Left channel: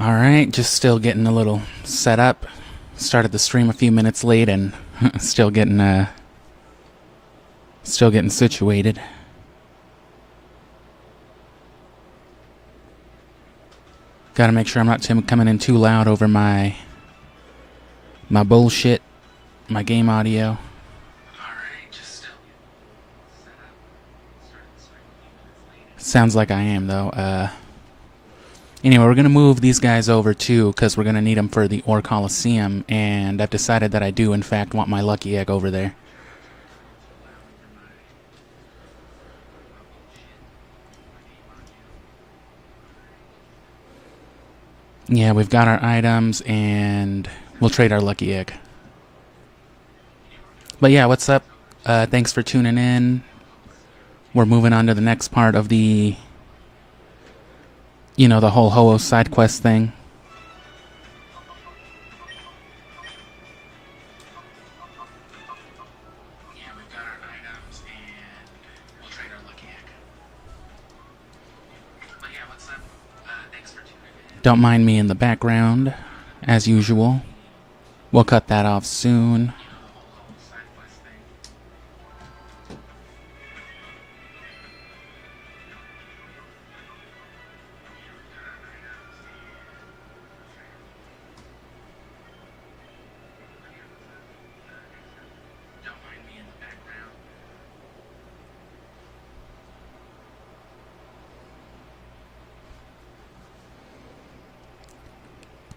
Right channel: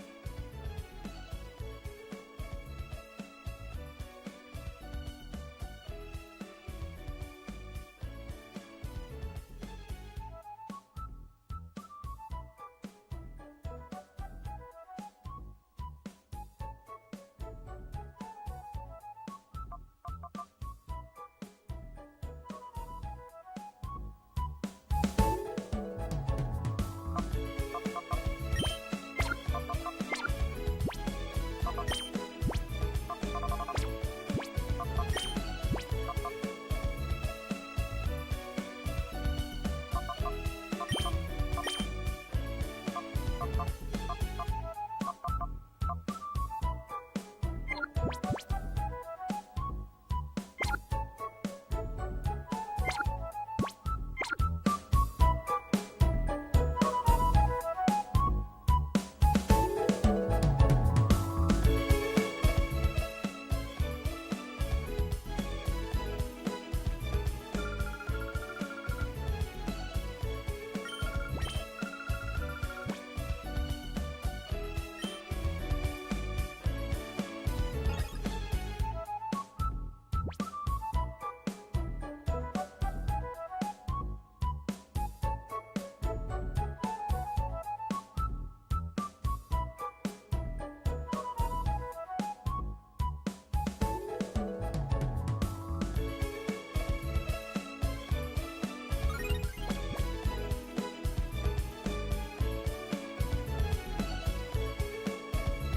Alright, just still getting a little set up. Started the stream a few minutes late and still getting situated. Gotta make sure I'm not coming in too loud over my bullshit, my game audio. Alright, just still sounds like I am though. Anyway, we're gonna move these guys over too, because we're gonna need them for the Orre Colosseum, and I've decided that I do in fact want my lucky egg over there. Yeah, we've got our items, and we'll trade our lucky egg. But yeah, what's up? Thanks for tuning in. We're moving on to the next part of the, you know, the whole Ho-Oh side quest thing. Don't mind me in the background, as usual. We'll cut that off soon.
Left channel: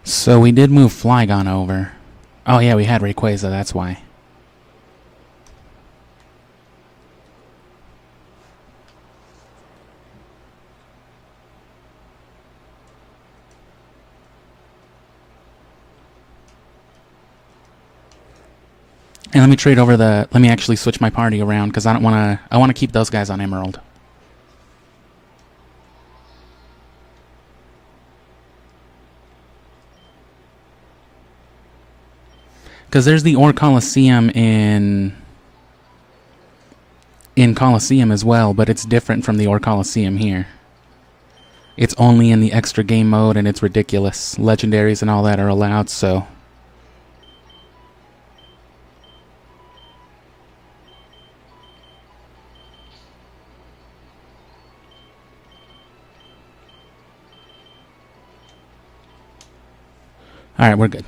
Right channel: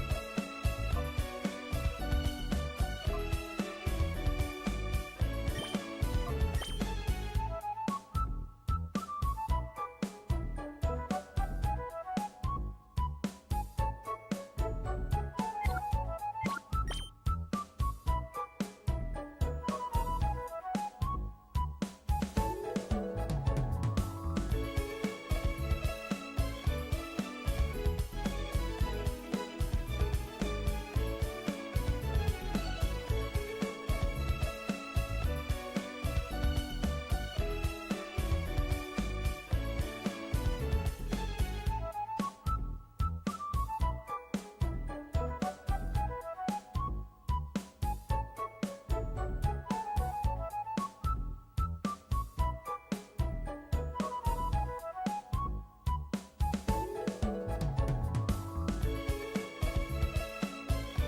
So we did move Flygon over. Oh yeah, we had Rayquaza, that's why. And let me trade over the, let me actually switch my party around, because I don't want to, I want to keep those guys on Emerald. Because there's the Orre Colosseum in Colosseum as well, but it's different from the Orre Colosseum here. It's only in the extra game mode, and it's ridiculous. Legendaries and all that are allowed, so... Alright, we're good.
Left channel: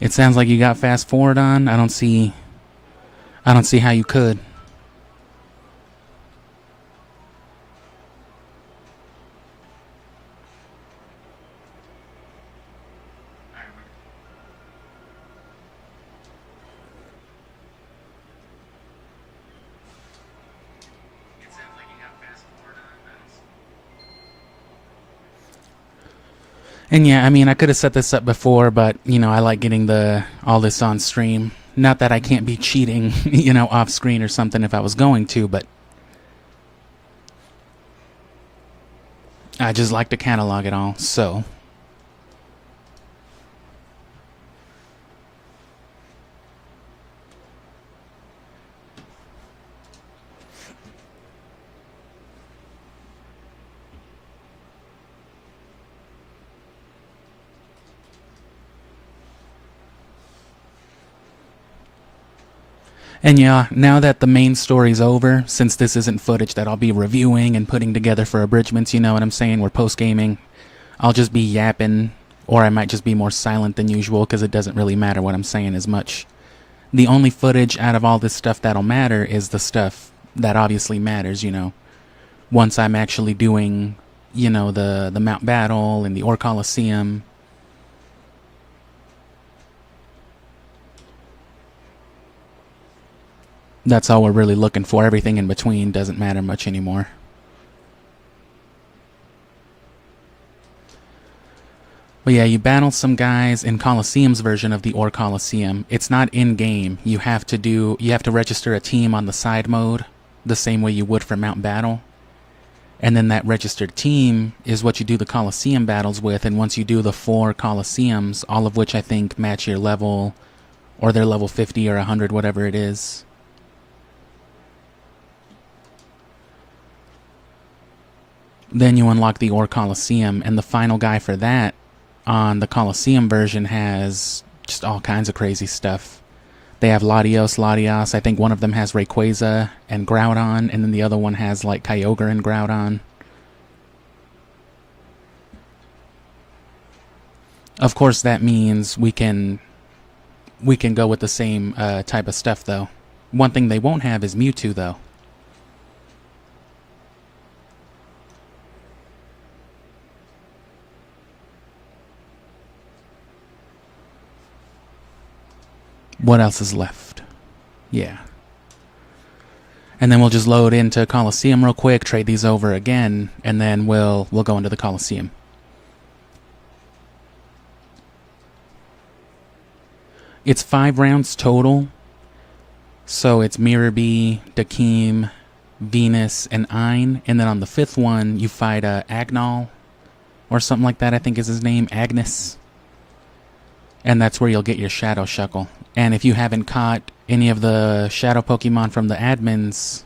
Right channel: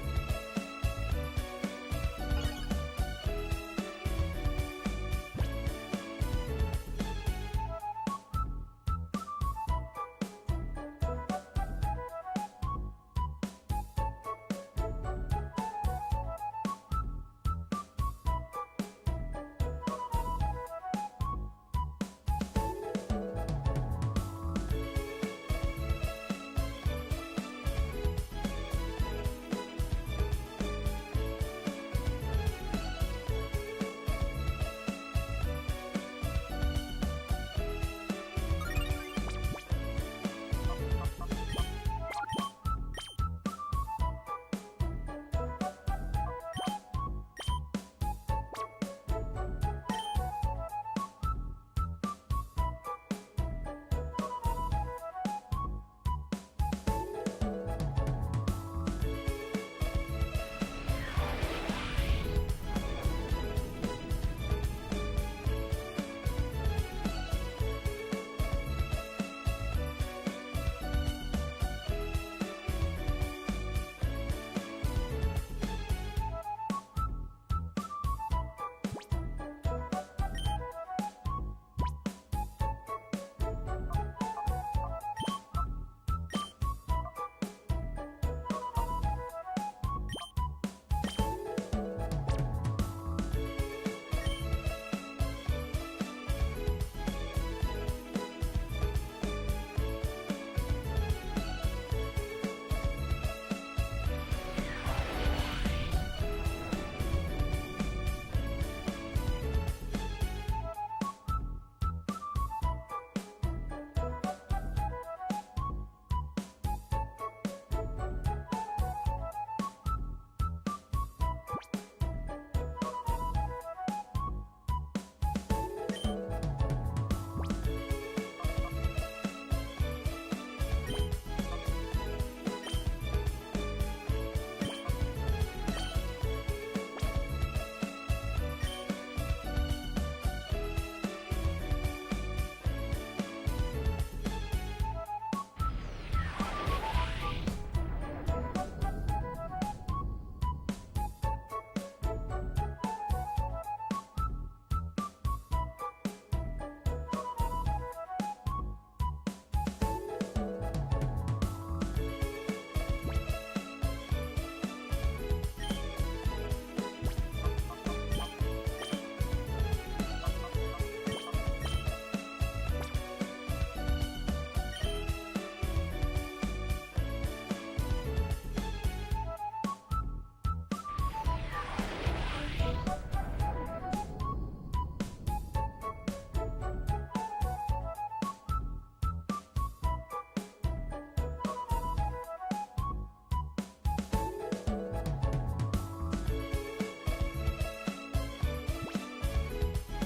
It sounds like you got fast forward on. I don't see how you could. And yeah, I mean, I could have set this up before, but, you know, I like getting all this on stream. Not that I can't be cheating, you know, off screen or something if I was going to, but I just like to catalog it all, so... And yeah, now that the main story's over, since this isn't footage that I'll be reviewing and putting together for abridgments, you know what I'm saying, we're post-gaming, I'll just be yapping, or I might just be more silent than usual, because it doesn't really matter what I'm saying as much. The only footage out of all this stuff that'll matter is the stuff that obviously matters, you know. Once I'm actually doing, you know, the Mount Battle and the Orre Colosseum. That's all we're really looking for. Everything in between doesn't matter much anymore. But yeah, you battle some guys in Colosseum's version of the Orre Colosseum. It's not in-game. You have to register a team on the side mode, the same way you would for Mount Battle. And then that registered team is what you do the Colosseum battles with, and once you do the 4 Colosseums, all of which I think match your level, or they're level 50 or 100, whatever it is. Then you unlock the Orre Colosseum, and the final guy for that on the Colosseum version has just all kinds of crazy stuff. They have Latios. I think one of them has Rayquaza and Groudon, and then the other one has like Kyogre and Groudon. Of course, that means we can go with the same type of stuff, though. One thing they won't have is Mewtwo, though. What else is left? Yeah. And then we'll just load into Colosseum real quick, trade these over again, and then we'll go into the Colosseum. It's 5 rounds total. So it's Mirabee, Dakeem, Venus, and Ein. And then on the 5th one, you fight Agnol, or something like that, I think is his name, Agnes. And that's where you'll get your Shadow Shuckle. And if you haven't caught any of the Shadow Pokemon from the admins,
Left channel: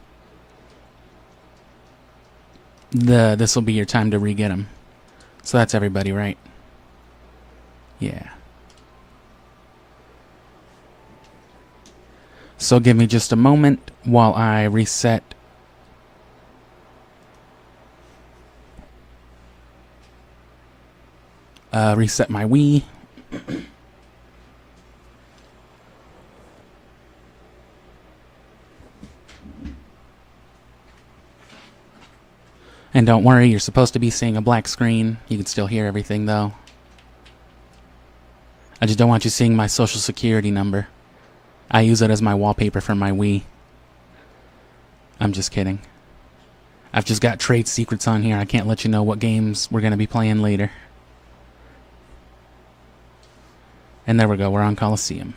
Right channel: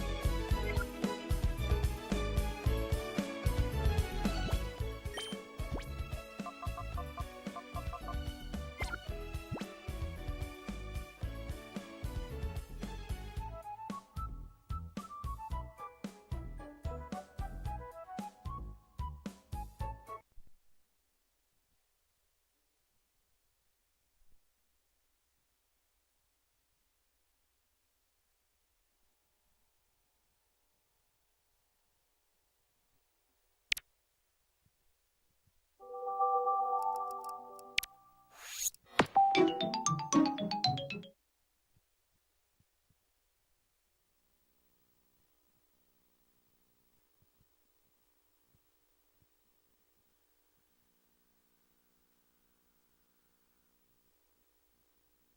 this will be your time to re-get them. So that's everybody, right? Yeah. So give me just a moment while I reset my Wii. And don't worry, you're supposed to be seeing a black screen. You can still hear everything, though. I just don't want you seeing my social security number. I use it as my wallpaper for my Wii. I'm just kidding. I've just got trade secrets on here. I can't let you know what games we're going to be playing later. And there we go. We're on Colosseum.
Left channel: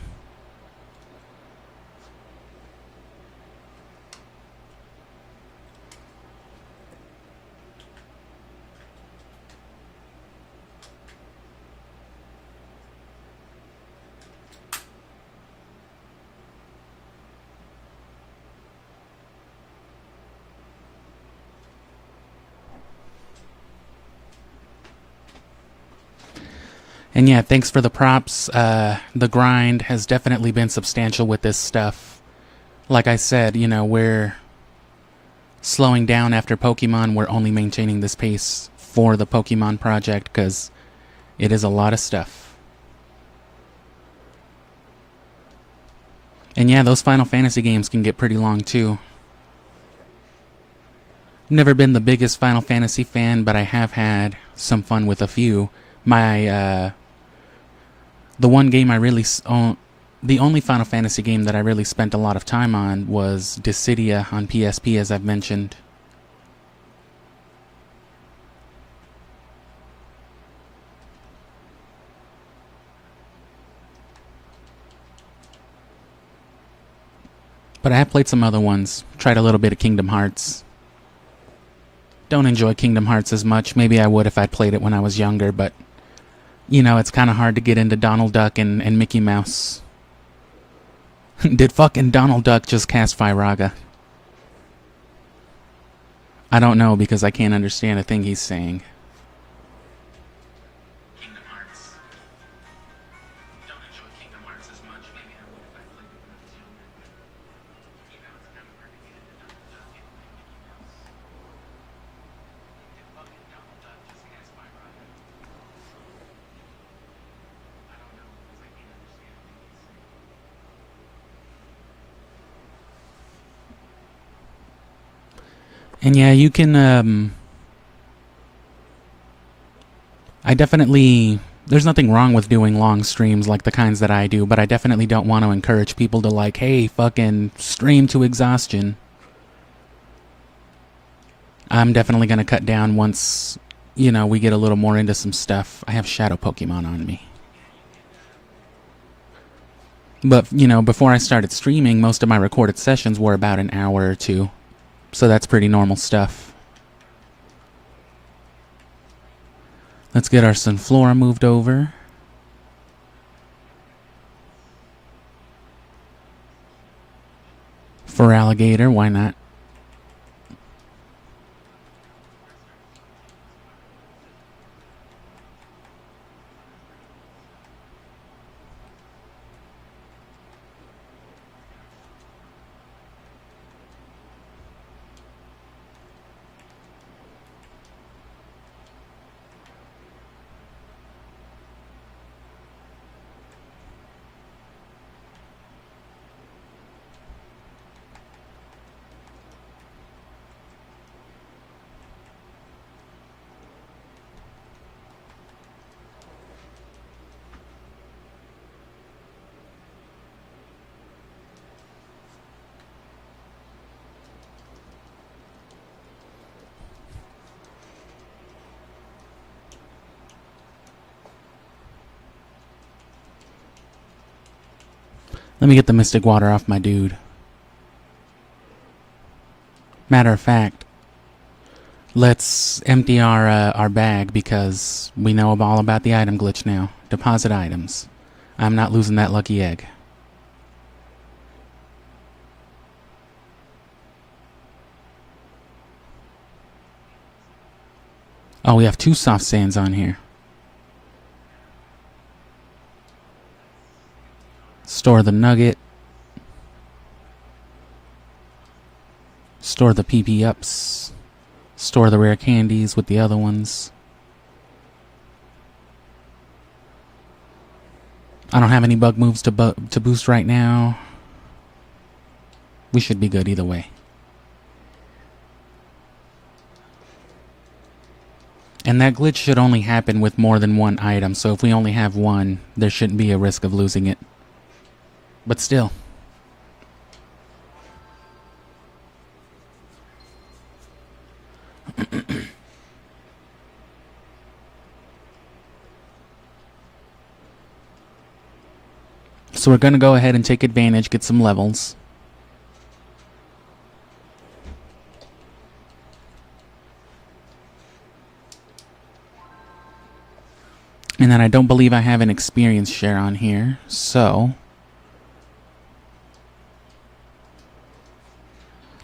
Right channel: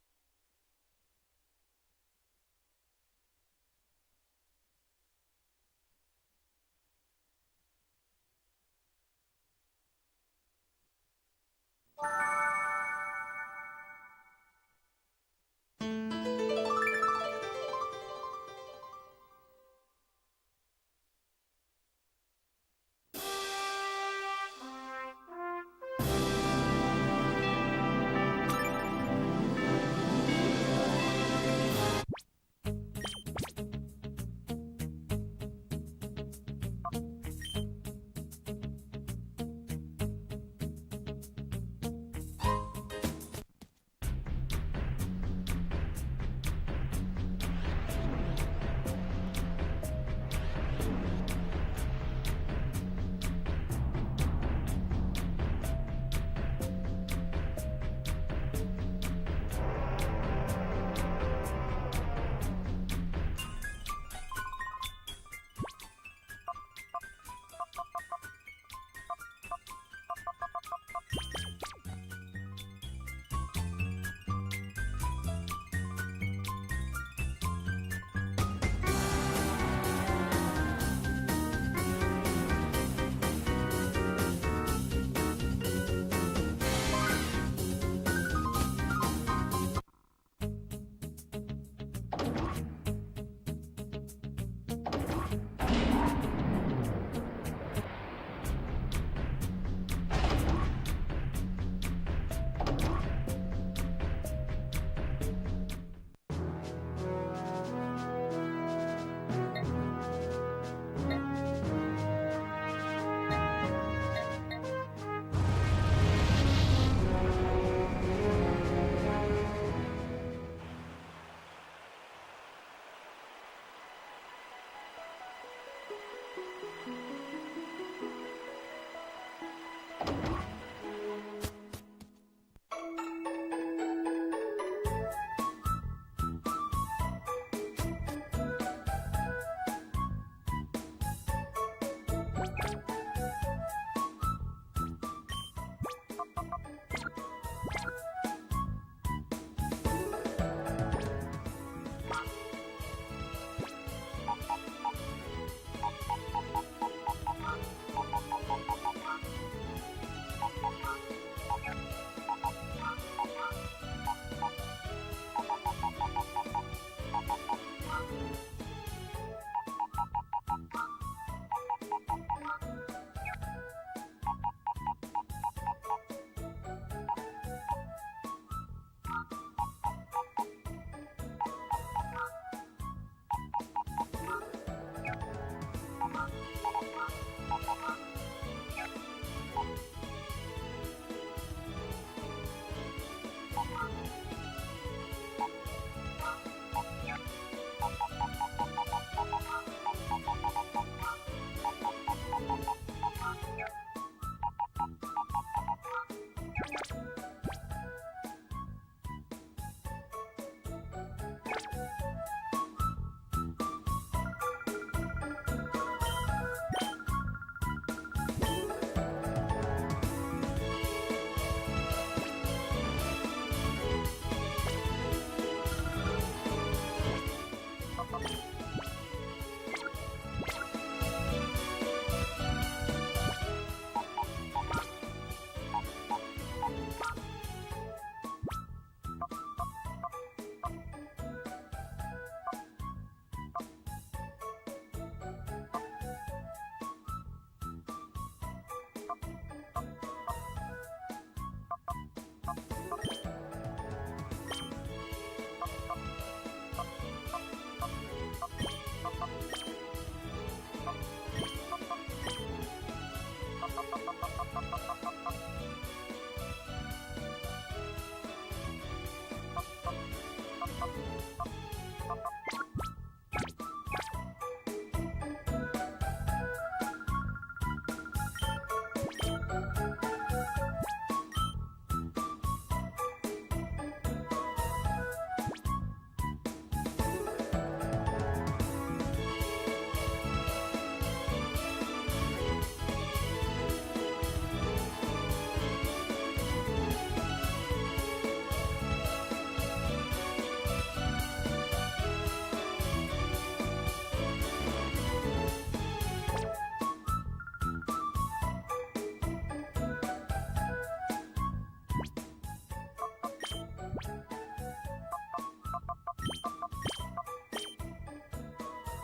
And yeah, thanks for the props. The grind has definitely been substantial with this stuff. Like I said, you know, we're slowing down after Pokemon. We're only maintaining this pace for the Pokemon project because it is a lot of stuff. And yeah, those Final Fantasy games can get pretty long too. Never been the biggest Final Fantasy fan, but I have had some fun with a few. The one game I really the only Final Fantasy game that I really spent a lot of time on was Dissidia on PSP, as I've mentioned. But I have played some other ones, tried a little bit of Kingdom Hearts. Don't enjoy Kingdom Hearts as much. Maybe I would if I played it when I was younger, but you know, it's kind of hard to get into Donald Duck and Mickey Mouse. Did fucking Donald Duck just cast frlg? I don't know because I can't understand a thing he's saying. And yeah, you can, there's nothing wrong with doing long streams like the kinds that I do, but I definitely don't want to encourage people to like, hey, fucking stream to exhaustion. I'm definitely going to cut down once, you know, we get a little more into some stuff. I have Shadow Pokemon on me. But, you know, before I started streaming, most of my recorded sessions were about an hour or two. So that's pretty normal stuff. Let's get our Sunflora moved over. For alligator, why not? Let me get the Mystic Water off my dude. Matter of fact, let's empty our bag because we know all about the item glitch now. Deposit items. I'm not losing that lucky egg. Oh, we have 2 soft sands on here. Store the nugget. Store the PP ups. Store the rare candies with the other ones. I don't have any bug moves to boost right now. We should be good either way. And that glitch should only happen with more than one item, so if we only have one, there shouldn't be a risk of losing it. But still. So we're gonna go ahead and take advantage, get some levels. And then I don't believe I have an experience share on here, so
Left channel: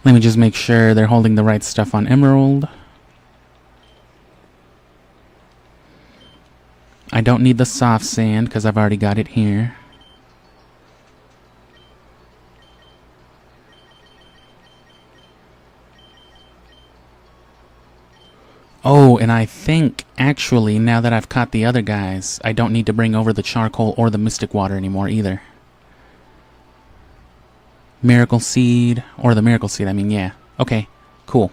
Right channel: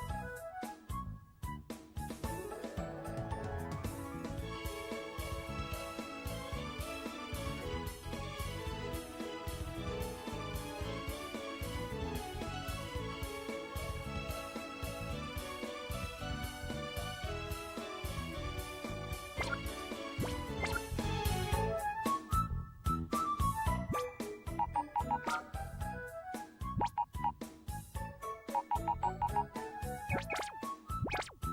let me just make sure they're holding the right stuff on Emerald. I don't need the soft sand because I've already got it here. Oh, and I think, actually, now that I've caught the other guys, I don't need to bring over the charcoal or the mystic water anymore either. Miracle seed, or the miracle seed, I mean, yeah. Okay, cool.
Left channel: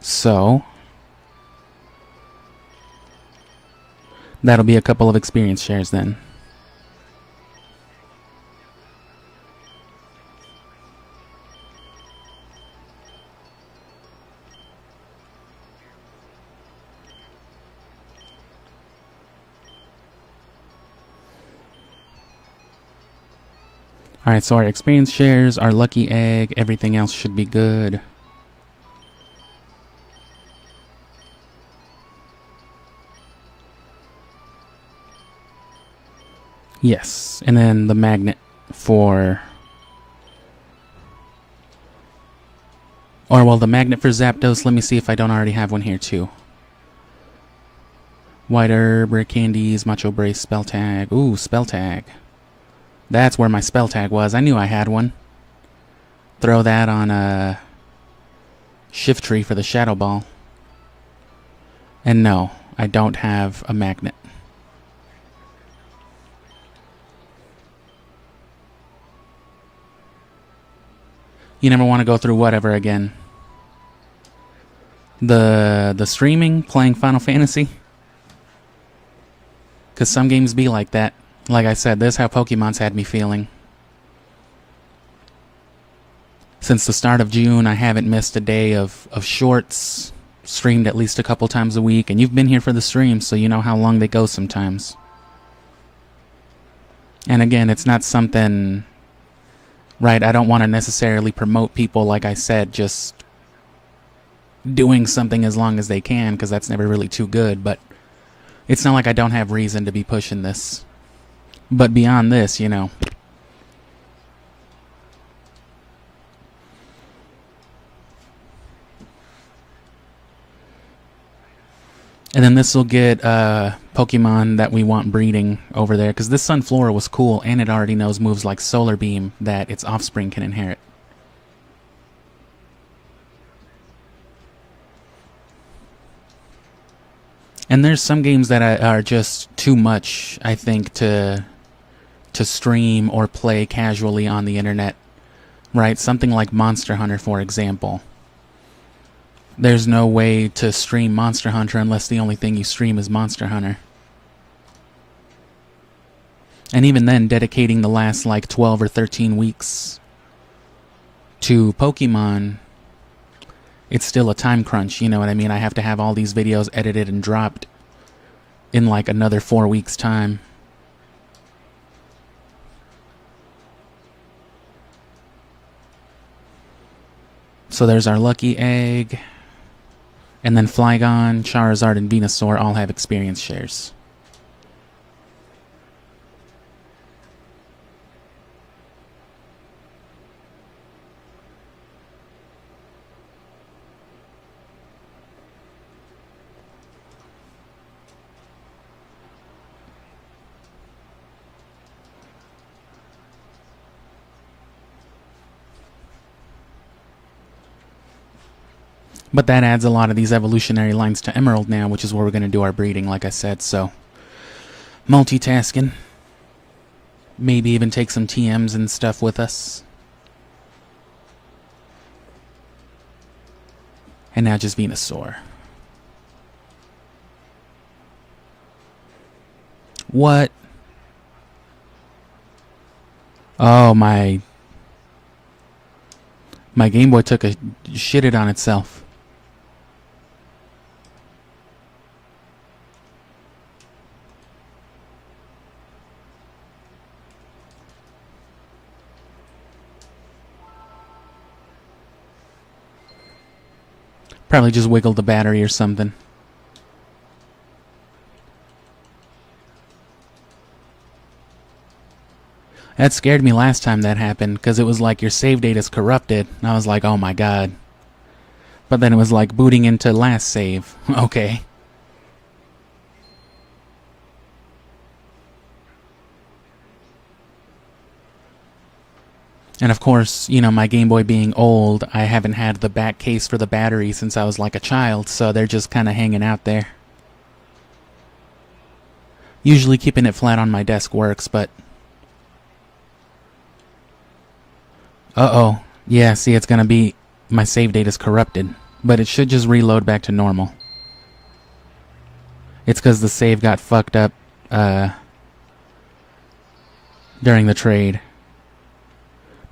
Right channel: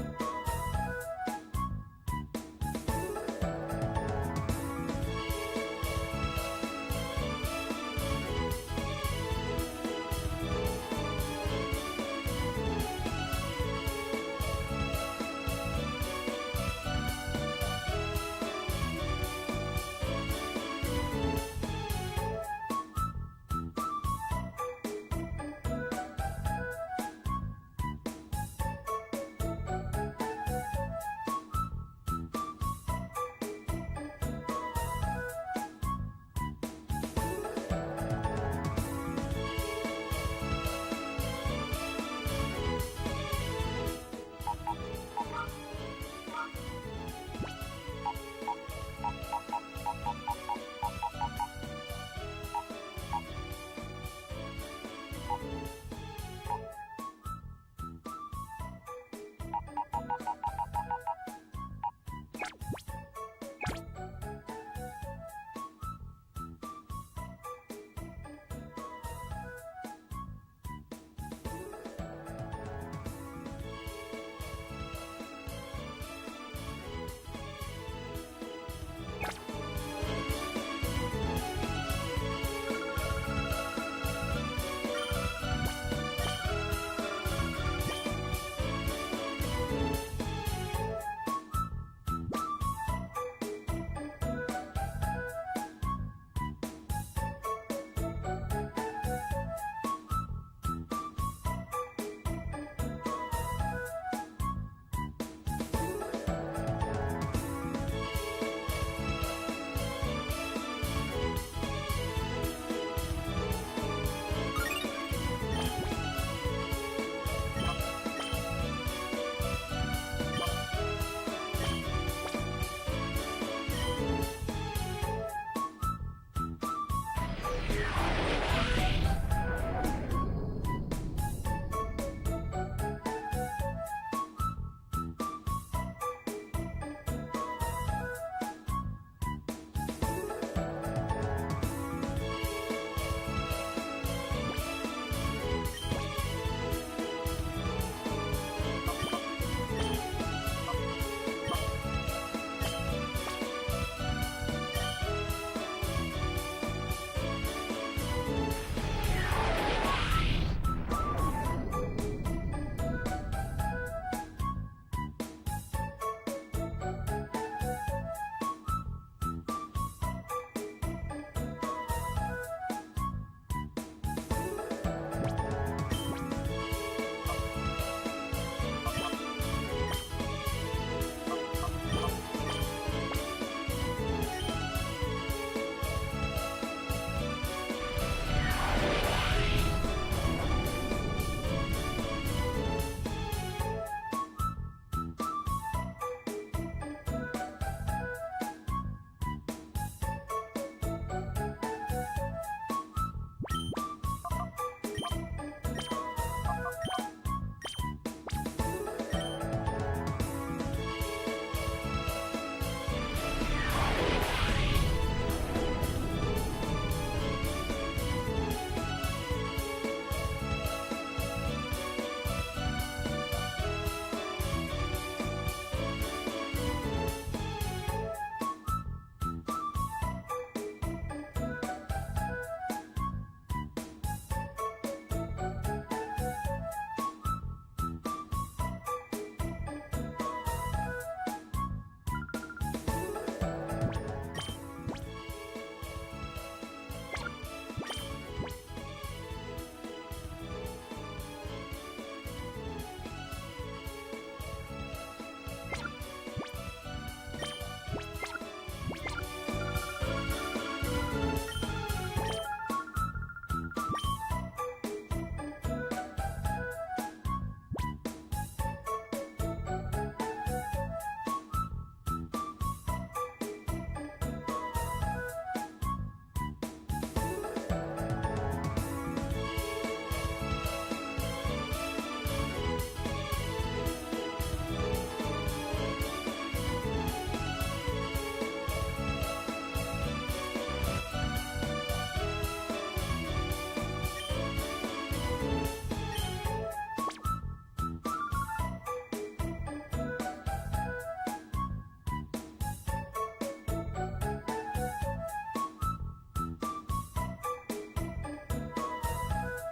So, that'll be a couple of experience shares then. Alright, so our experience shares, our lucky egg, everything else should be good. Yes, and then the magnet for... Or, well, the magnet for Zapdos, let me see if I don't already have one here too. White herb, rare candies, macho brace, spell tag. Ooh, spell tag. That's where my spell tag was. I knew I had one. Throw that on a shift tree for the shadow ball. And no, I don't have a magnet. You never want to go through whatever again. The streaming, playing Final Fantasy. Because some games be like that. Like I said, this is how Pokemon's had me feeling. Since the start of June, I haven't missed a day of shorts. Streamed at least a couple times a week, and you've been here for the stream, so you know how long they go sometimes. And again, it's not something... Right, I don't want to necessarily promote people, like I said, just doing something as long as they can, because that's never really too good, but it's not like I don't have reason to be pushing this. But beyond this, you know. And then this will get Pokemon that we want breeding over there. Because this Sunflora was cool, and it already knows moves like Solar Beam that its offspring can inherit. And there's some games that are just too much, I think, to stream or play casually on the internet, right? Something like Monster Hunter, for example. There's no way to stream Monster Hunter unless the only thing you stream is Monster Hunter. And even then, dedicating the last like 12 or 13 weeks to Pokemon, it's still a time crunch, you know what I mean? I have to have all these videos edited and dropped in like another 4 weeks' time. So there's our lucky egg. And then Flygon, Charizard, and Venusaur all have experience shares. But that adds a lot of these evolutionary lines to Emerald now, which is where we're going to do our breeding, like I said, so... multitasking. Maybe even take some TMs and stuff with us. And now just Venusaur. What? Oh, my Game Boy took a shitted on itself. Probably just wiggled the battery or something. That scared me last time that happened, because it was like your save data is corrupted, and I was like, oh my god. But then it was like booting into last save. Okay. And of course, you know, my Game Boy being old, I haven't had the back case for the battery since I was like a child, so they're just kind of hanging out there. Usually keeping it flat on my desk works, but... uh-oh. Yeah, see, it's gonna be... my save data is corrupted, but it should just reload back to normal. It's because the save got fucked up, during the trade.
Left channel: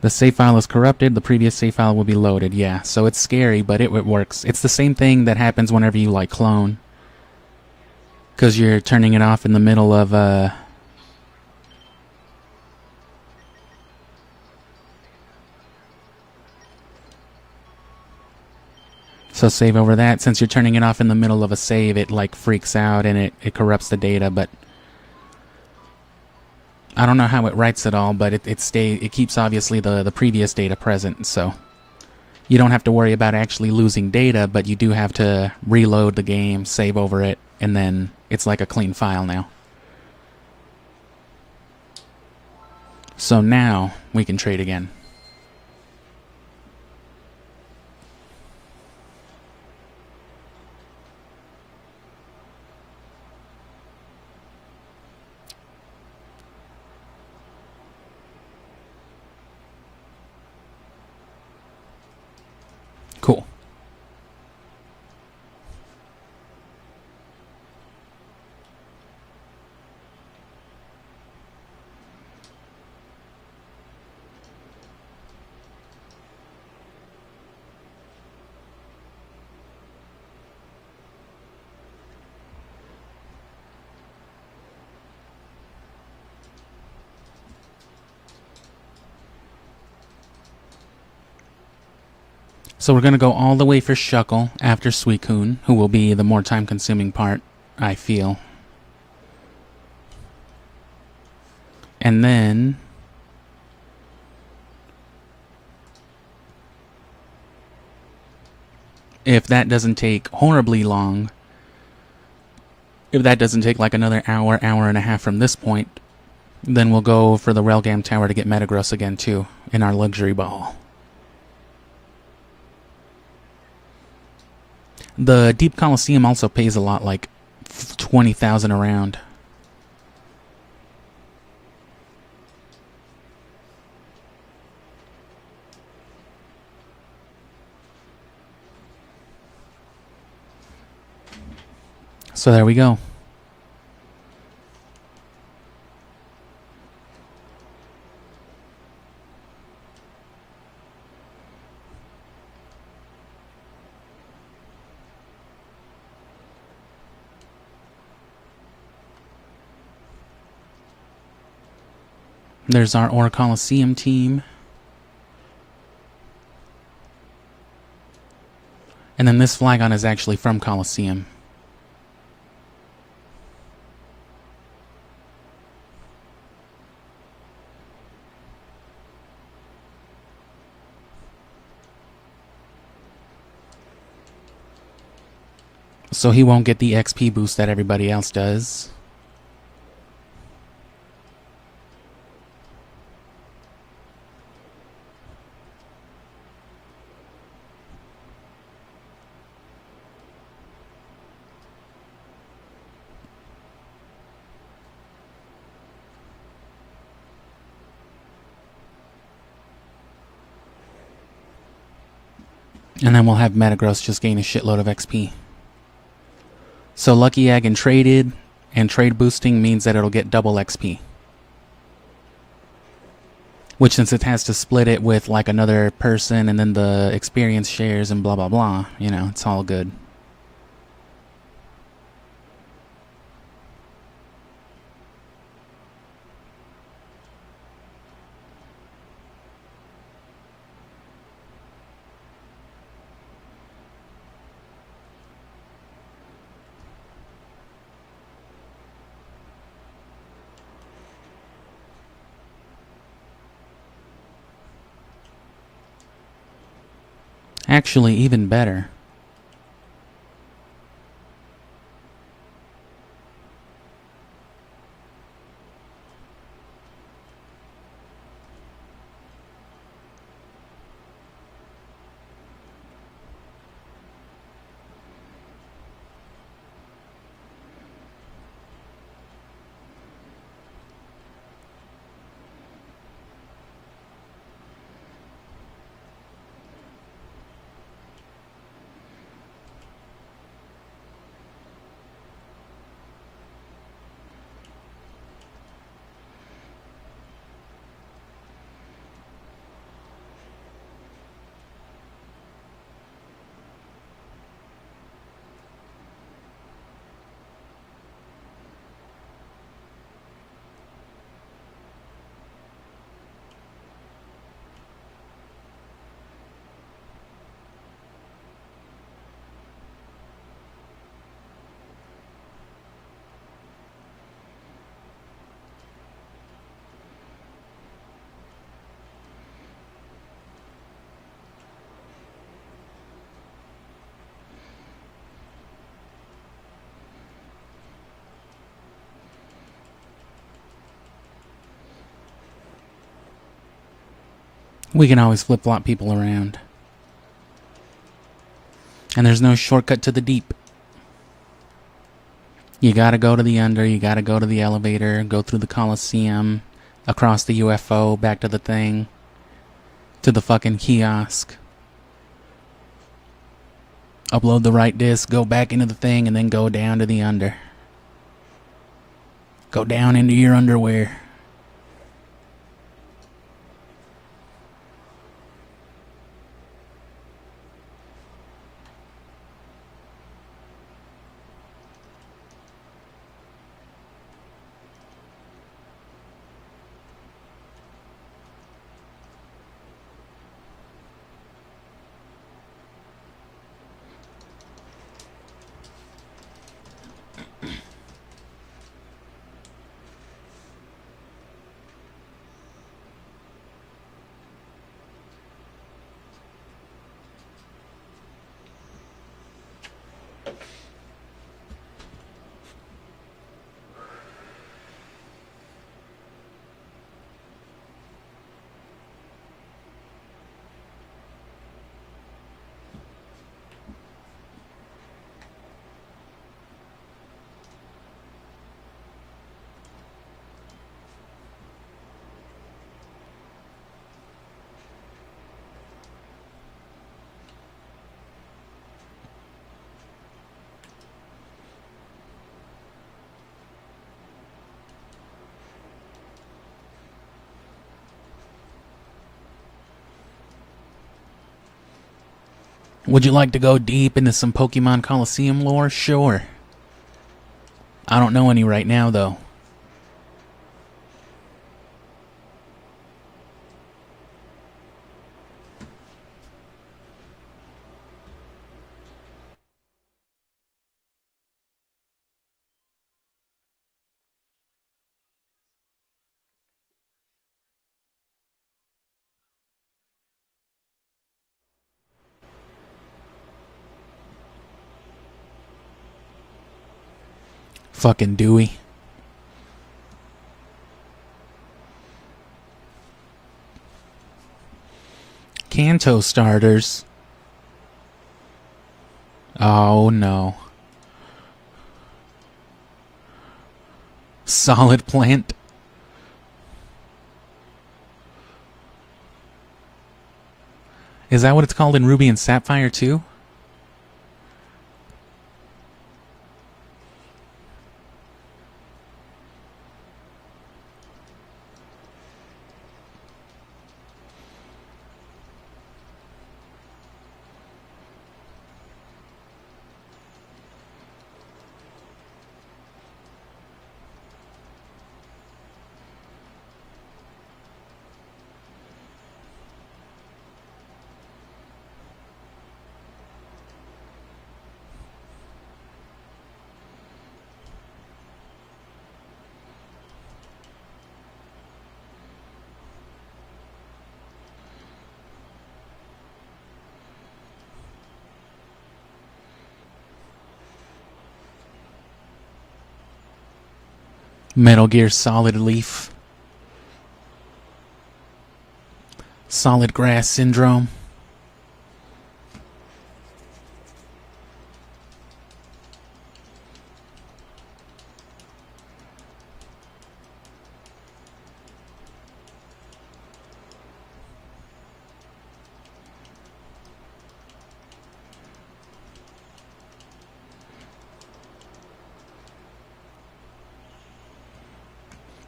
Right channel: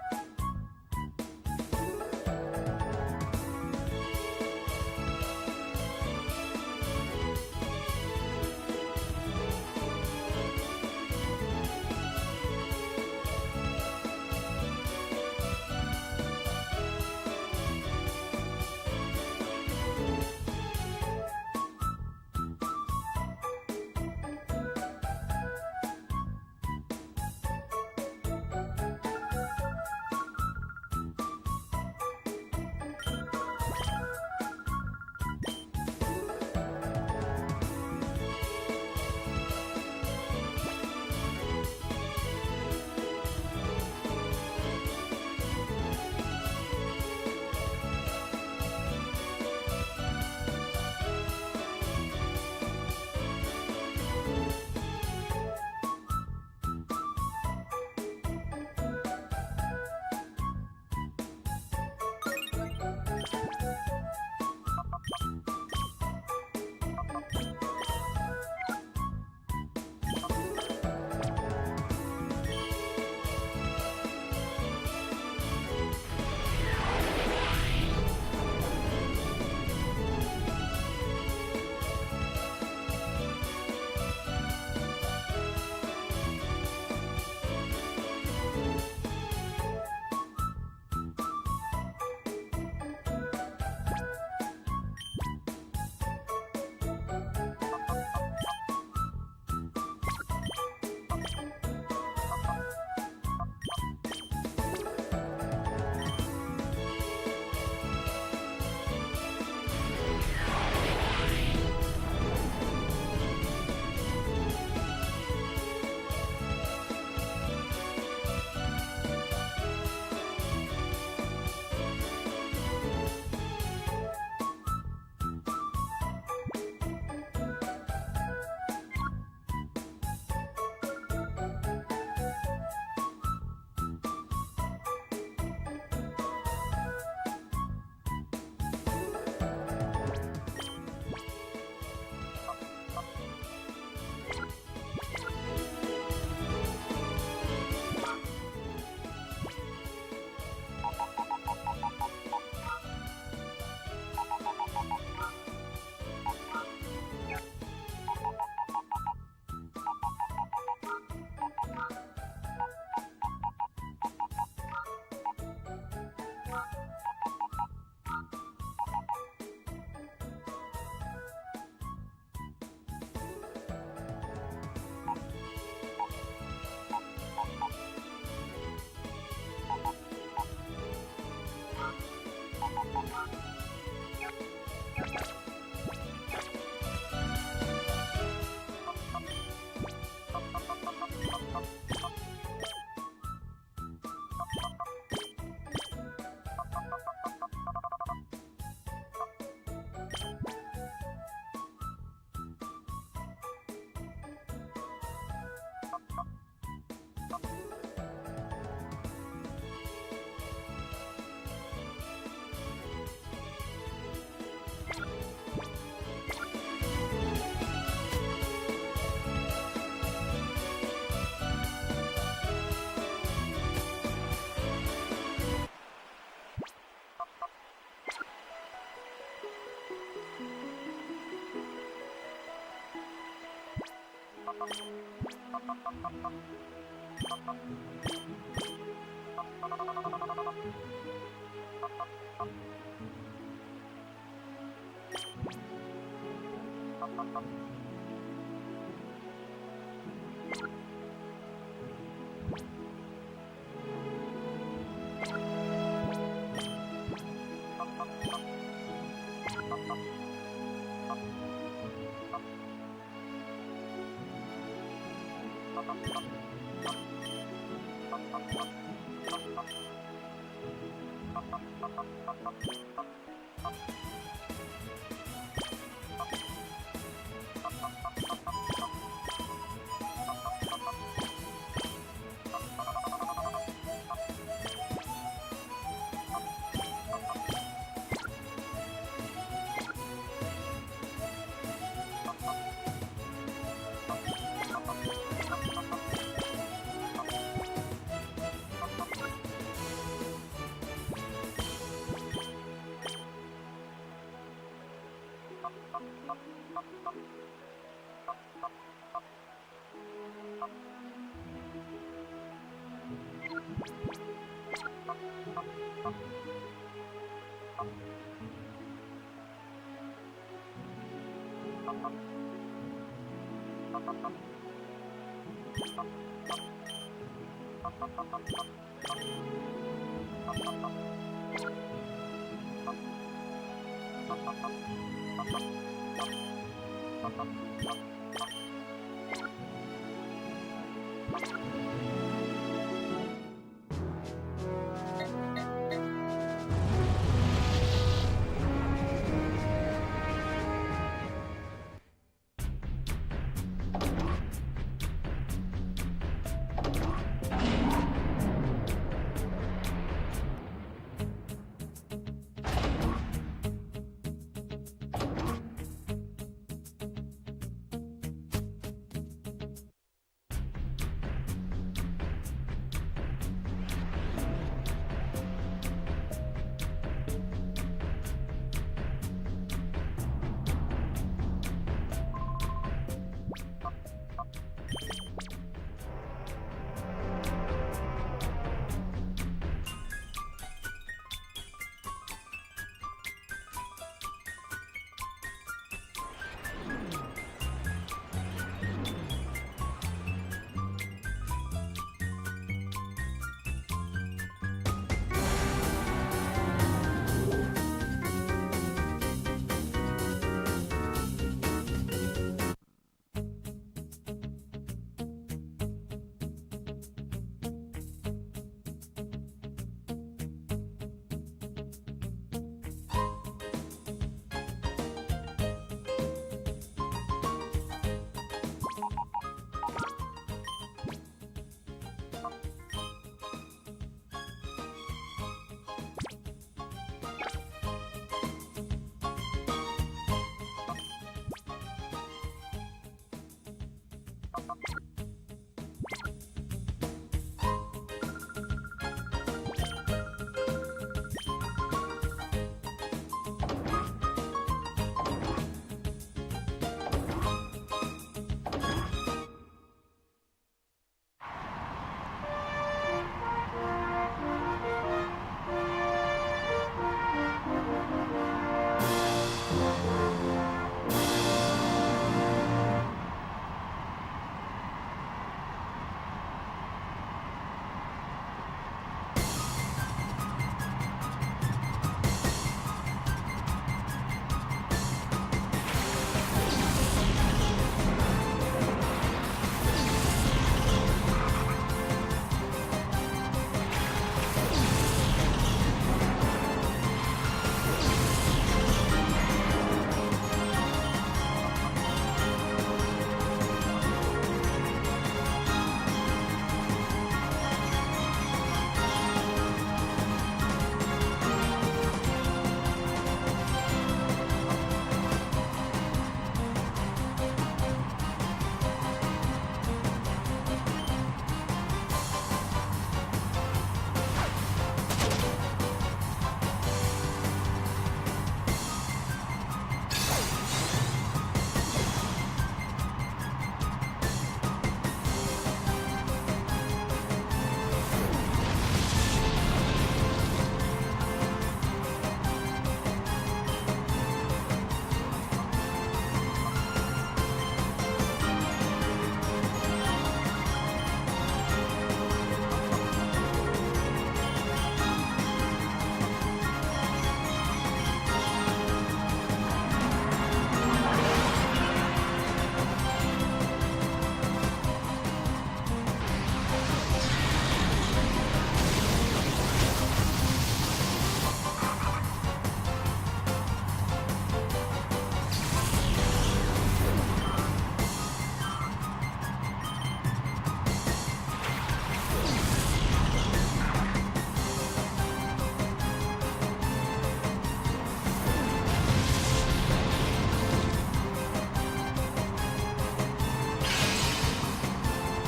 The save file is corrupted, the previous save file will be loaded, yeah. So it's scary, but it works. It's the same thing that happens whenever you, like, clone. Because you're turning it off in the middle of, So save over that. Since you're turning it off in the middle of a save, it, like, freaks out and it corrupts the data, but... I don't know how it writes it all, but it keeps obviously the previous data present, so you don't have to worry about actually losing data, but you do have to reload the game, save over it, and then it's like a clean file now. So now we can trade again. Cool. So we're going to go all the way for Shuckle after Suicune, who will be the more time-consuming part, I feel. And then... if that doesn't take horribly long, if that doesn't take like another hour, hour and a half from this point, then we'll go for the Railgam Tower to get Metagross again too, in our luxury ball. The Deep Colosseum also pays a lot, like 20,000 around. So there we go. There's our Orre Colosseum team. And then this Flygon is actually from Colosseum. So he won't get the XP boost that everybody else does. And then we'll have Metagross just gain a shitload of XP. So Lucky Egg and traded, and trade boosting means that it'll get double XP. Which, since it has to split it with like another person and then the experience shares and blah blah blah, you know, it's all good. Actually, even better. We can always flip-flop people around. And there's no shortcut to the deep. You gotta go to the under, you gotta go to the elevator, go through the Colosseum, across the UFO, back to the thing, to the fucking kiosk. Upload the right disc, go back into the thing, and then go down to the under. Go down into your underwear. Would you like to go deep into some Pokemon Colosseum lore? Sure. I don't know any right now, though. Fucking Dewey. Kanto starters. Oh no. Solid plant. Is that what it's called in Ruby and Sapphire too? Metal Gear Solid Leaf. Solid Grass Syndrome.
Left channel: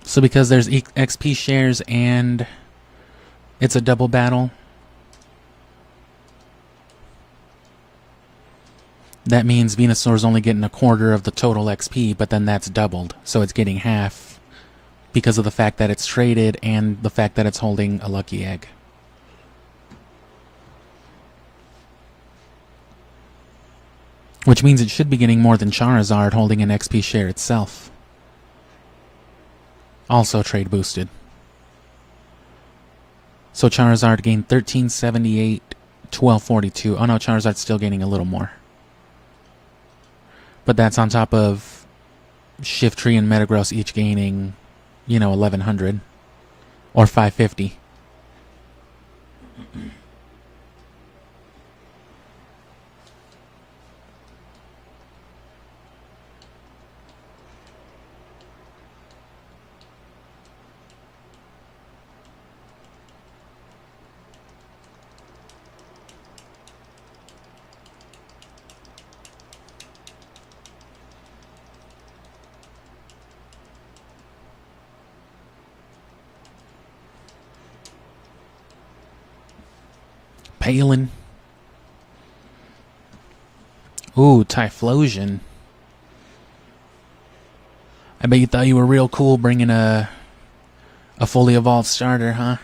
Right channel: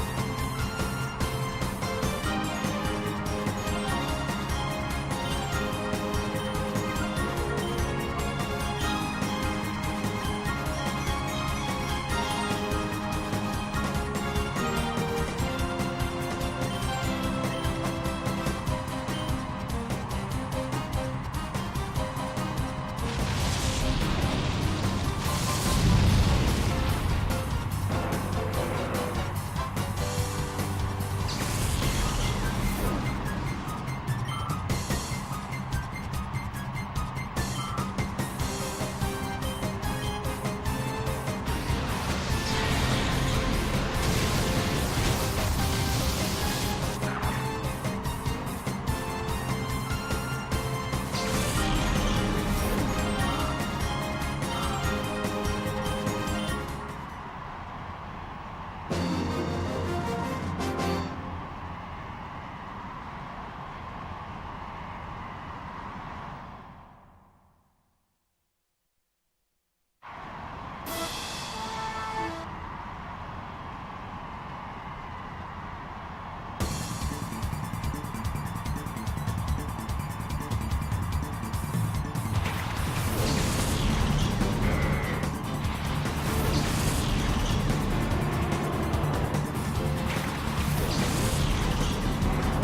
So because there's XP shares and it's a double battle, that means Venusaur's only getting a quarter of the total XP, but then that's doubled. So it's getting half because of the fact that it's traded and the fact that it's holding a lucky egg. Which means it should be getting more than Charizard holding an XP share itself. Also trade boosted. So Charizard gained 1378, 1242. Oh no, Charizard's still gaining a little more. But that's on top of Shiftry and Metagross each gaining, you know, 1100 or 550. Palin. Ooh, Typhlosion. I bet you thought you were real cool bringing a fully evolved starter, huh?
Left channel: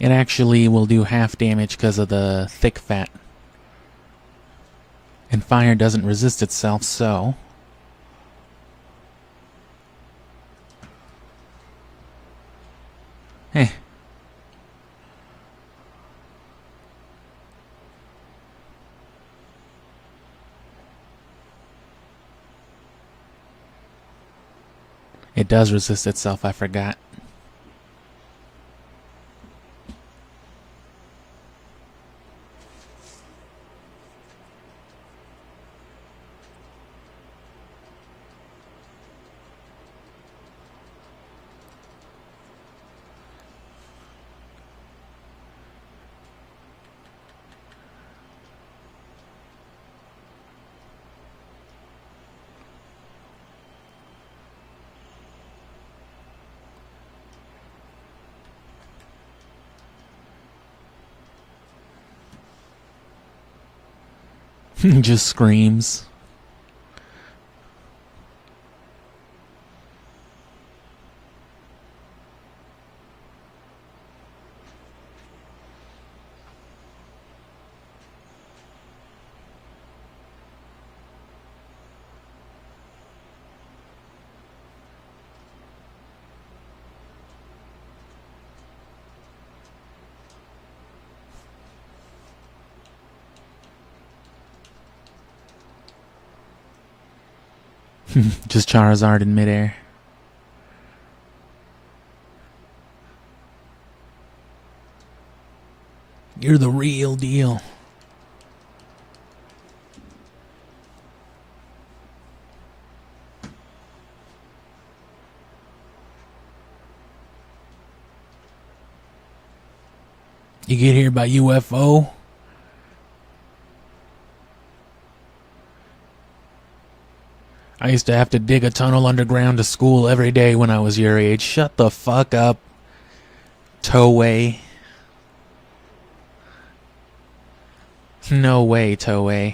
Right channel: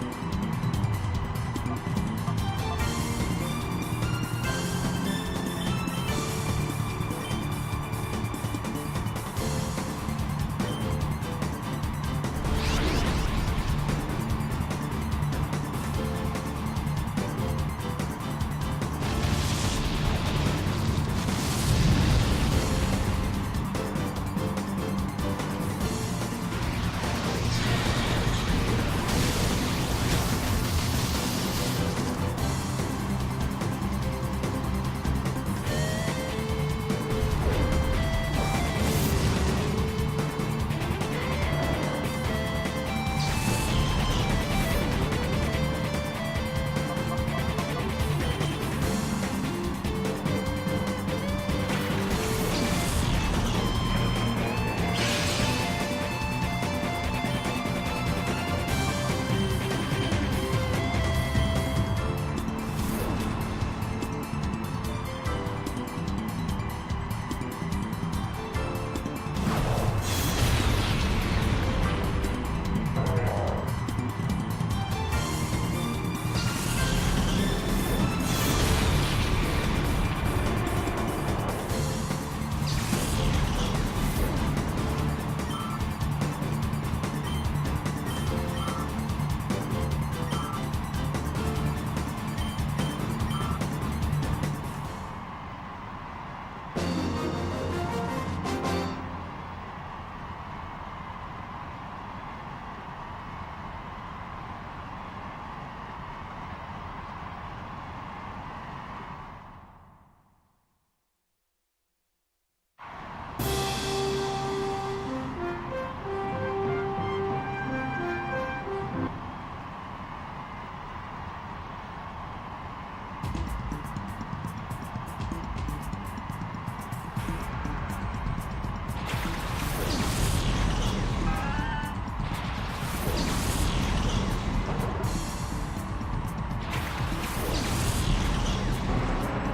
It actually will do half damage because of the thick fat. And fire doesn't resist itself, so... Eh. It does resist itself, I forgot. Just screams. Just Charizard in midair. You're the real deal. You get here by UFO? I used to have to dig a tunnel underground to school every day when I was your age. Shut the fuck up. Toei. No way, Toei.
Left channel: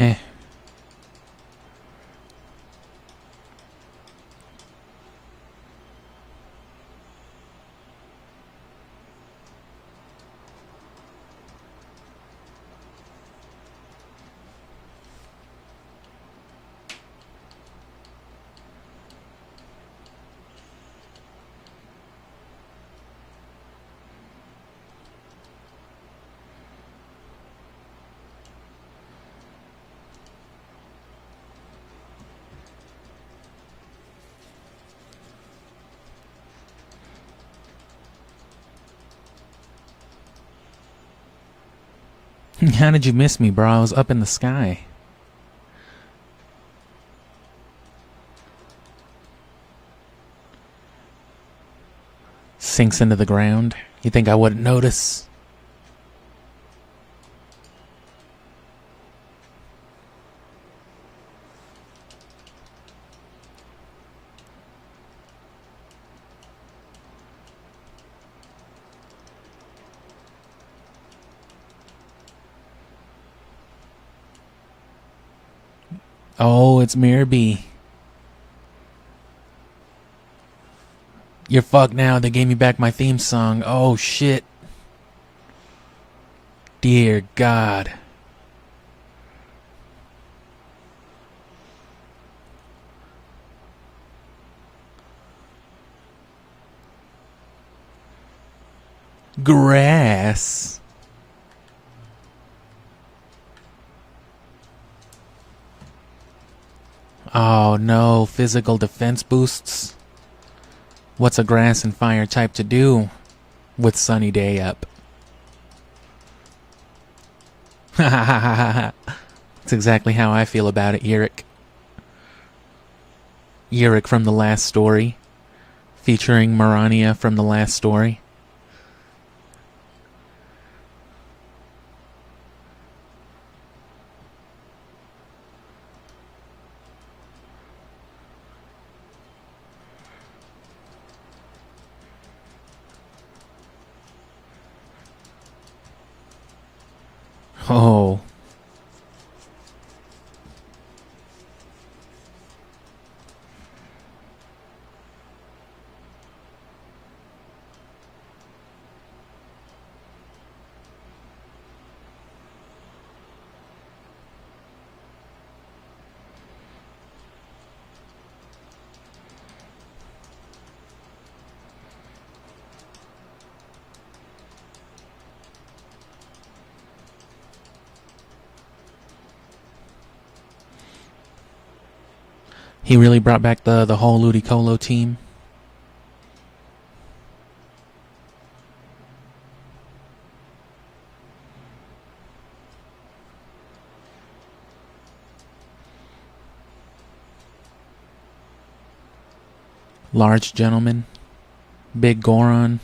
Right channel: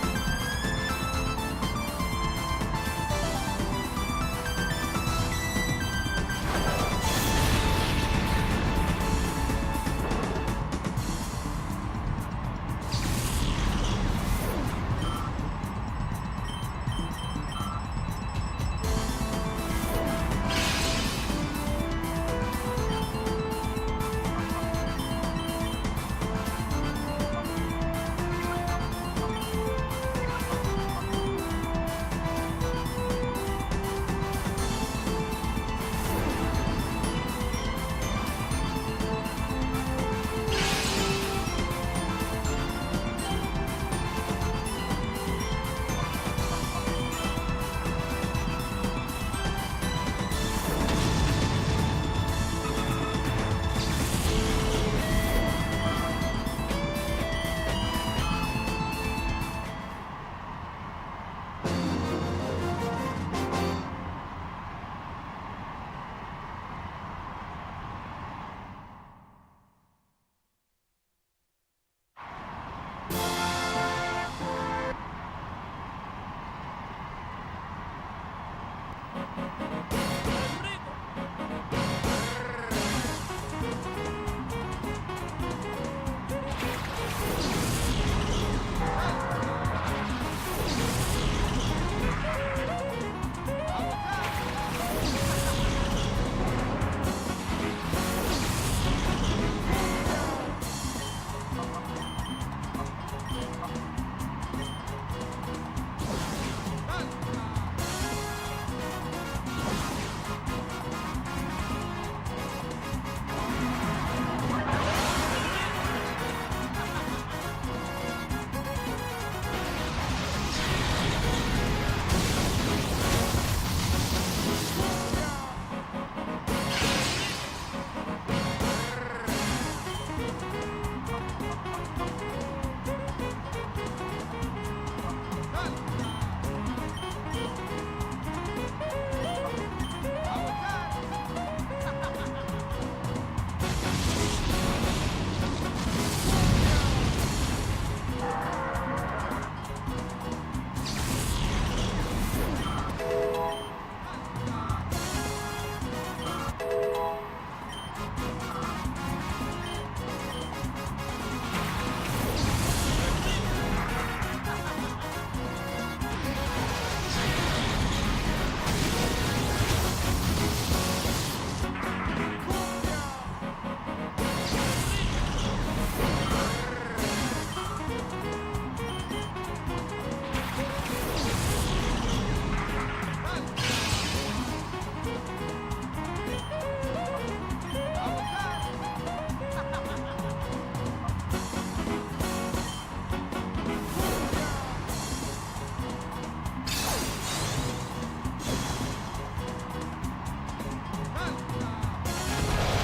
Eh. How did you miss me, bro? I was up in the sky. Sinks into the ground. You think I wouldn't notice? Oh, it's Mirror B. You're fucked now. They gave me back my theme song. Oh shit. Dear God. Grass. Oh no, physical defense boosts. What's a grass and fire type to do with sunny day up? That's exactly how I feel about it, Yurik. Yurik from the last story, featuring Marania from the last story. Oh. He really brought back the whole Ludicolo team. Large gentleman, big Goron.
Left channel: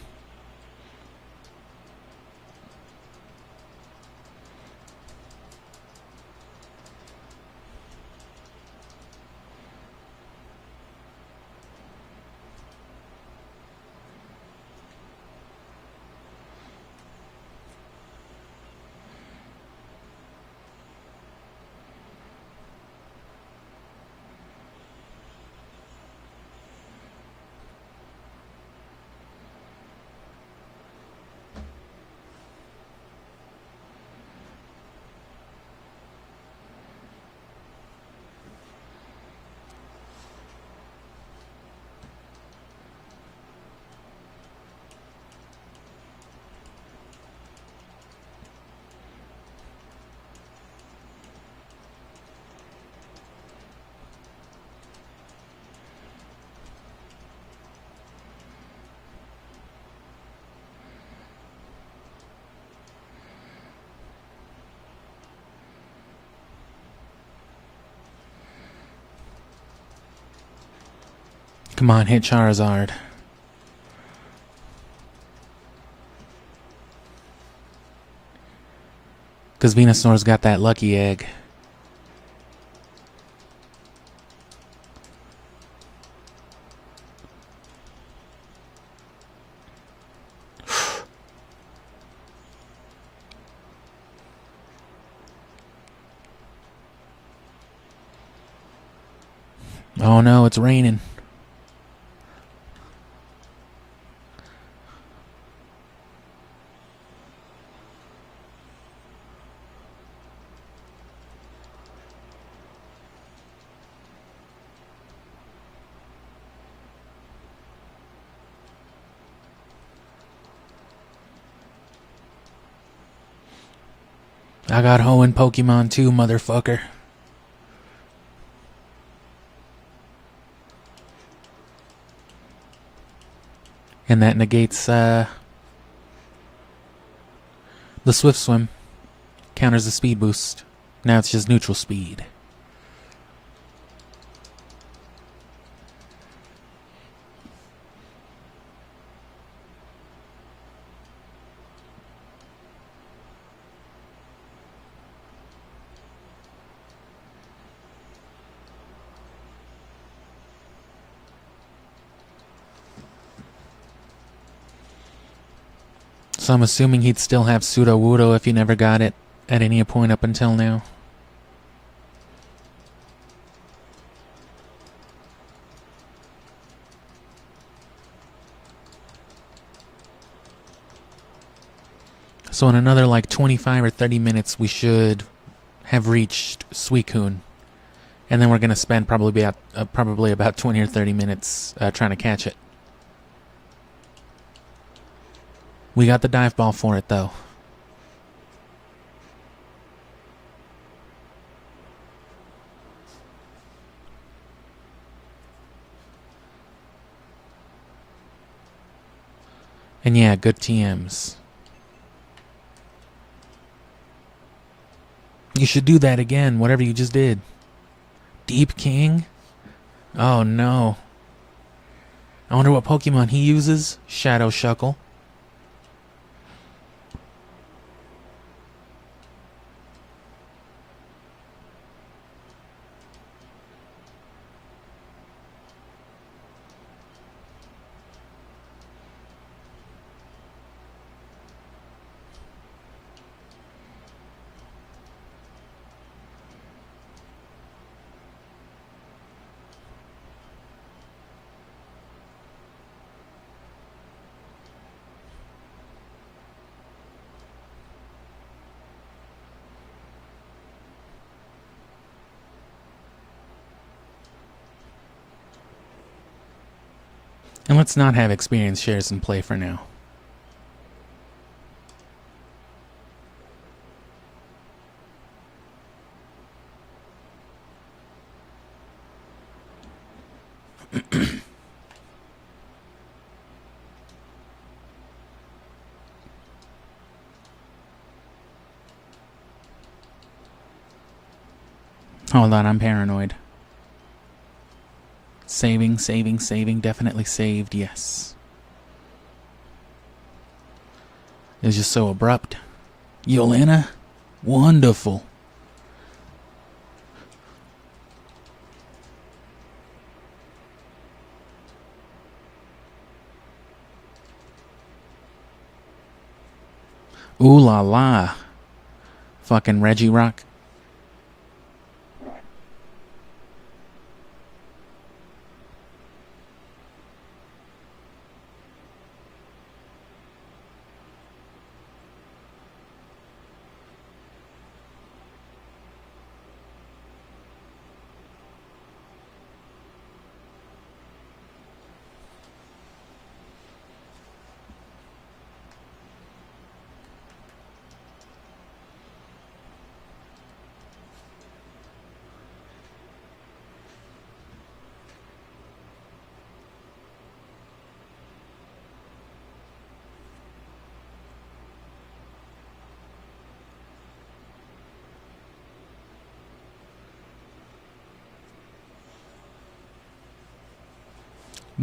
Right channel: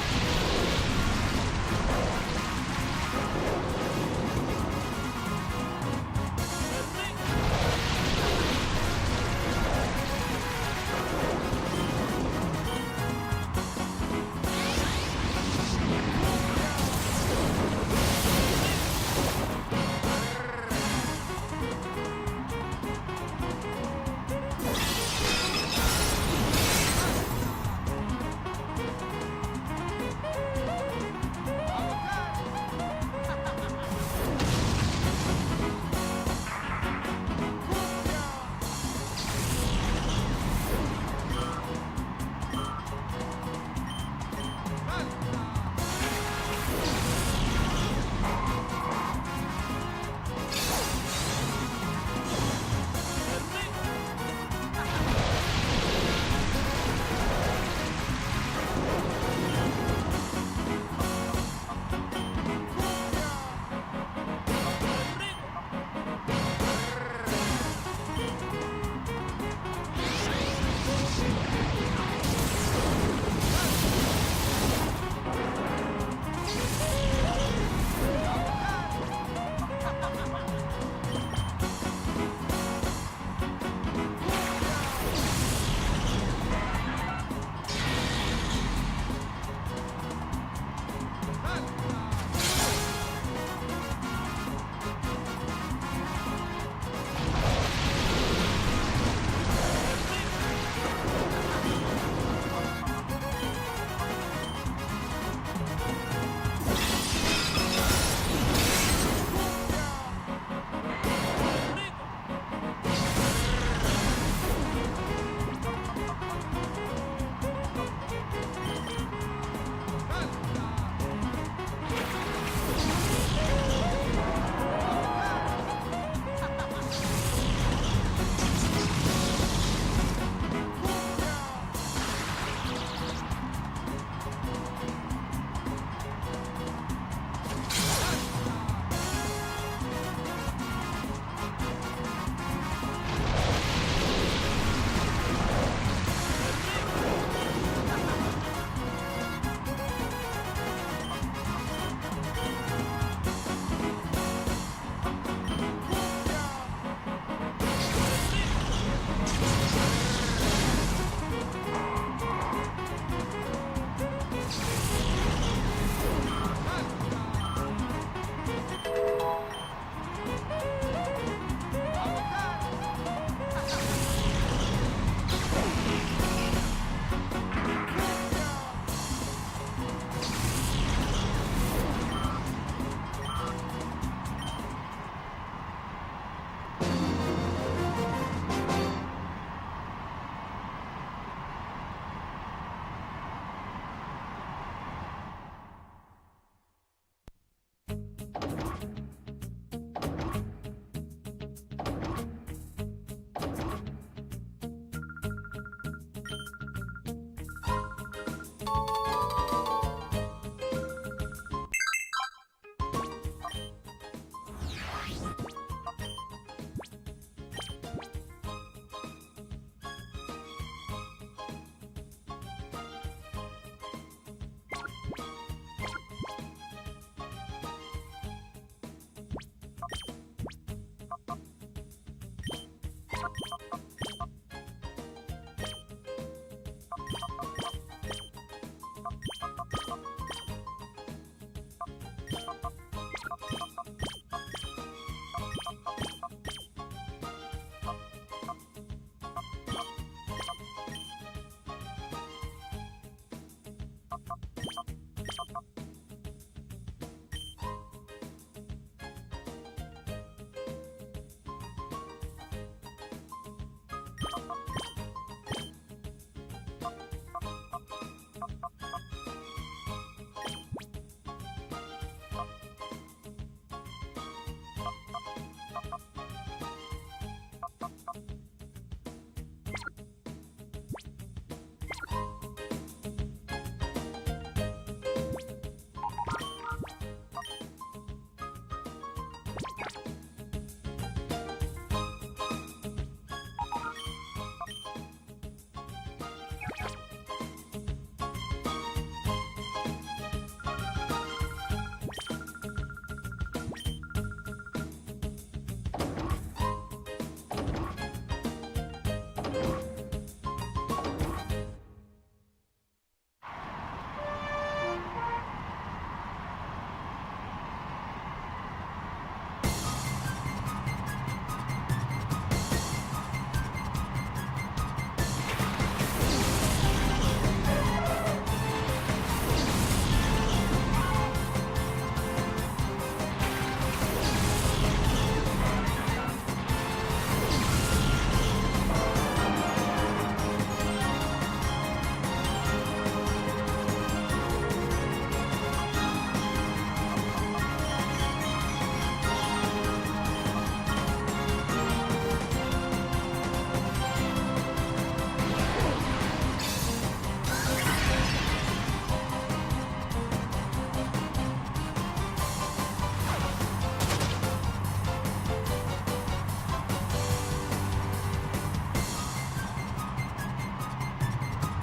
Come on, hit Charizard. Because Venusaur's got that lucky egg. Oh no, it's raining. I got Hoenn Pokemon too, motherfucker. And that negates the Swift Swim. Counters the speed boost. Now it's just neutral speed. So I'm assuming he'd still have Sudowoodo if he never got it at any point up until now. So in another like 25 or 30 minutes, we should have reached Suicune. And then we're going to spend probably about 20 or 30 minutes trying to catch it. We got the dive ball for it, though. And yeah, good TMs. You should do that again, whatever you just did. Deep King? Oh no. I wonder what Pokemon he uses. Shadow Suckle. And let's not have experience shares in play for now. Hold on, I'm paranoid. Saving, saving, saving. Definitely saved, yes. It was just so abrupt. Yolanda? Wonderful. Ooh la la. Fucking Reggie Rock.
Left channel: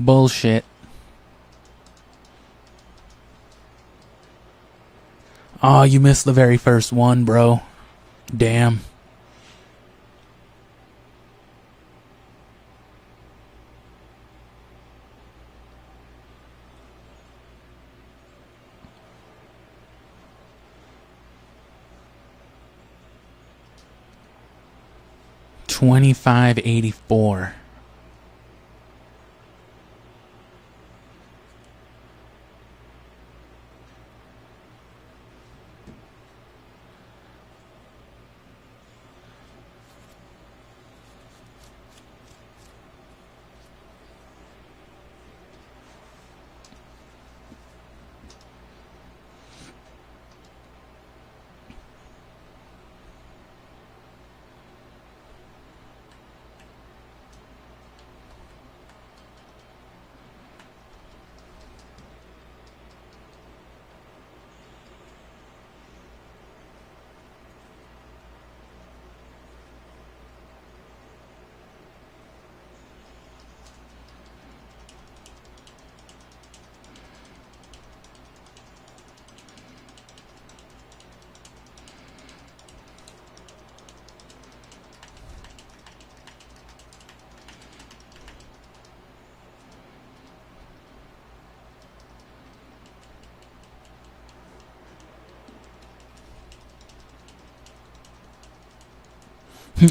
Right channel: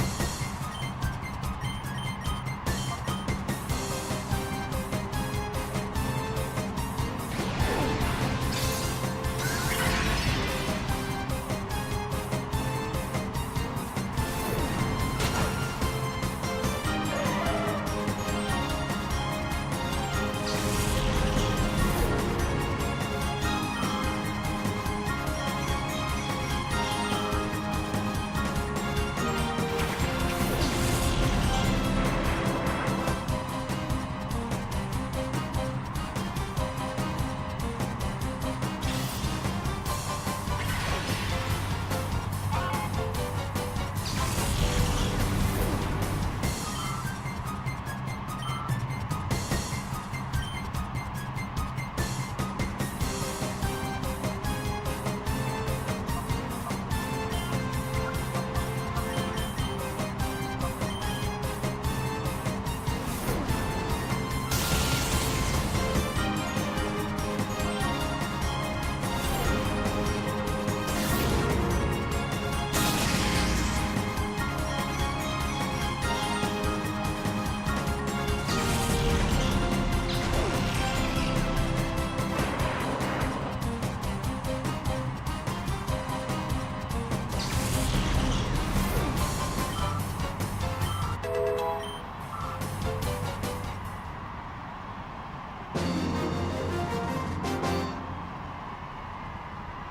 Bullshit. Oh, you missed the very first one, bro. Damn. $25.84.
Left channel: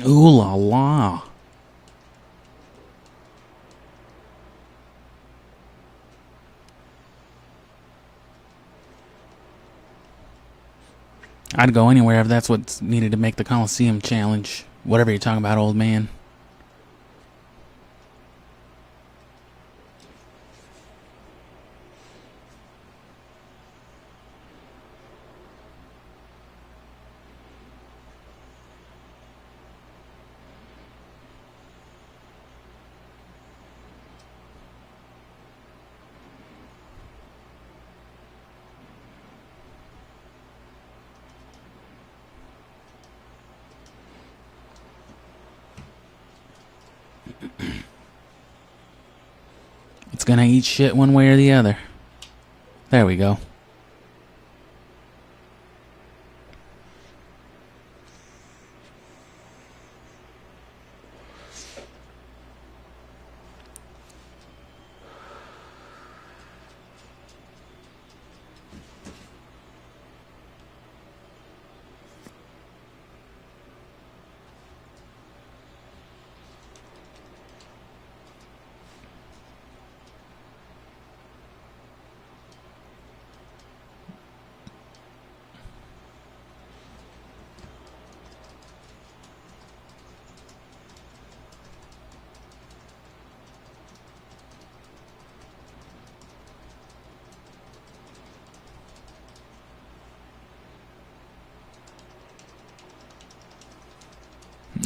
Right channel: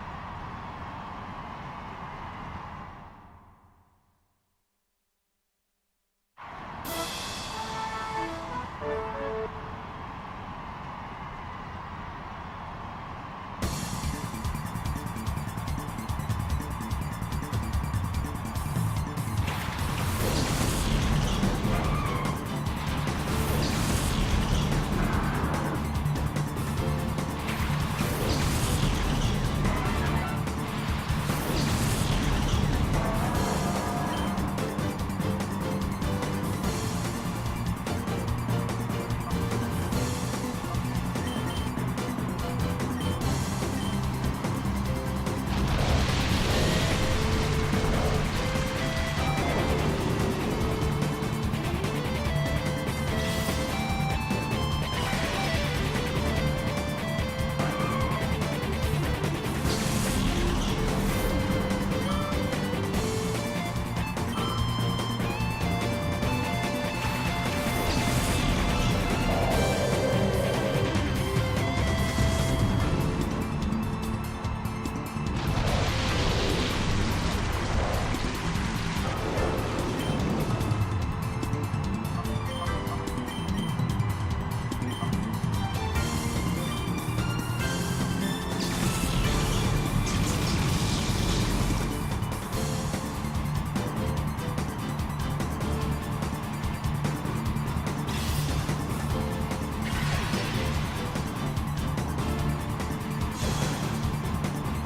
Ooh la la. I'd go anywhere if that's what's needed to make the Colosseum challenge. Whatever you're talking about, old man. It's gonna eat shit one way or the other. There we go.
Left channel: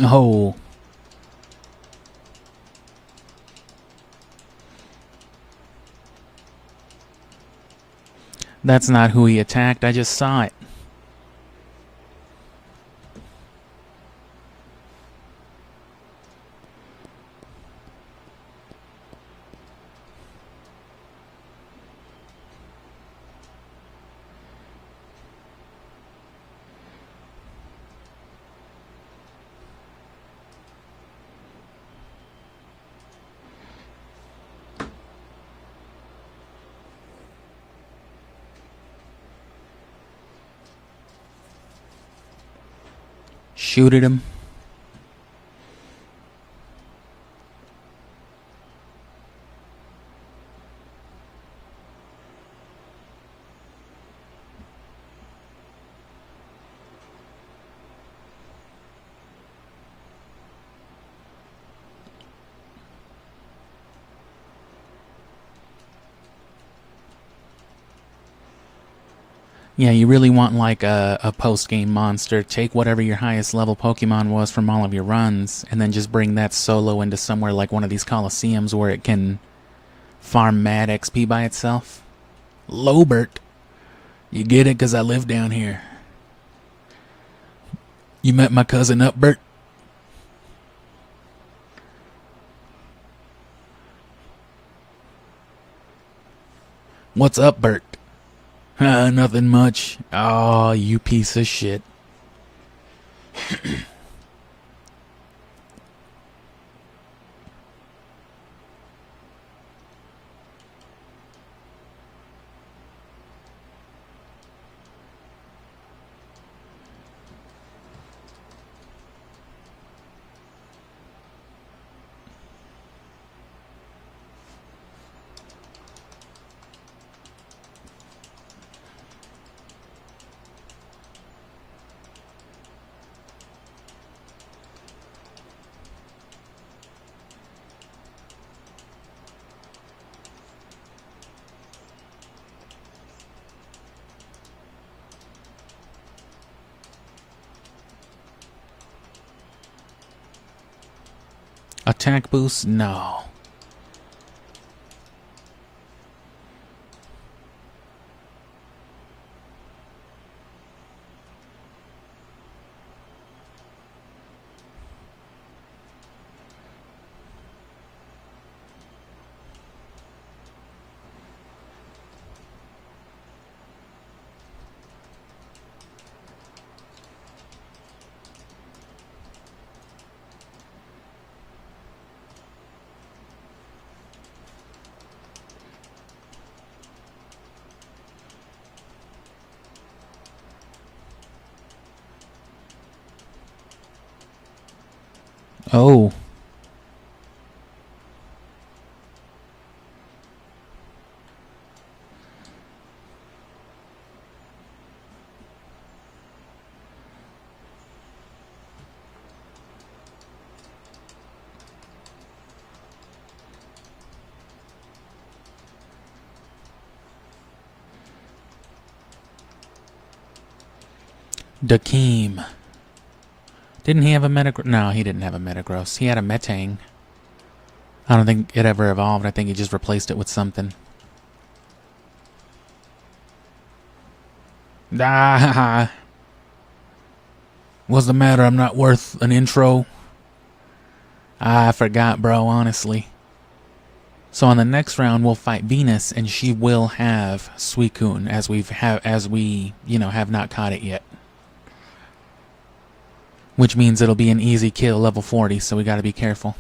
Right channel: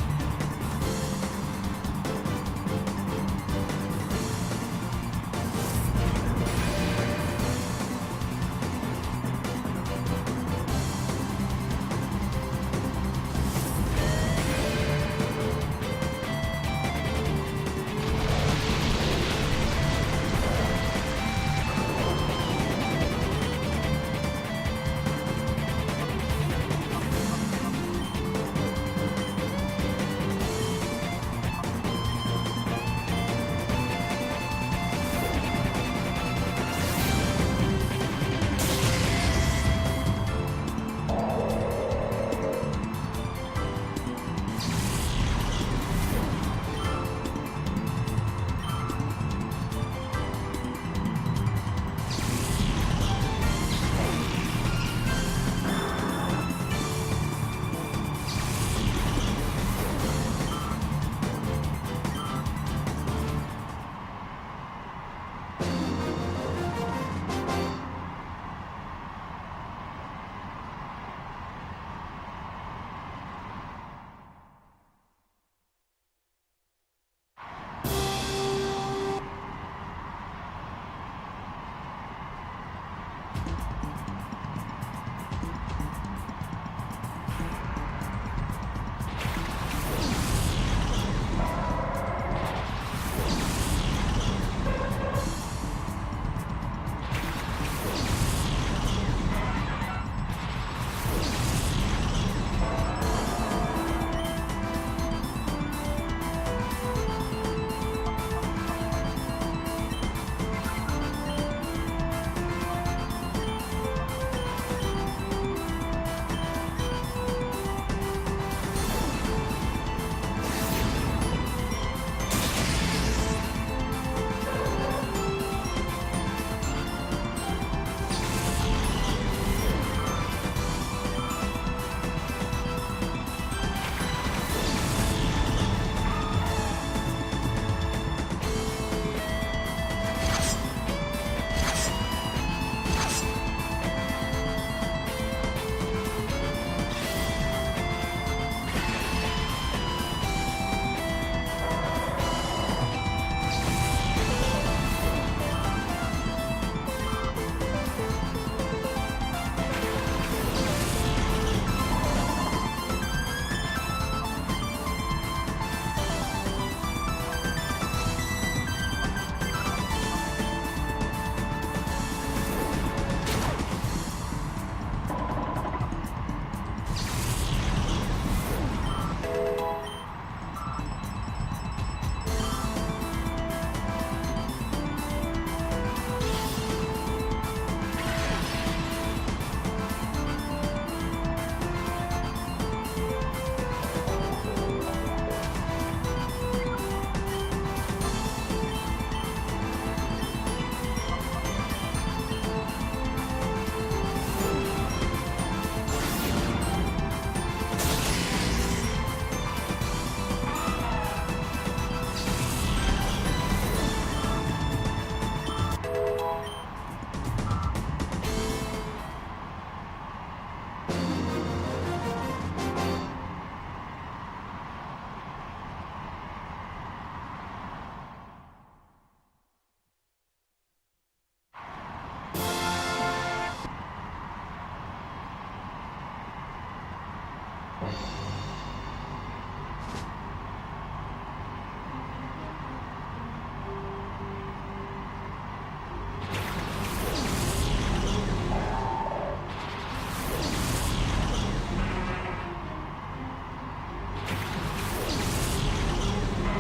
Oh. That's not who he attacked, I just saw it. Shoot at him. Yeah, you really want like a post-game monster. Take whatever your highest level Pokemon was from all of your runs, and then just bring that solo into somewhere like one of these Colosseums where it can farm mad XP by itself. Lobert. You get it because I live down here. You met my cousin Upbert? What's up, Bert? Nothing much. Oh, you piece of shit. Attack boost? No. Oh. Dakeem. Didn't he have a Metagross? No, he didn't have a Metagross. He had a Metang. I don't think it ever evolved. I think he just replaced it with something. Ah, what's the matter? I'm not worth an intro. I forgot, bro, honestly. So on the next round, we'll fight Venus, and she will have Suicune, as we have not caught it yet. Which means it'll be an easy kill, level 40, so we gotta be careful.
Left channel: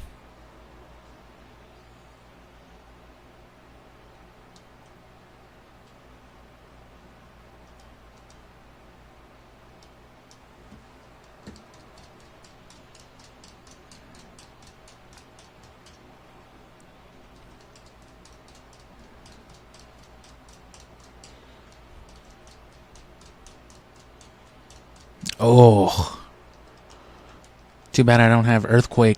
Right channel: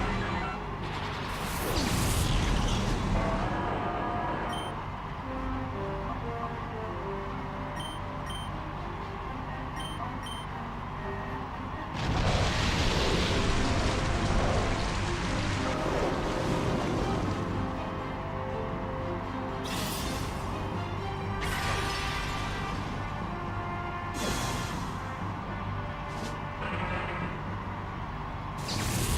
Oh. Too bad I don't have Earthquake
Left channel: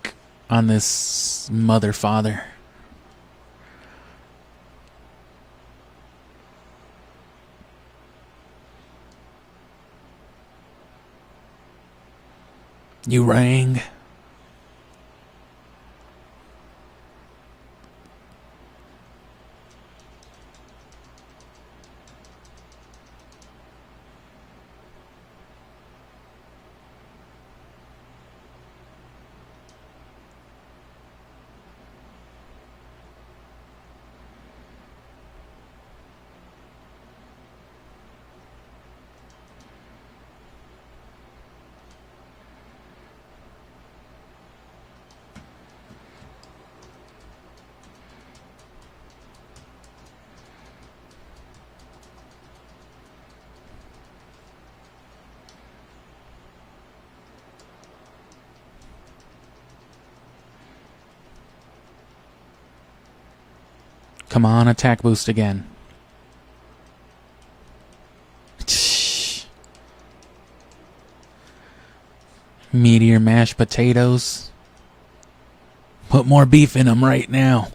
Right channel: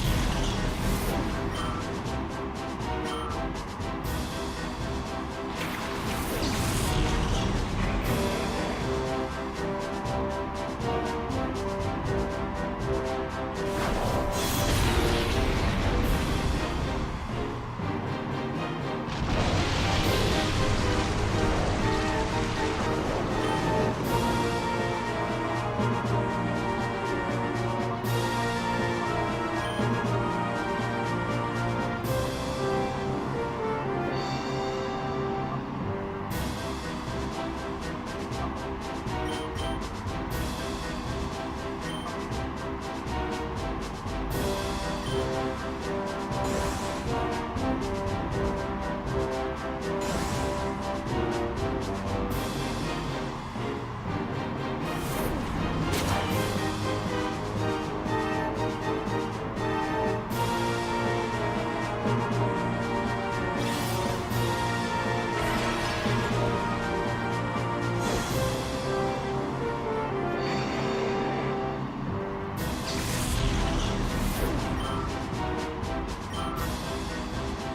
on this mother father. You rang. Come on, attack boost again. Meteor mashed potatoes. Put more beef in them right now.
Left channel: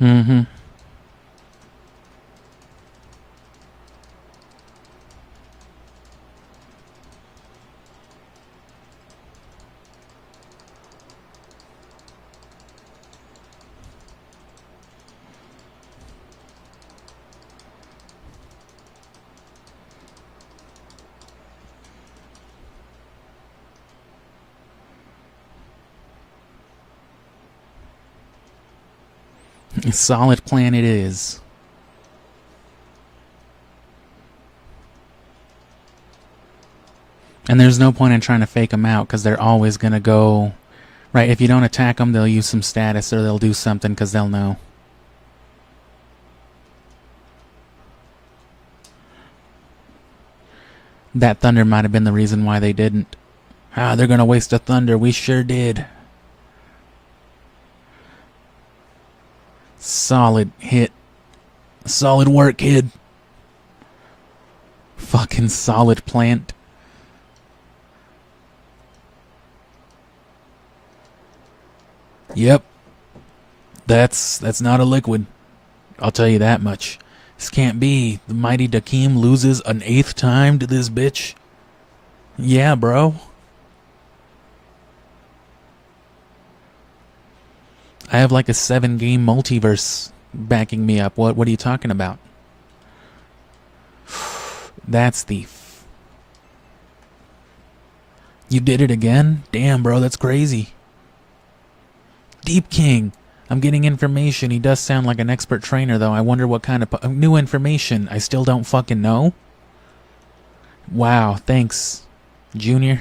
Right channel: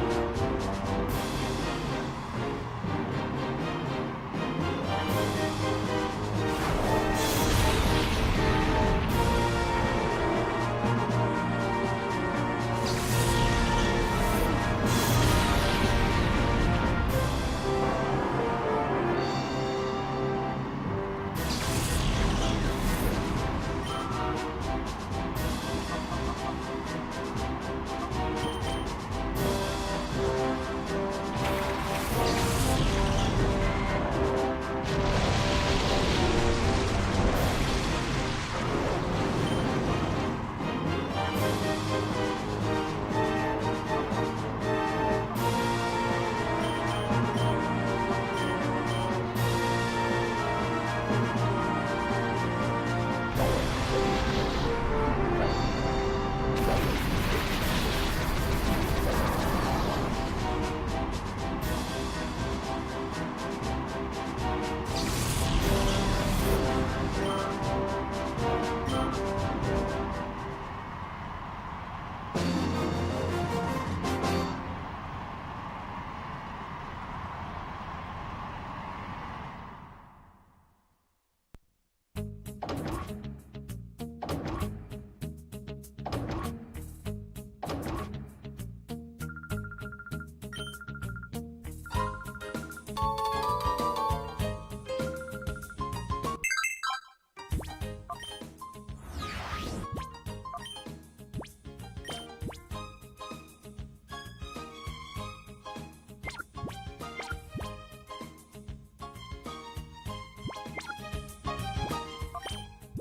Mm-hmm. A solid plan it is. And there's no point in trying to fake them out because they're always going to go... Right, if you don't attack them, they'll use some status or they'll do something because they'll know. That thunder might have been the reason why they didn't. Ah, they're going to waste a thunder. We sure did. Solid hit. Solid work, kid. Fucking solid plant. Yep. That's not a liquid. I'll tell you that much. This can't be. The mighty Dakeem loses an 8th time to this bitch. Yeah, bro. I have like a 7-game multiverse backing me up. What are you talking about? That's the... You did it again? Damn, bro, that's crazy. Deep King. I'm getting information. He does sound like an expert trainer, though. I wonder what kind of new information. I still don't fucking know. Wow, thanks, Junior.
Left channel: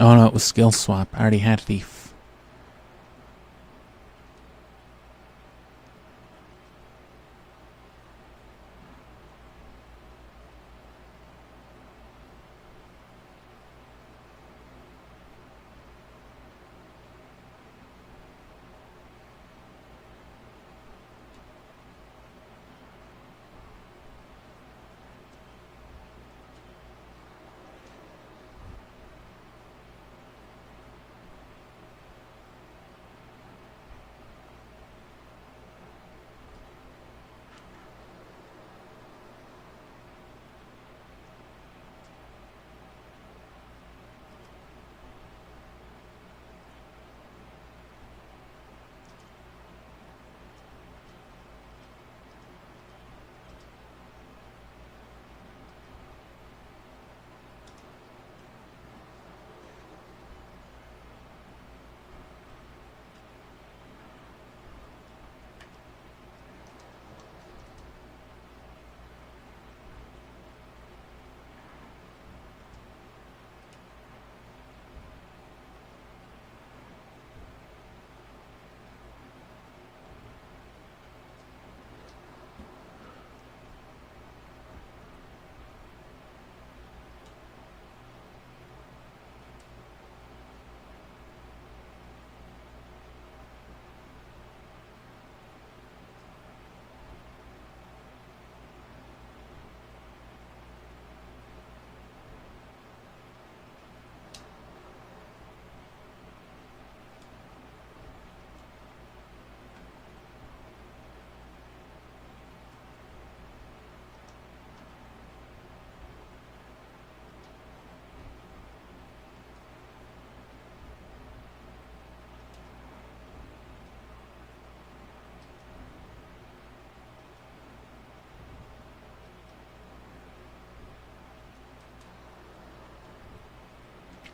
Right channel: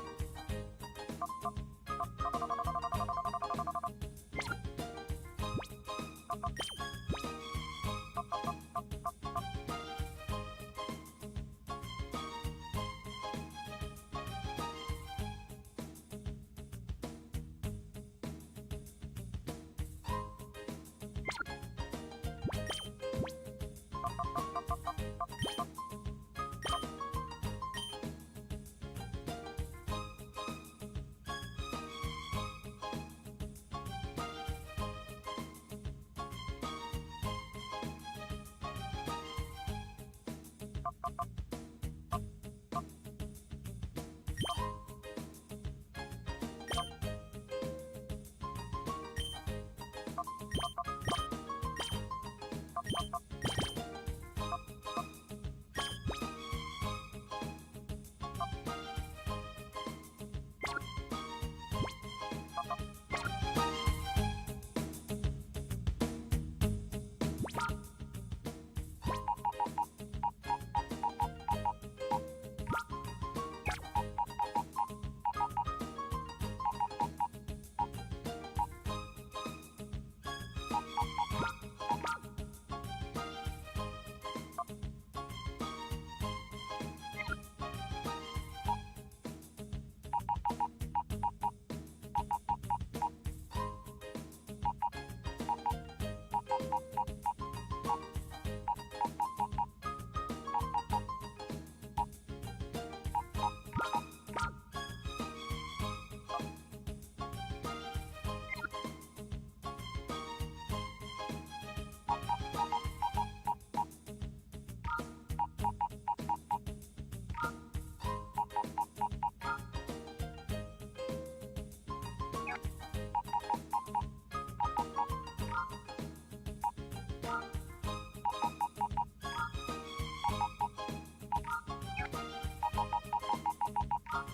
Oh no, it was skill swap. I already had Thief.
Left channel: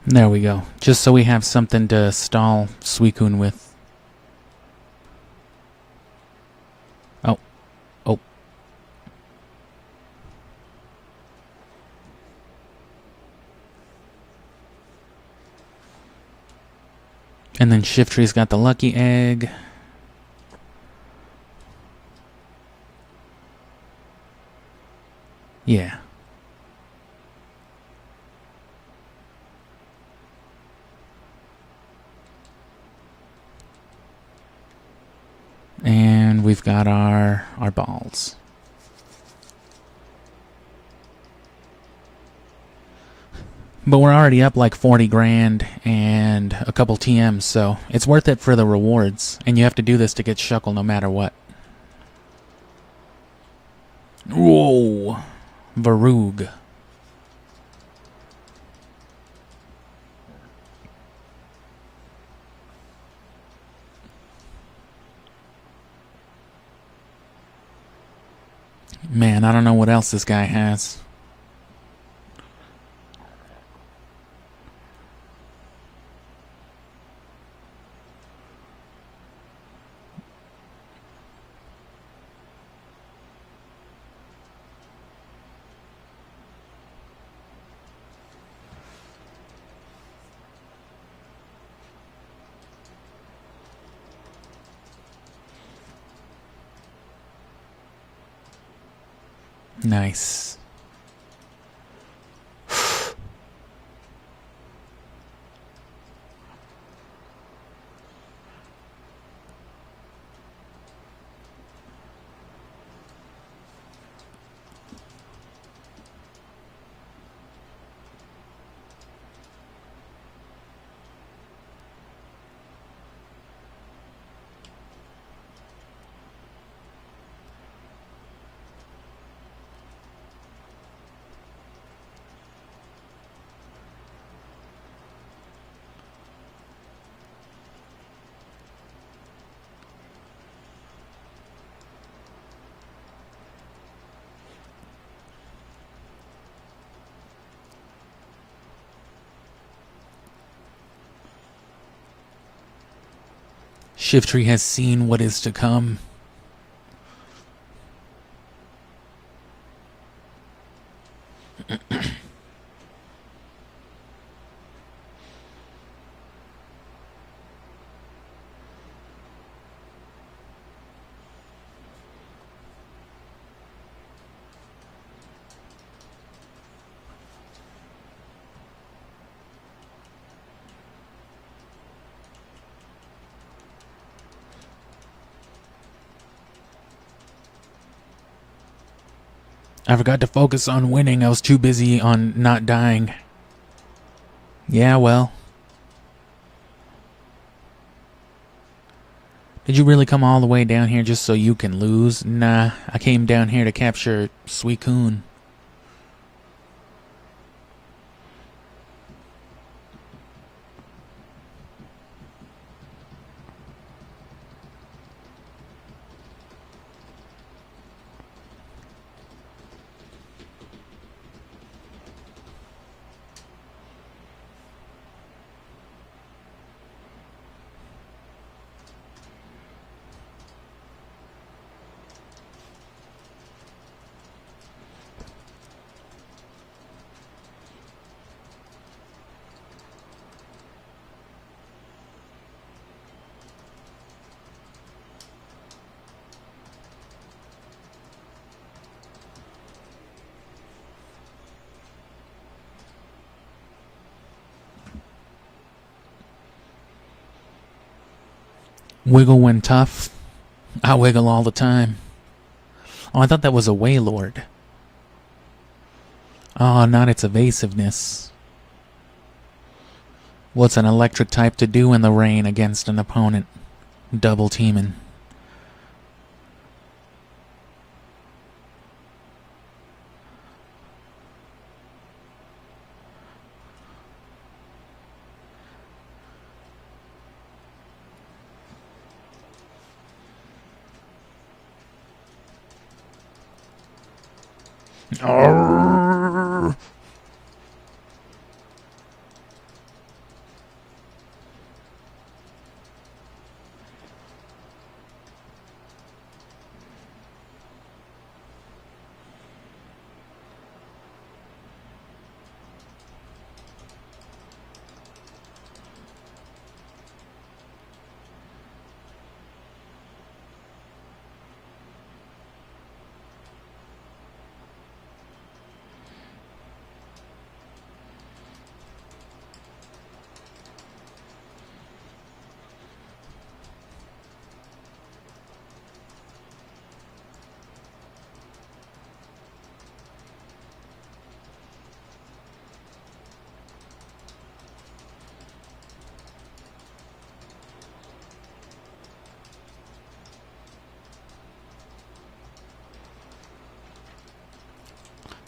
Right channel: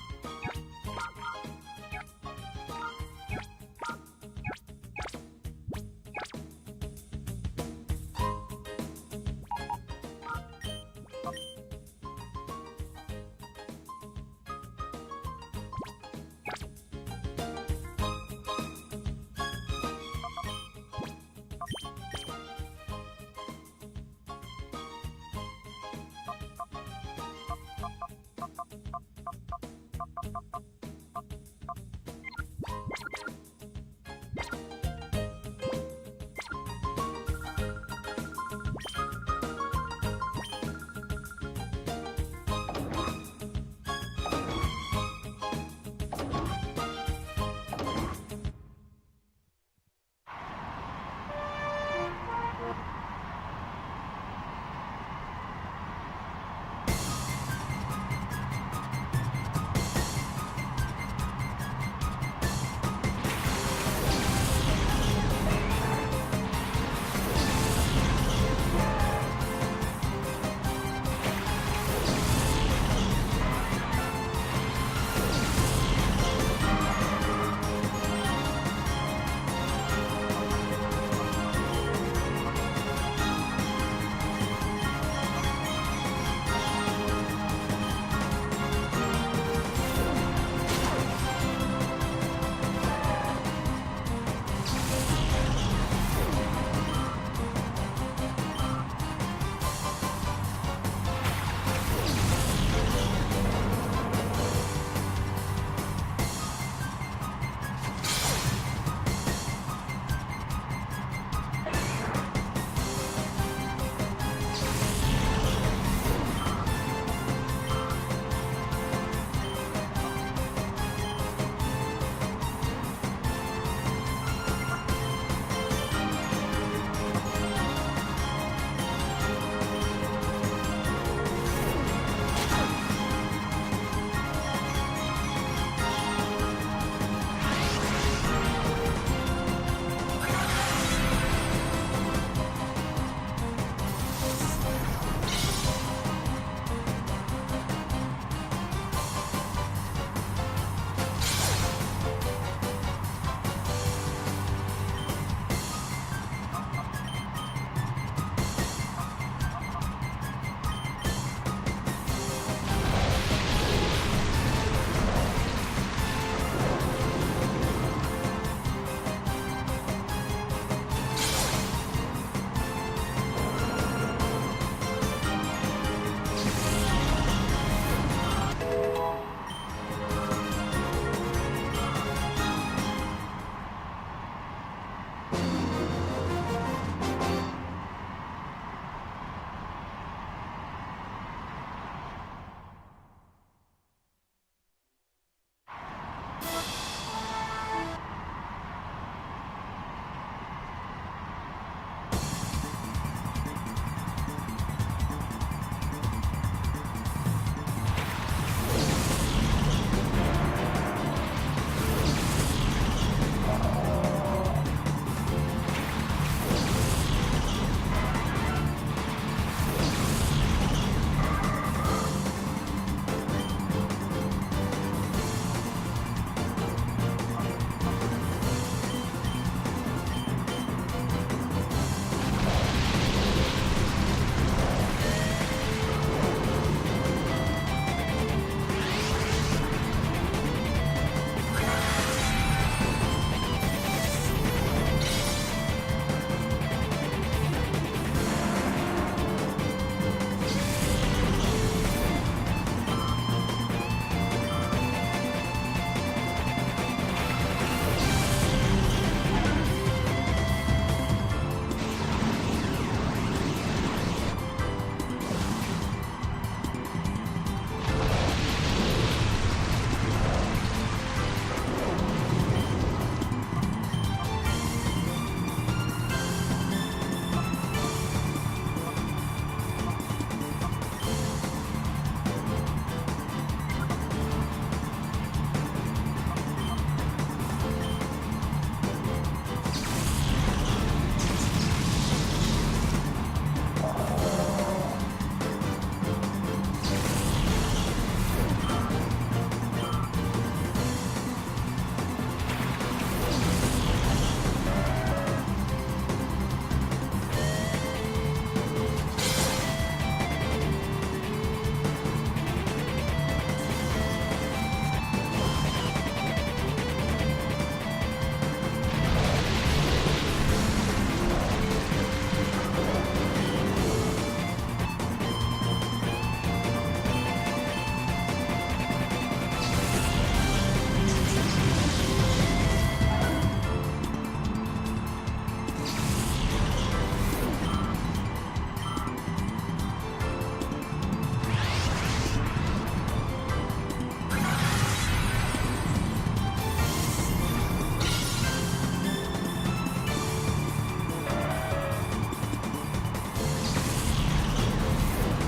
There we go. Just so we have something to stall Suicune with. Oh. Oh. And then Shiftry's got the lucky egg. Yeah. And we've got our balls. But we're already up like 40 grand and a couple TMs, so it's worth it for the rewards. And you have to do this to get Shuckle no matter what. Whoa! Varug. Man, I don't know what else this guy has. Nice. Shiftry has seen what is to come. I forgot to focus on winning. I was too busy on not dying. Yeah, well. Did you really come all the way down here just so you can lose? Nah, I came down here to capture Suicune. Wiggle when tough. I wiggle all the time. Oh, I thought that was a Wailord. Oh, not its evasiveness. What's an electric type to do in the rain against an opponent? Double teaming.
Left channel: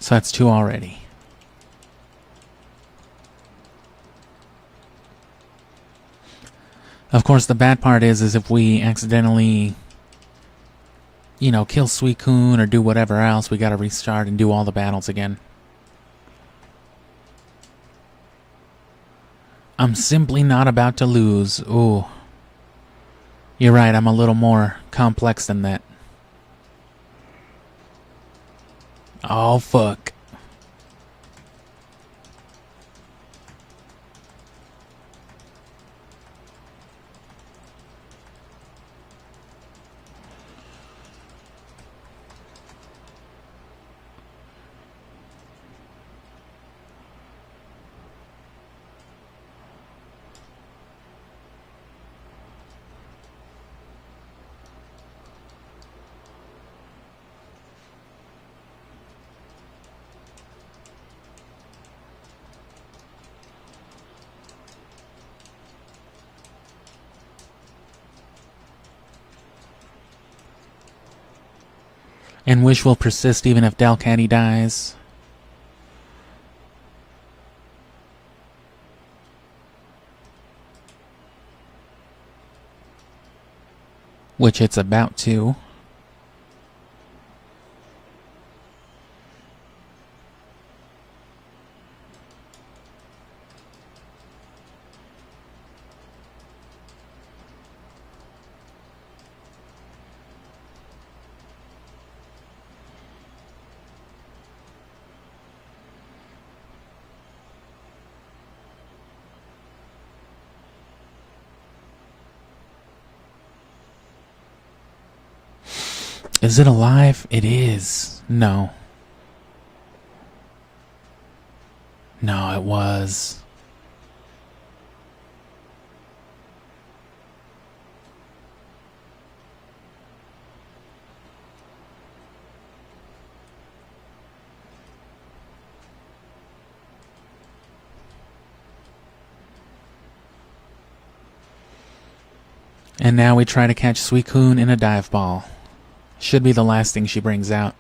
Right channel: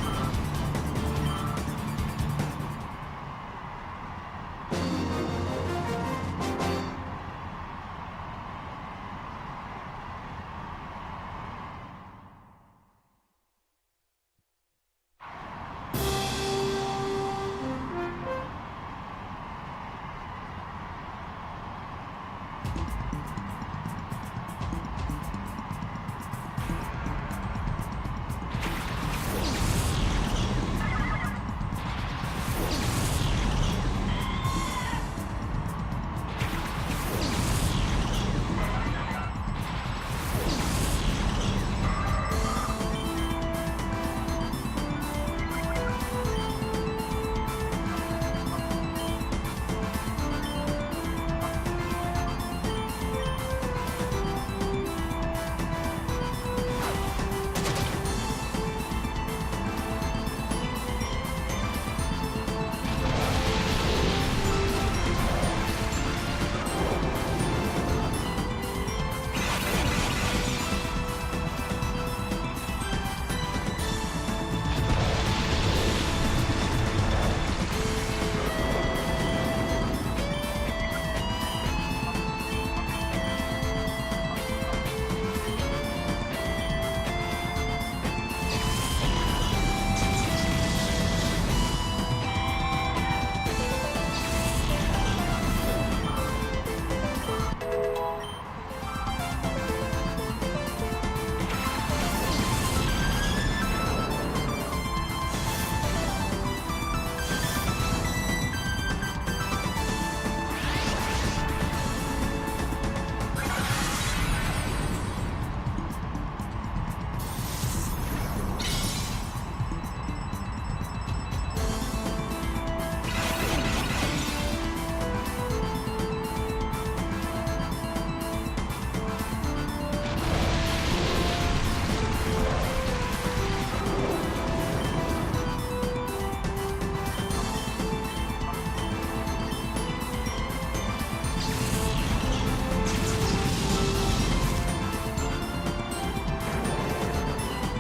So that's 2 already. Of course, the bad part is if we accidentally, you know, kill Suicune or do whatever else, we gotta restart and do all the battles again. I'm simply not about to lose. Ooh. You're right, I'm a little more complex than that. Oh, fuck. And Wish will persist even if Delcatty dies. Which it's about to. Is it alive? It is. No. No, it was. And now we try to catch Suicune in a dive ball. Should be the last thing she brings out.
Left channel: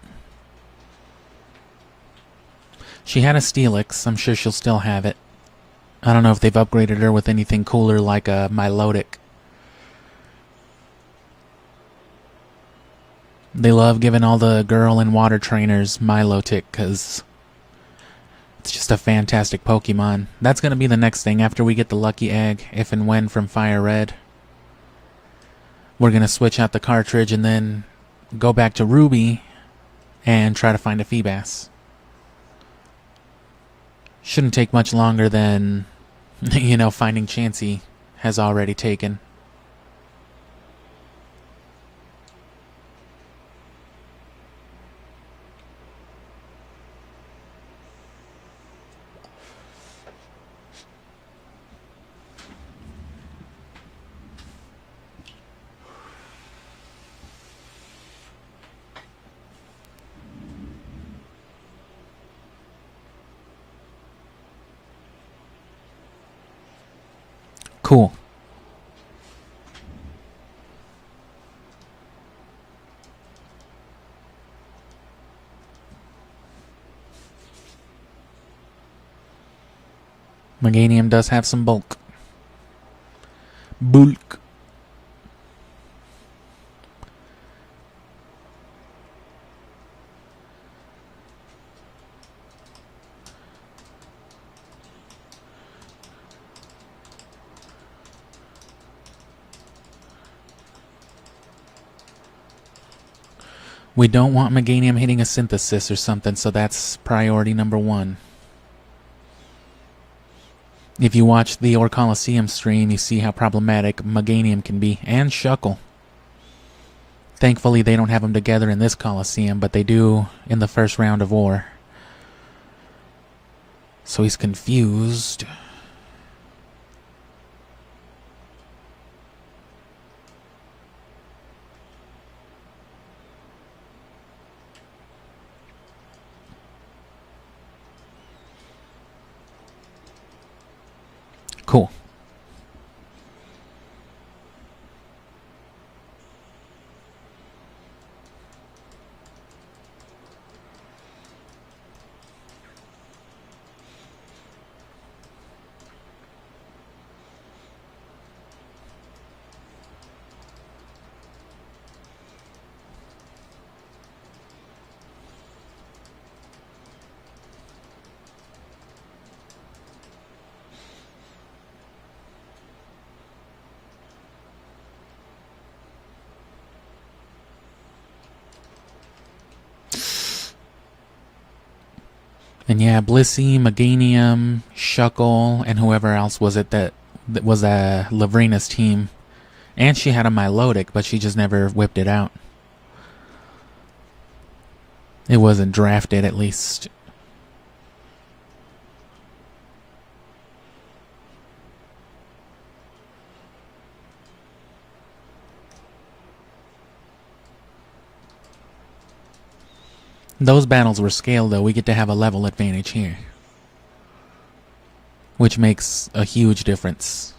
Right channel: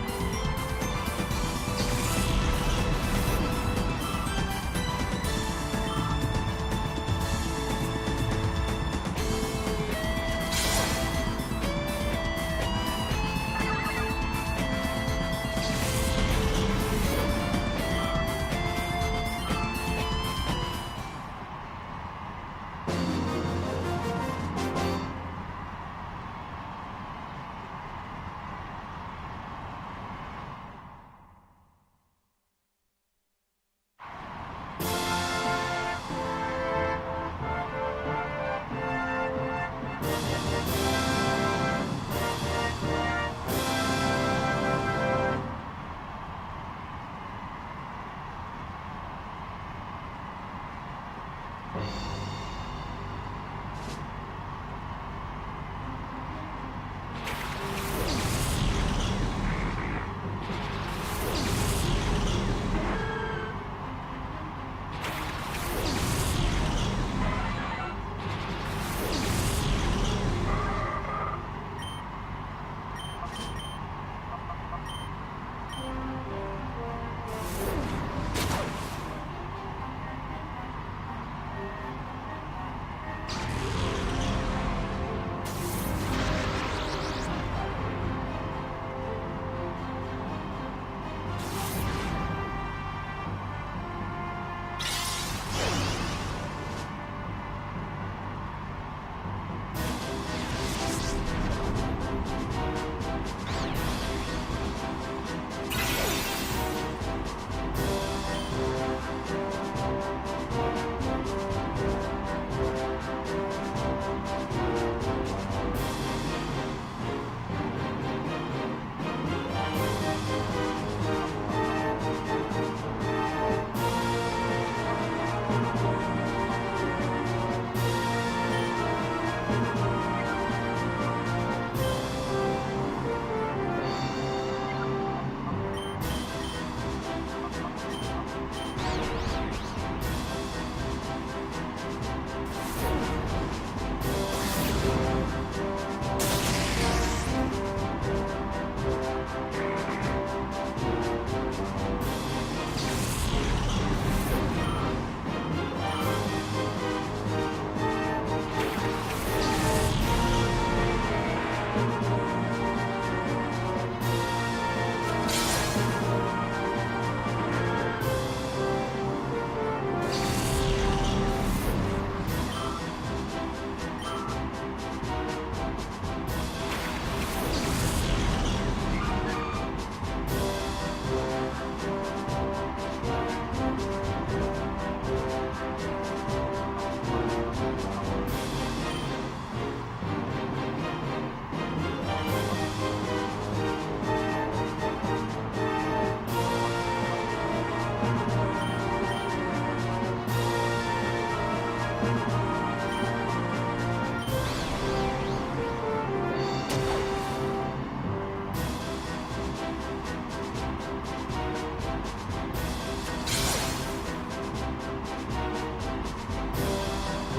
She had a Steelix. I'm sure she'll still have it. I don't know if they've upgraded her with anything cooler like a Milotic. They love giving all the girl and water trainers Milotic because it's just a fantastic Pokemon. That's going to be the next thing after we get the lucky egg, if and when, from Fire Red. We're going to switch out the cartridge and then go back to Ruby and try to find a Feebas. Shouldn't take much longer than, you know, finding Chansey has already taken. Cool. Meganium does have some bulk. Bulk. We don't want Meganium hitting a Synthesis or something, so that's priority number one. If you watch the Orre Colosseum stream, you see how problematic Meganium can be, and Shuckle. Thankfully, they don't have them together in this Colosseum, but they do in the first round of War. So he's confused. Cool. And yeah, Blissey, Meganium, Shuckle, and whoever else was it that was Lavrina's team. And she had a Milotic, but she just never whipped it out. It wasn't drafted, at least. Those battles were scaled, though. We get to have a level advantage here, which makes a huge difference.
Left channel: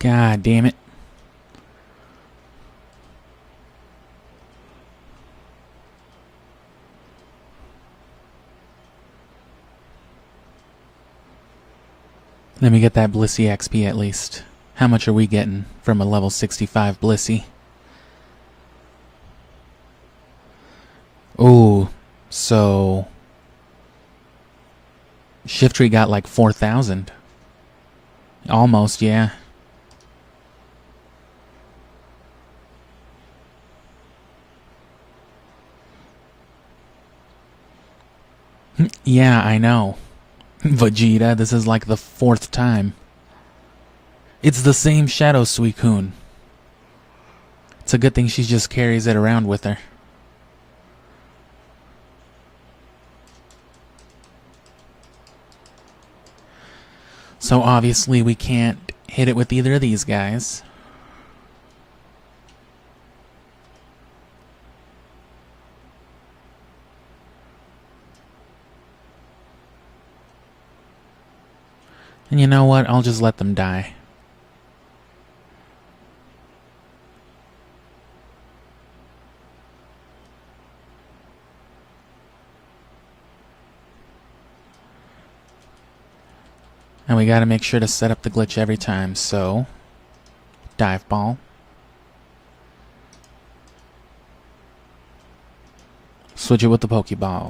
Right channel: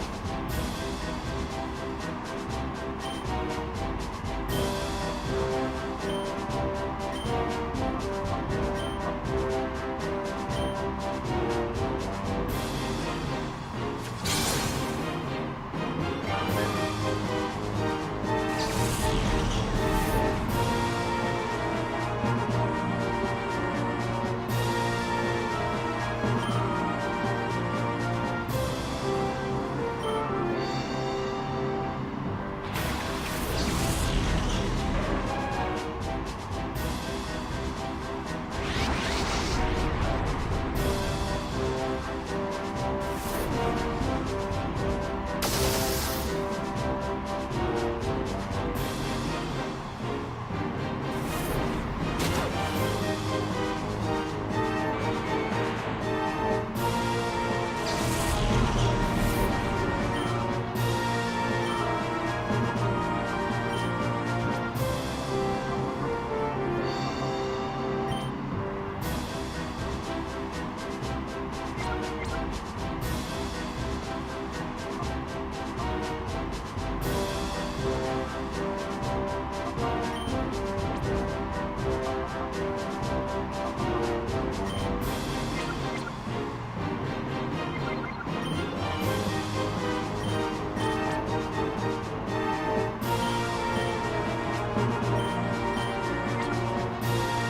God damn it. Let me get that Blissey XP at least. How much are we getting from a level 65 Blissey? Ooh, so Shiftry got like 4,000. Almost, yeah. Yeah, I know. Vegeta, this is like the 4th time. It's the same Shadow Suicune. It's a good thing she just carries it around with her. So obviously we can't hit it with either of these guys. You know what? I'll just let them die. And we gotta make sure to set up the glitch every time, so dive ball. Switch it with the Pokeball.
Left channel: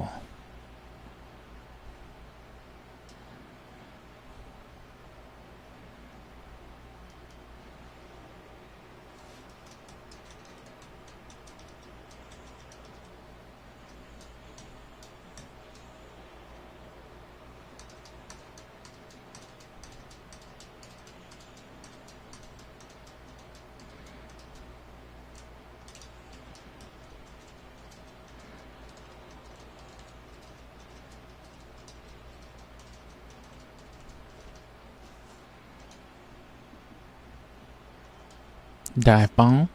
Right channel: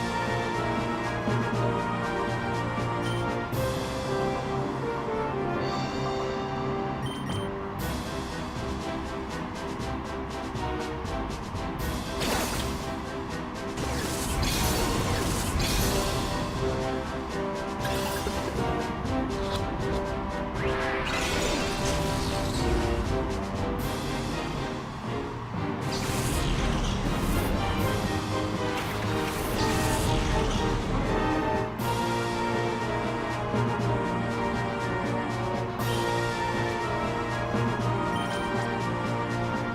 Dive ball.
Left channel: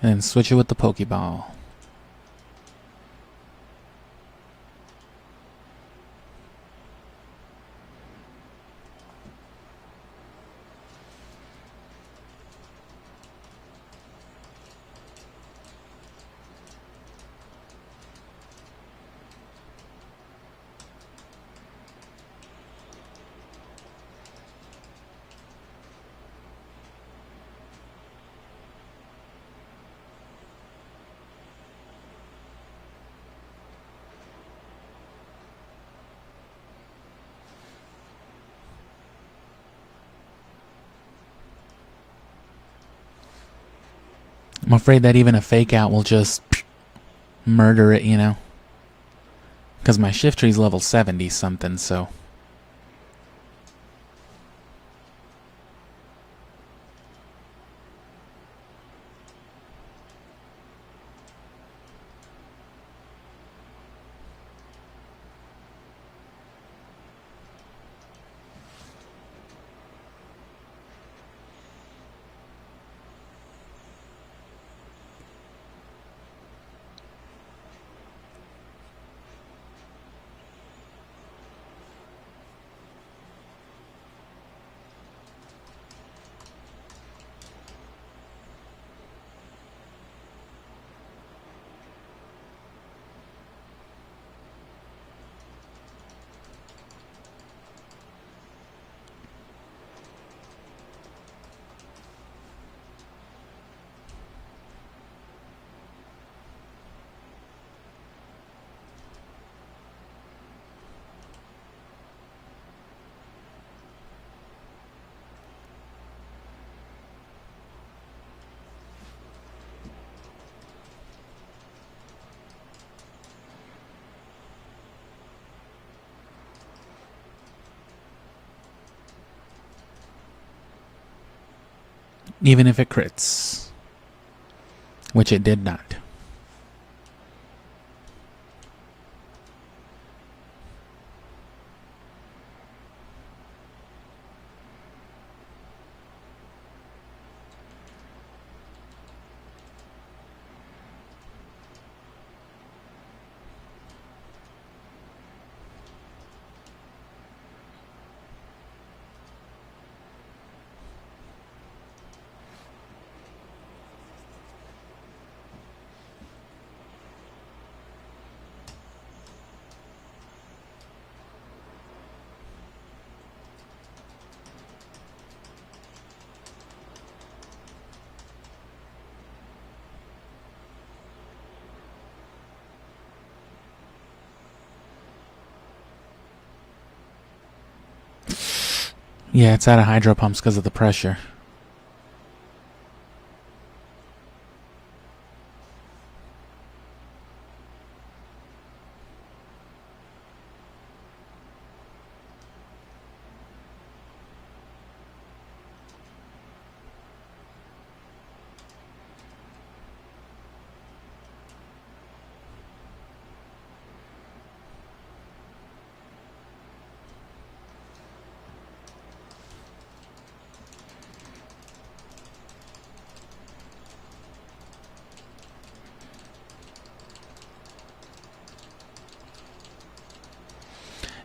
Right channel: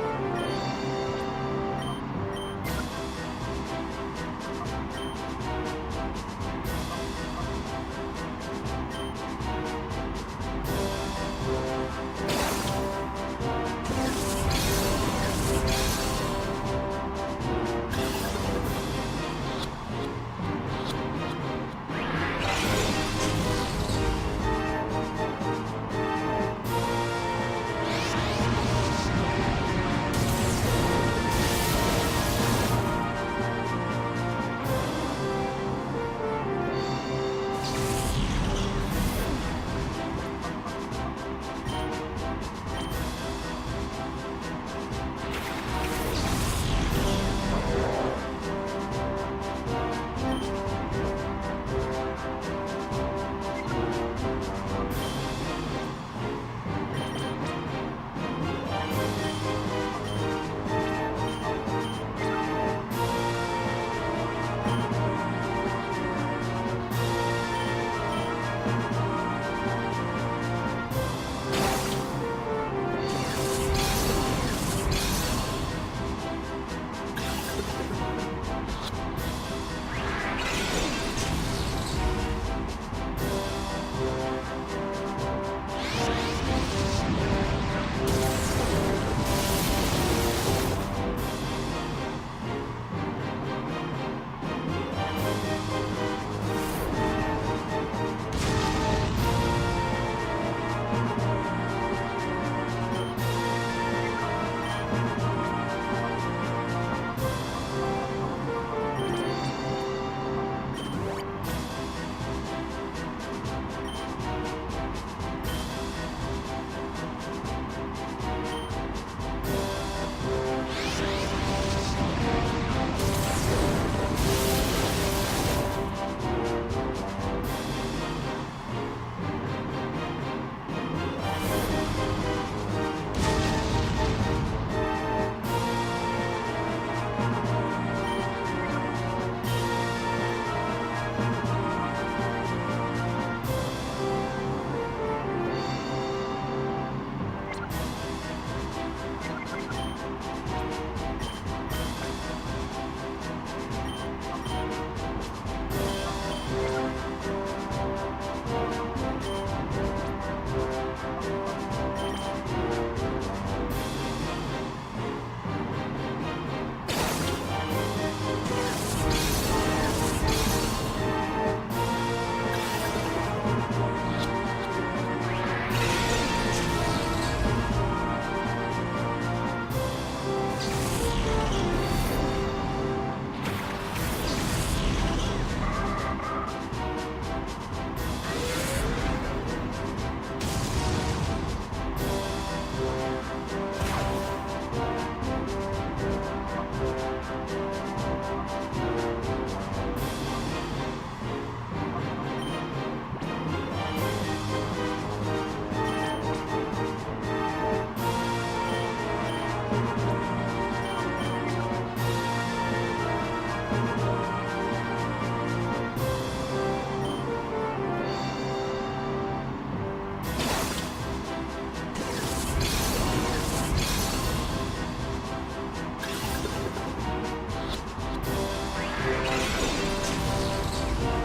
Then switch it with the Pokeball. I'm afraid that even a fake out will just murder it, you know? Because my Shiftry's level 70 something, so. Even if it crits, which it did not. Yeah, it's out of hydro pumps because of the pressure.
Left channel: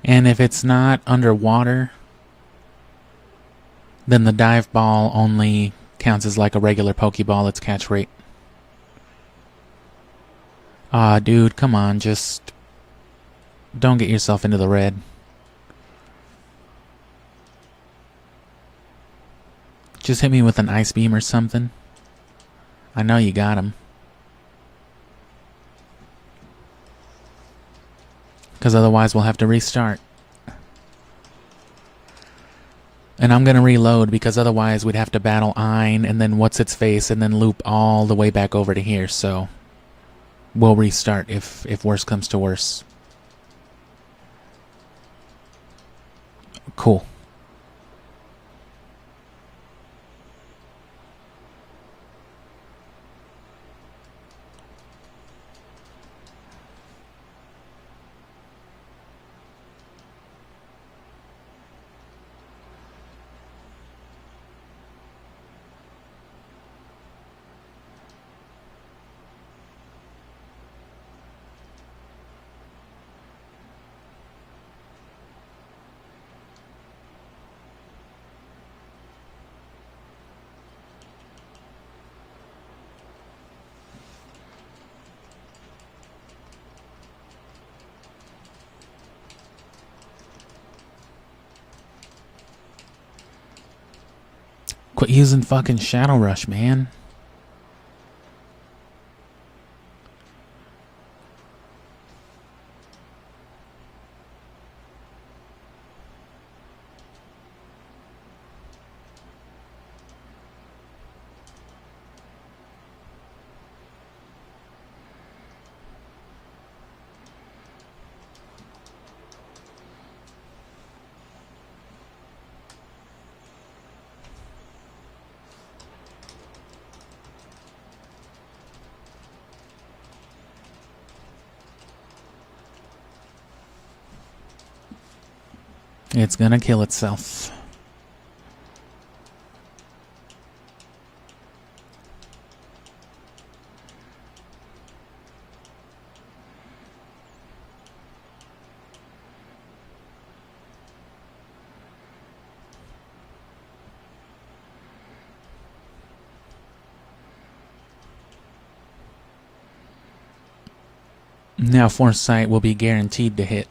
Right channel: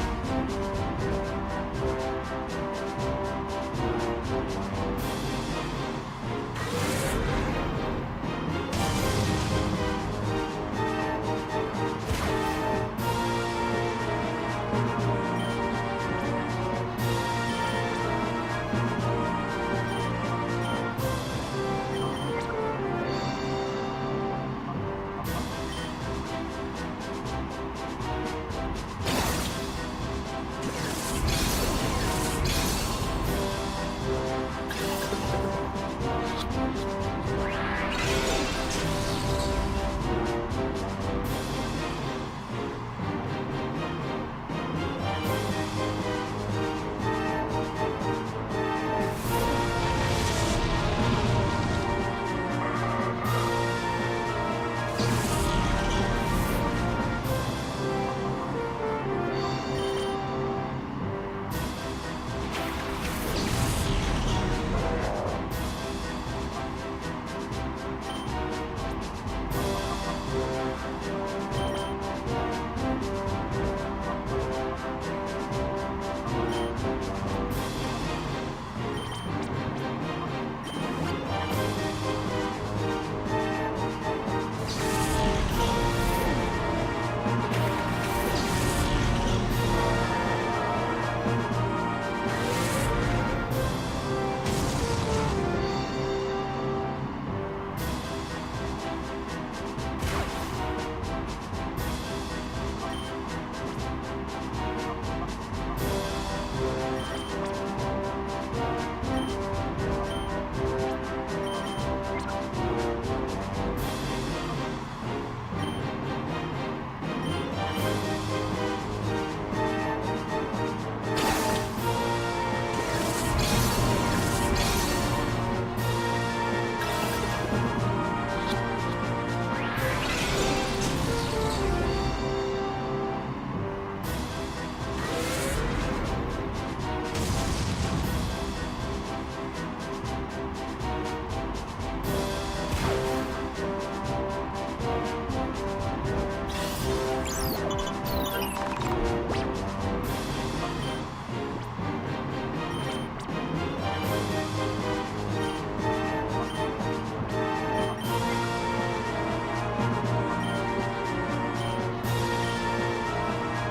And if it's not underwater, then the dive ball only counts as like a regular Pokeball, its catch rate. Ah, dude, come on, just don't get yourself into the red. Just hit me with an Ice Beam or something. I know you got him. Because otherwise we'll have to restart. And I'm going to reload because otherwise we'd have to battle Ein and then what's its face and then loop all the way back over to here. So we'll restart if worse comes to worse. Cool. Quit using fucking Shadow Rush, man. It's gonna kill itself. Now Foresight will be guaranteed to hit.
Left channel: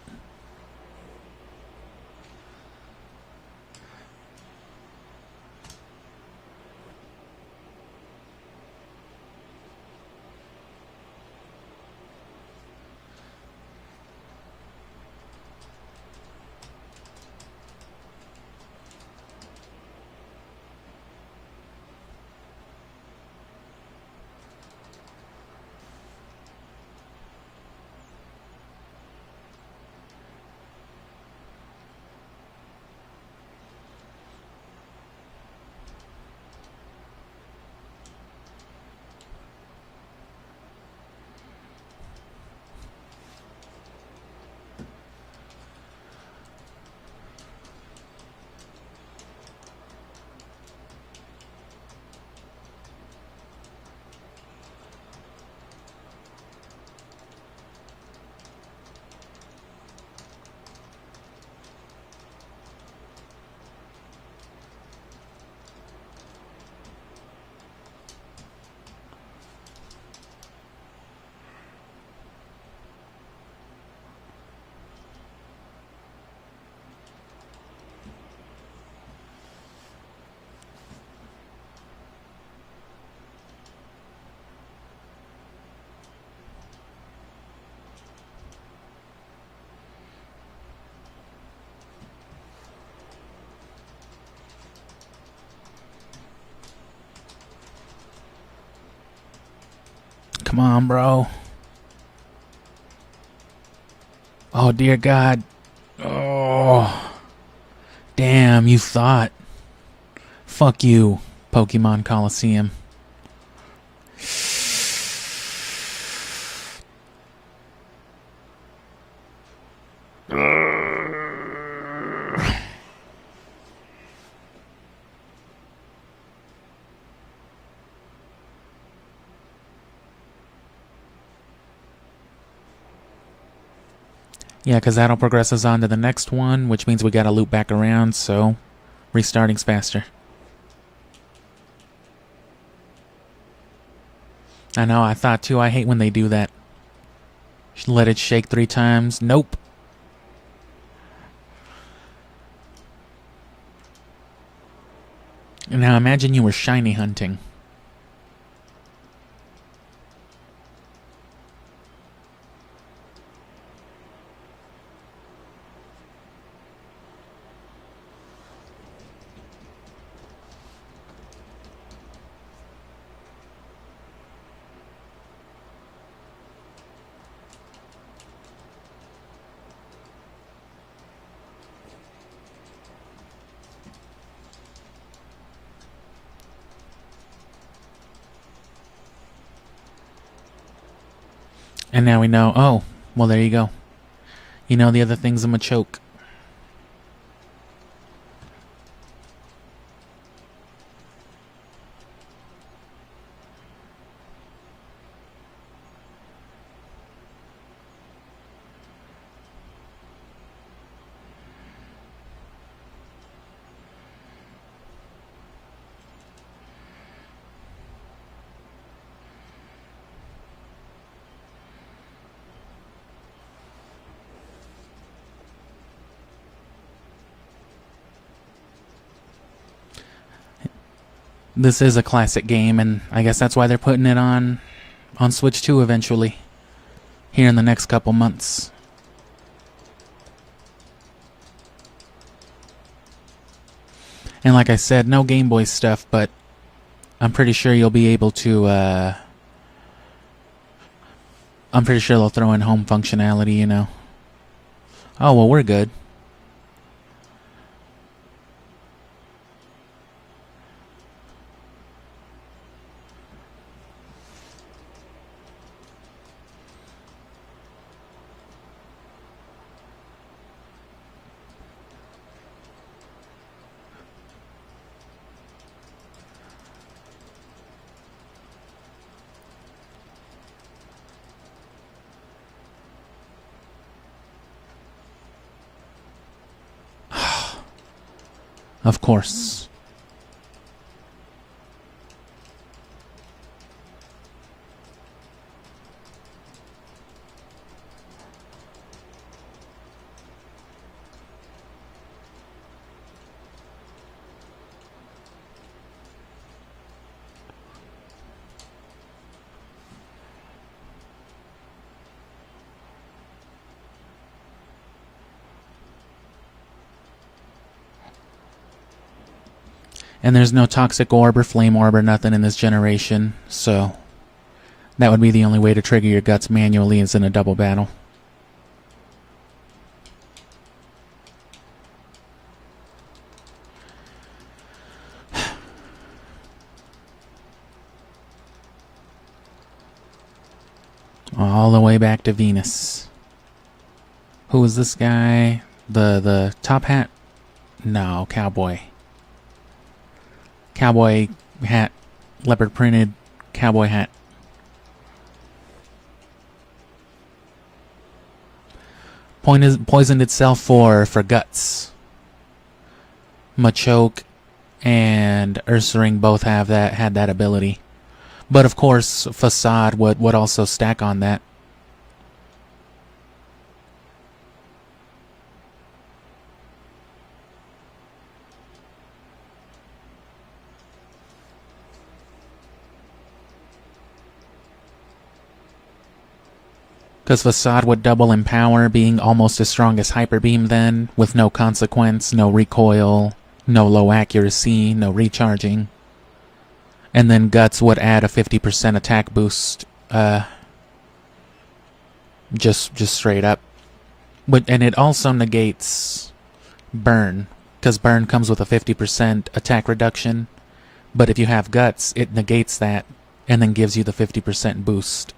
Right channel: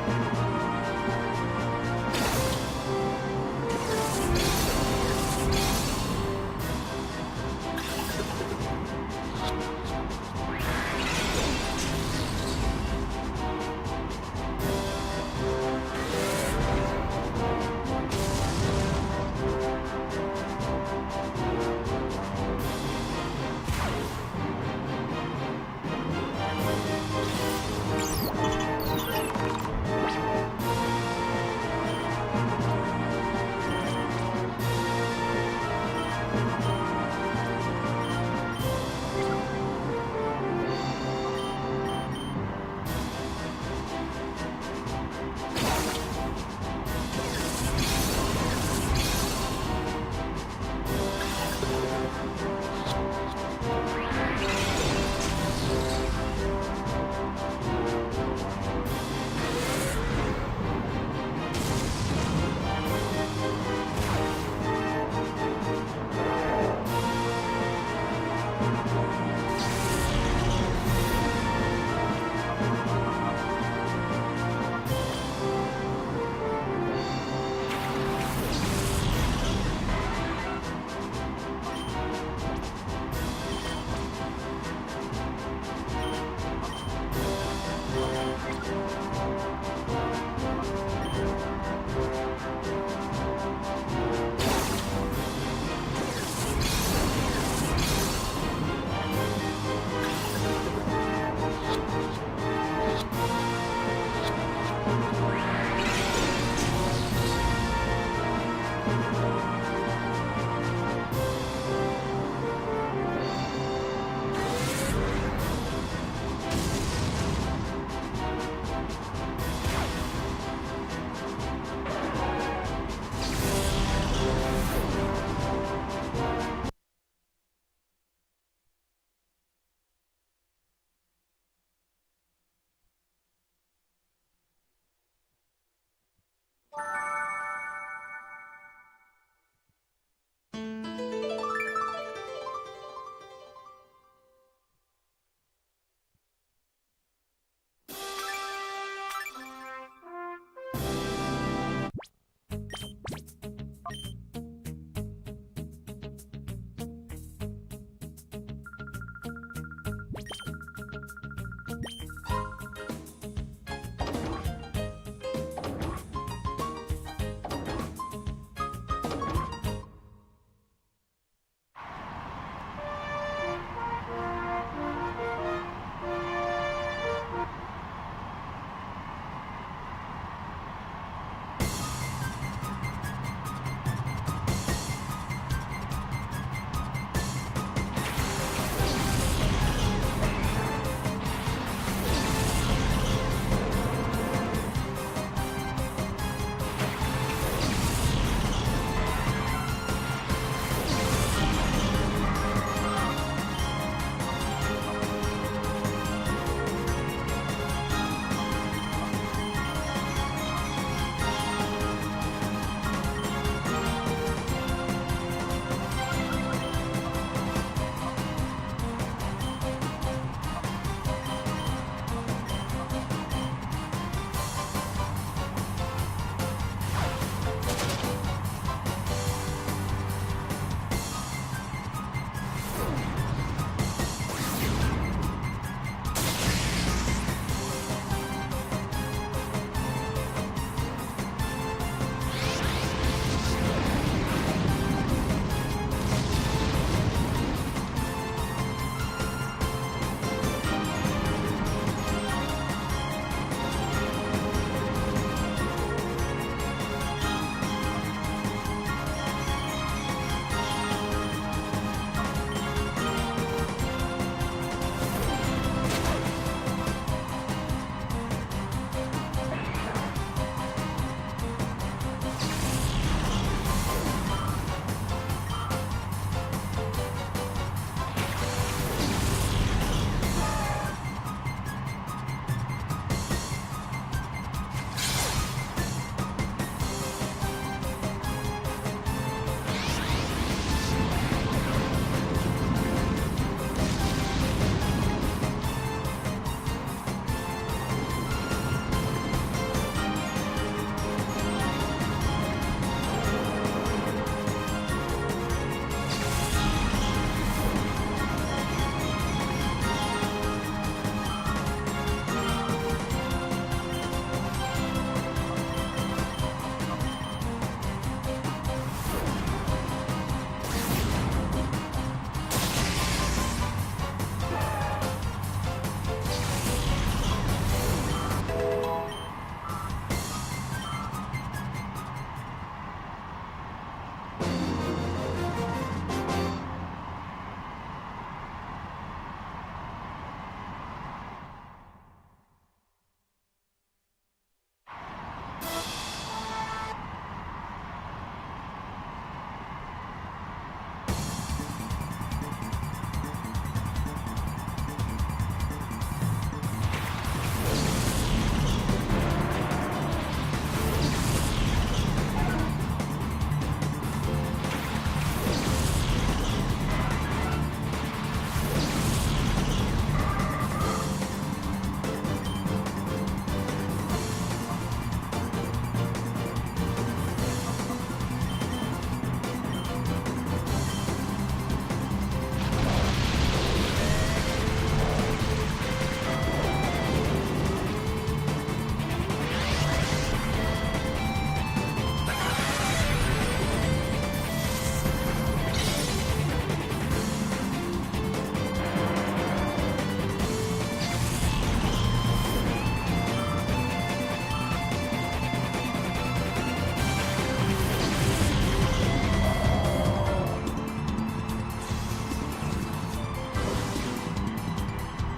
Come on, bro. Oh, dear God. Oh. Damn, you thought. Fuck you, Pokemon Colosseum. Yeah, because that'll progress us on to the next one, which means we gotta loop back around, so restarting's faster. I know, I thought too. I hate when they do that. Let it shake 3 times. Nope. Now imagine you were shiny hunting. And now we know, oh, well there you go. You know the other thing's a Machoke. This is a classic game, and I guess that's why they're putting it on Switch 2 eventually, here in the next couple months. And like I said, no Game Boy stuff, but I'm pretty sure you'll be able to, I'm pretty sure they'll throw in home functionality, you know. Oh, well, we're good. Of course. And there's no Toxic Orb or Flame Orb or nothing in this generation, so that would be the only way to trigger your guts manually is in a double battle. All the way back to Venus. Who is this guy? The top hat? No, cowboy. Cowboy hat, leopard printed cowboy hat. Poisoned itself for guts. Machoke and Ursaring both had that ability, but of course Facade would also stack on that. Because Facade would double in power, being almost as strong as Hyper Beam then, with no consequence, no recoil, no low accuracy, no recharging. And then Guts would add a 50% attack boost Just straight up. And it also negates burn, because burn comes with a 50% attack reduction. But if you have guts, it negates that and then gives you the 50% boost.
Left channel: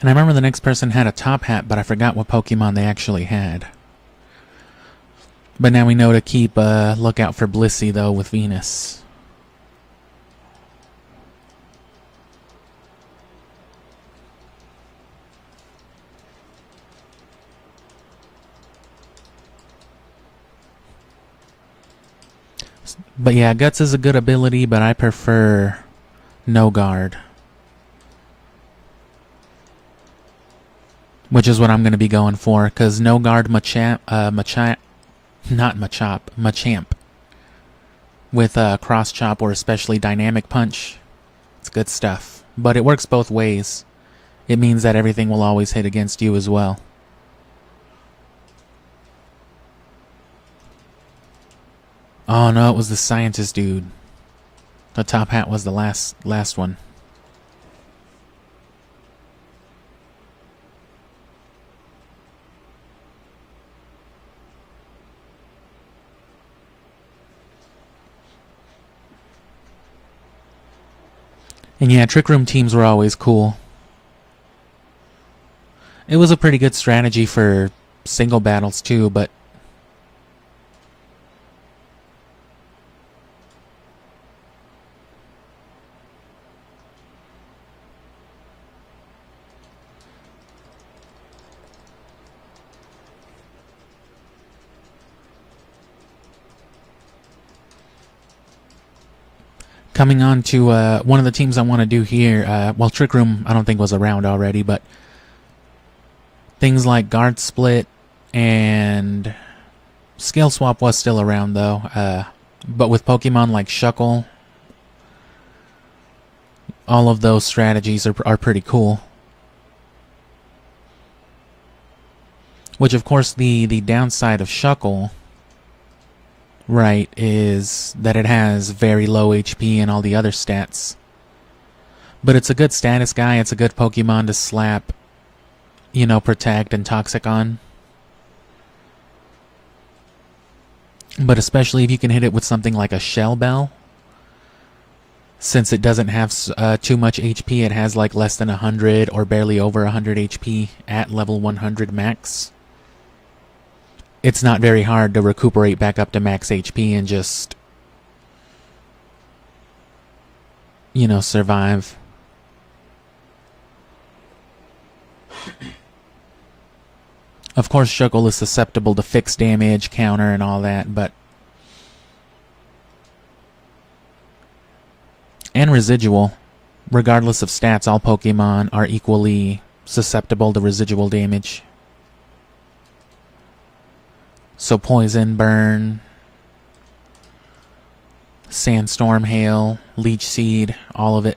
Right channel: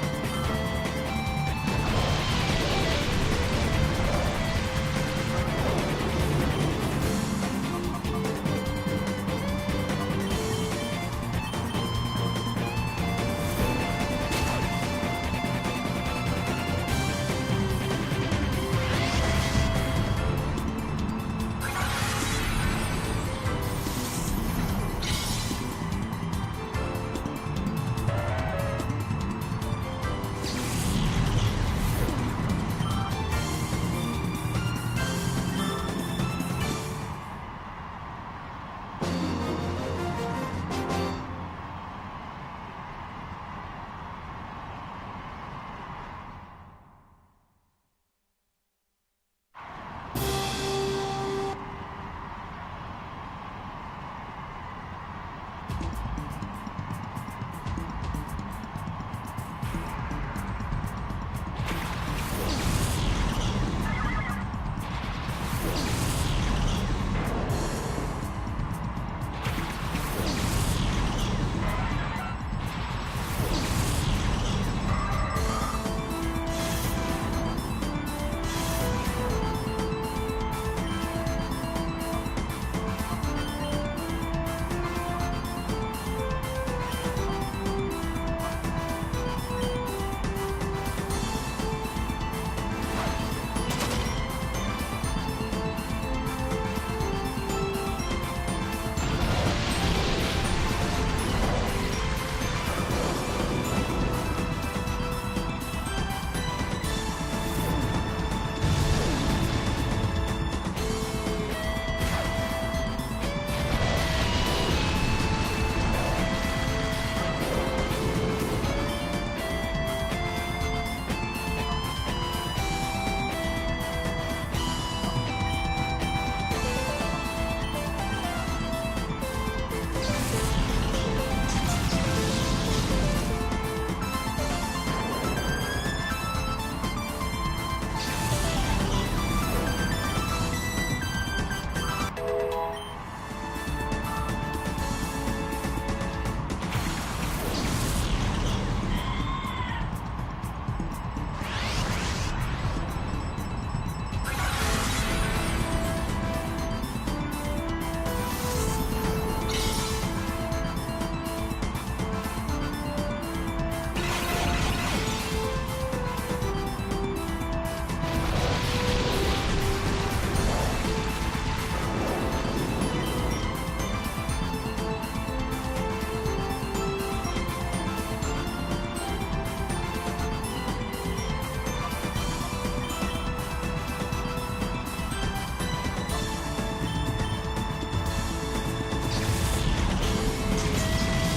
And I remember the next person had a top hat, but I forgot what Pokemon they actually had. But now we know to keep a lookout for Blissey, though, with Venus. But yeah, Guts is a good ability, but I prefer No Guard. Which is what I'm going to be going for, because No Guard Machamp with Cross Chop or especially Dynamic Punch. It's good stuff. But it works both ways. It means that everything will always hit against you as well. Oh no, it was the scientist dude. The top hat was the last one. And yeah, Trick Room teams were always cool. It was a pretty good strategy for single battles too, but coming on to one of the teams I want to do here, well, Trick Room I don't think was around already, but things like Guard Split and Scale Swap was still around though, but with Pokemon like Shuckle, all of those strategies are pretty cool. Which of course the downside of Shuckle, right, is that it has very low HP and all the other stats. But it's a good status guy, it's a good Pokemon to slap, you know, Protect and Toxic on. But especially if you can hit it with something like a Shell Bell. Since it doesn't have too much HP, it has like less than 100 or barely over 100 HP at level 100 max. It's not very hard to recuperate back up to max HP and just, you know, survive. Of course, Shuckle is susceptible to fixed damage, counter, and all that, but... and residual. Regardless of stats, all Pokemon are equally susceptible to residual damage. So Poison, Burn, Sandstorm, Hail, Leech Seed, all of it.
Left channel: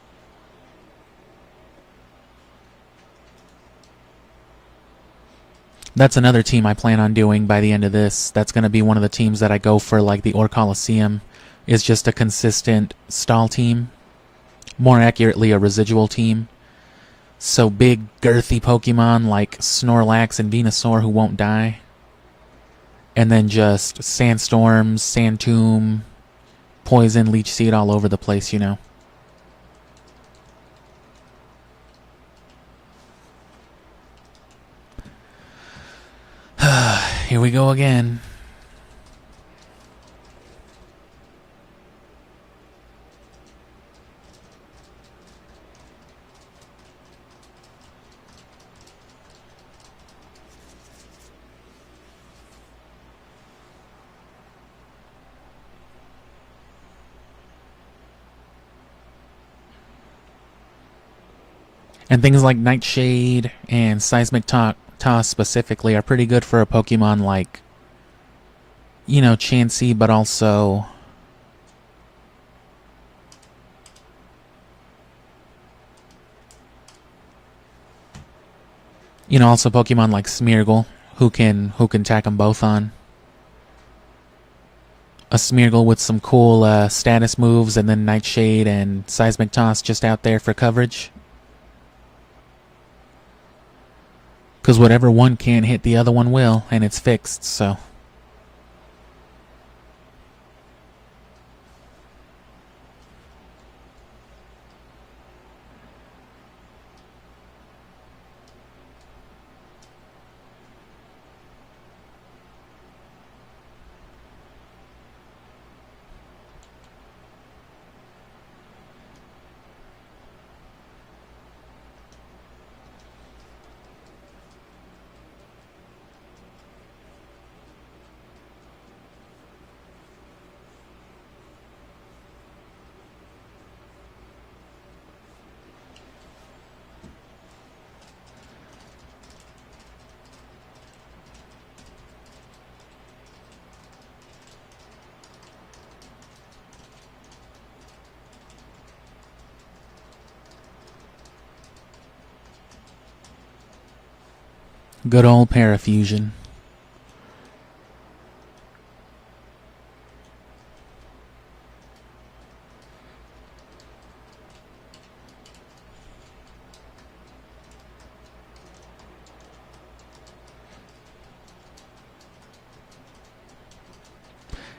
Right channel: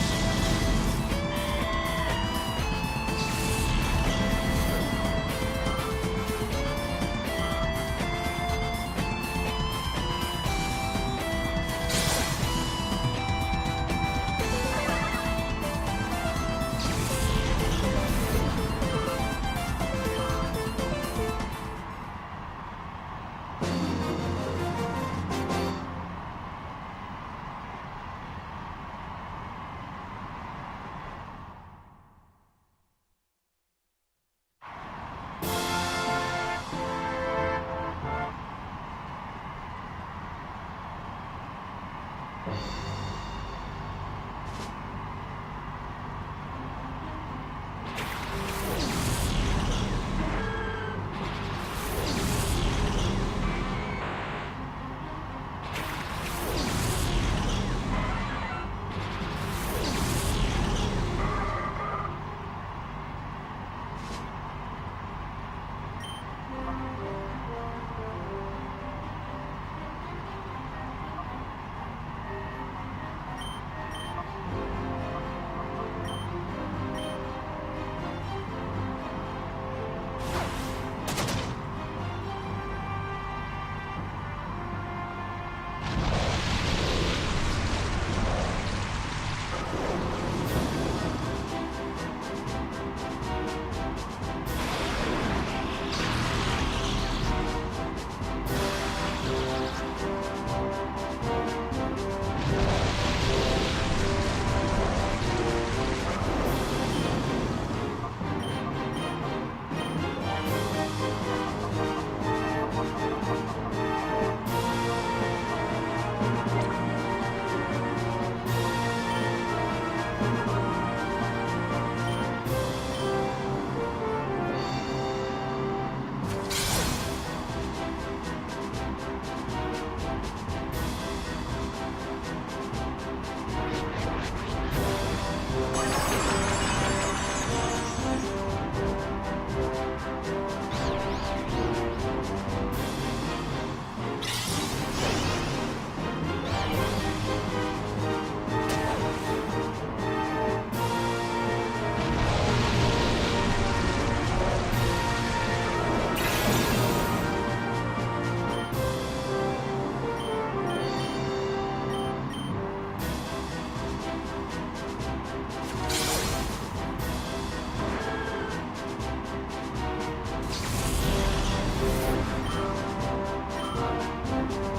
That's another team I plan on doing by the end of this. That's going to be one of the teams that I go for, like the Orre Colosseum. Is just a consistent stall team. More accurately, a residual team. So big, girthy Pokemon like Snorlax and Venusaur who won't die. And then just Sandstorm, Sandtomb, Poison, Leech Seed all over the place, you know. Here we go again. And things like Nightshade and Seismic Toss specifically are pretty good for a Pokemon like, you know, Chansey, but also also Pokemon like Smeargle, who can tack them both on. A Smeargle with some cool status moves, and then Nightshade and Seismic Toss just out there for coverage. Because whatever one can't hit, the other one will, and it's fixed, so. Good old Parafusion.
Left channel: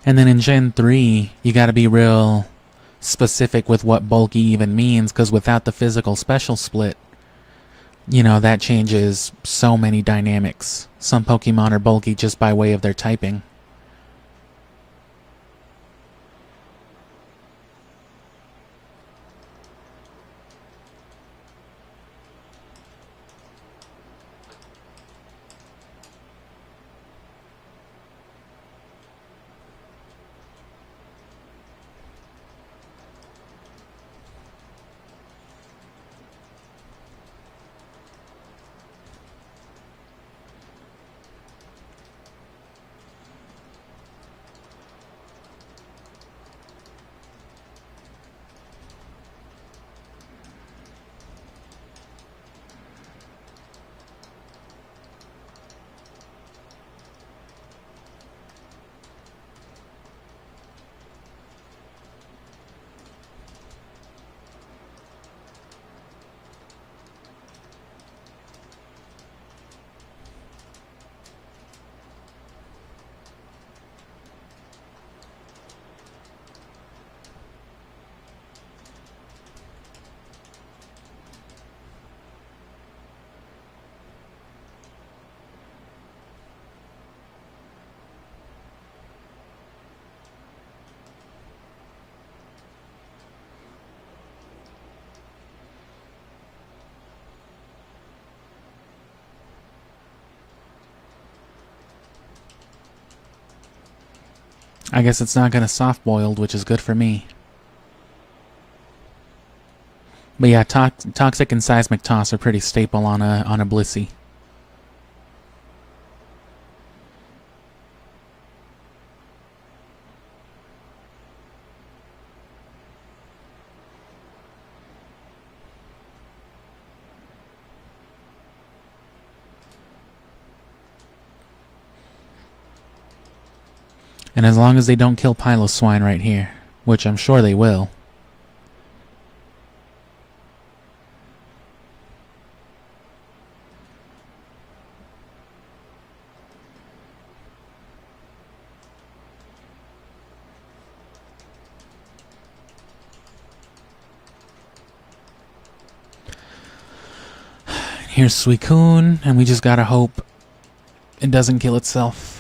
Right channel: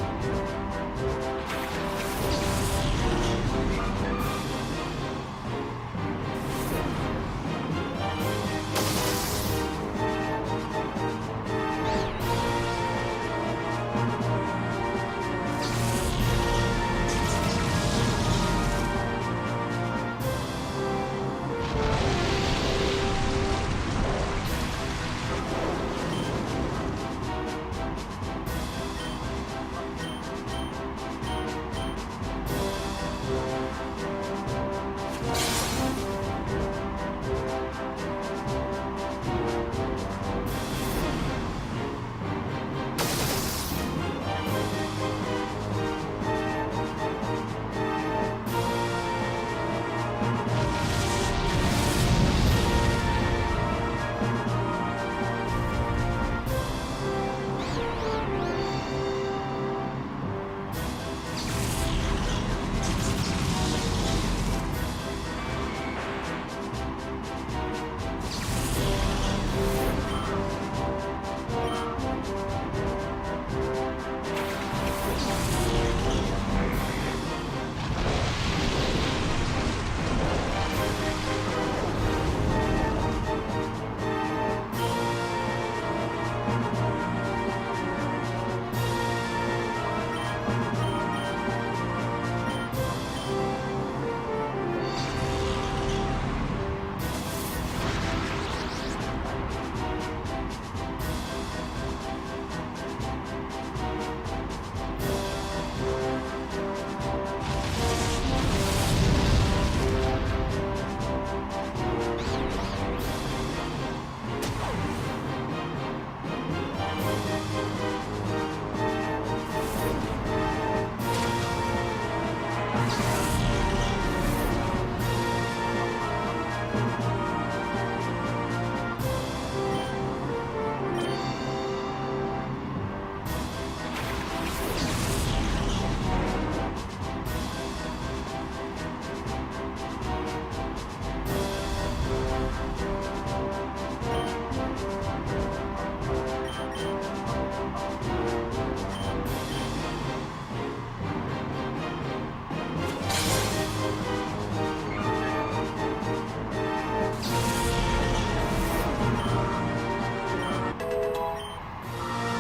And then in Gen 3, you gotta be real specific with what bulky even means, because without the physical special split, you know, that changes so many dynamics. Some Pokemon are bulky just by way of their typing. I guess it's not gonna soft-boiled, which is good for me. But yeah, Toxic and Seismic Toss are pretty staple on a Blissey. And as long as they don't kill Piloswine right here, which I'm sure they will. Here's Suicune, and we just gotta hope it doesn't kill itself.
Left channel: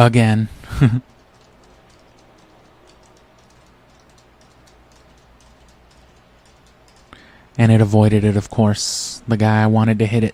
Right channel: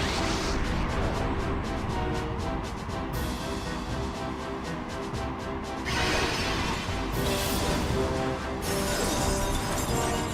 Again. And it avoided it, of course. The guy wanted to hit it.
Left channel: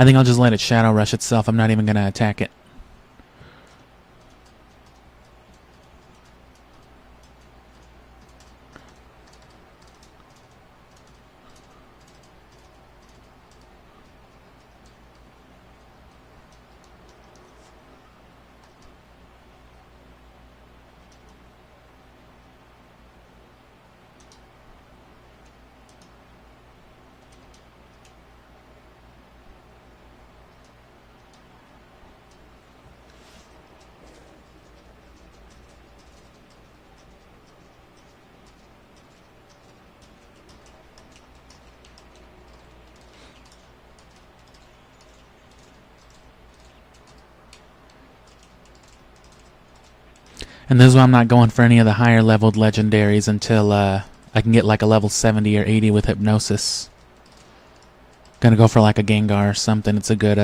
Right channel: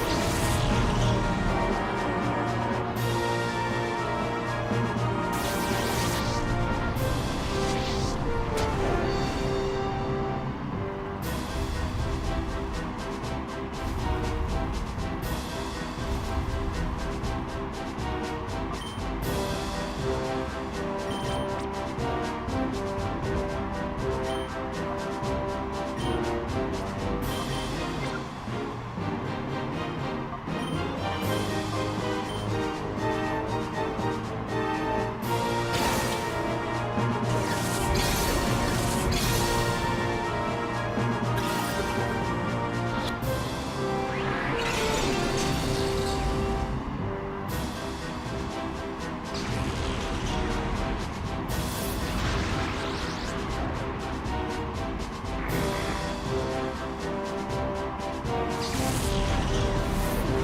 I think I'll just let it Shadow Rush itself. I'm not even going to attack it. And this is why I'm not going for any of the higher leveled legendaries until I can get like a level 70 or 80 with Hypnosis. Gonna go for like a Gengar or something. It's a good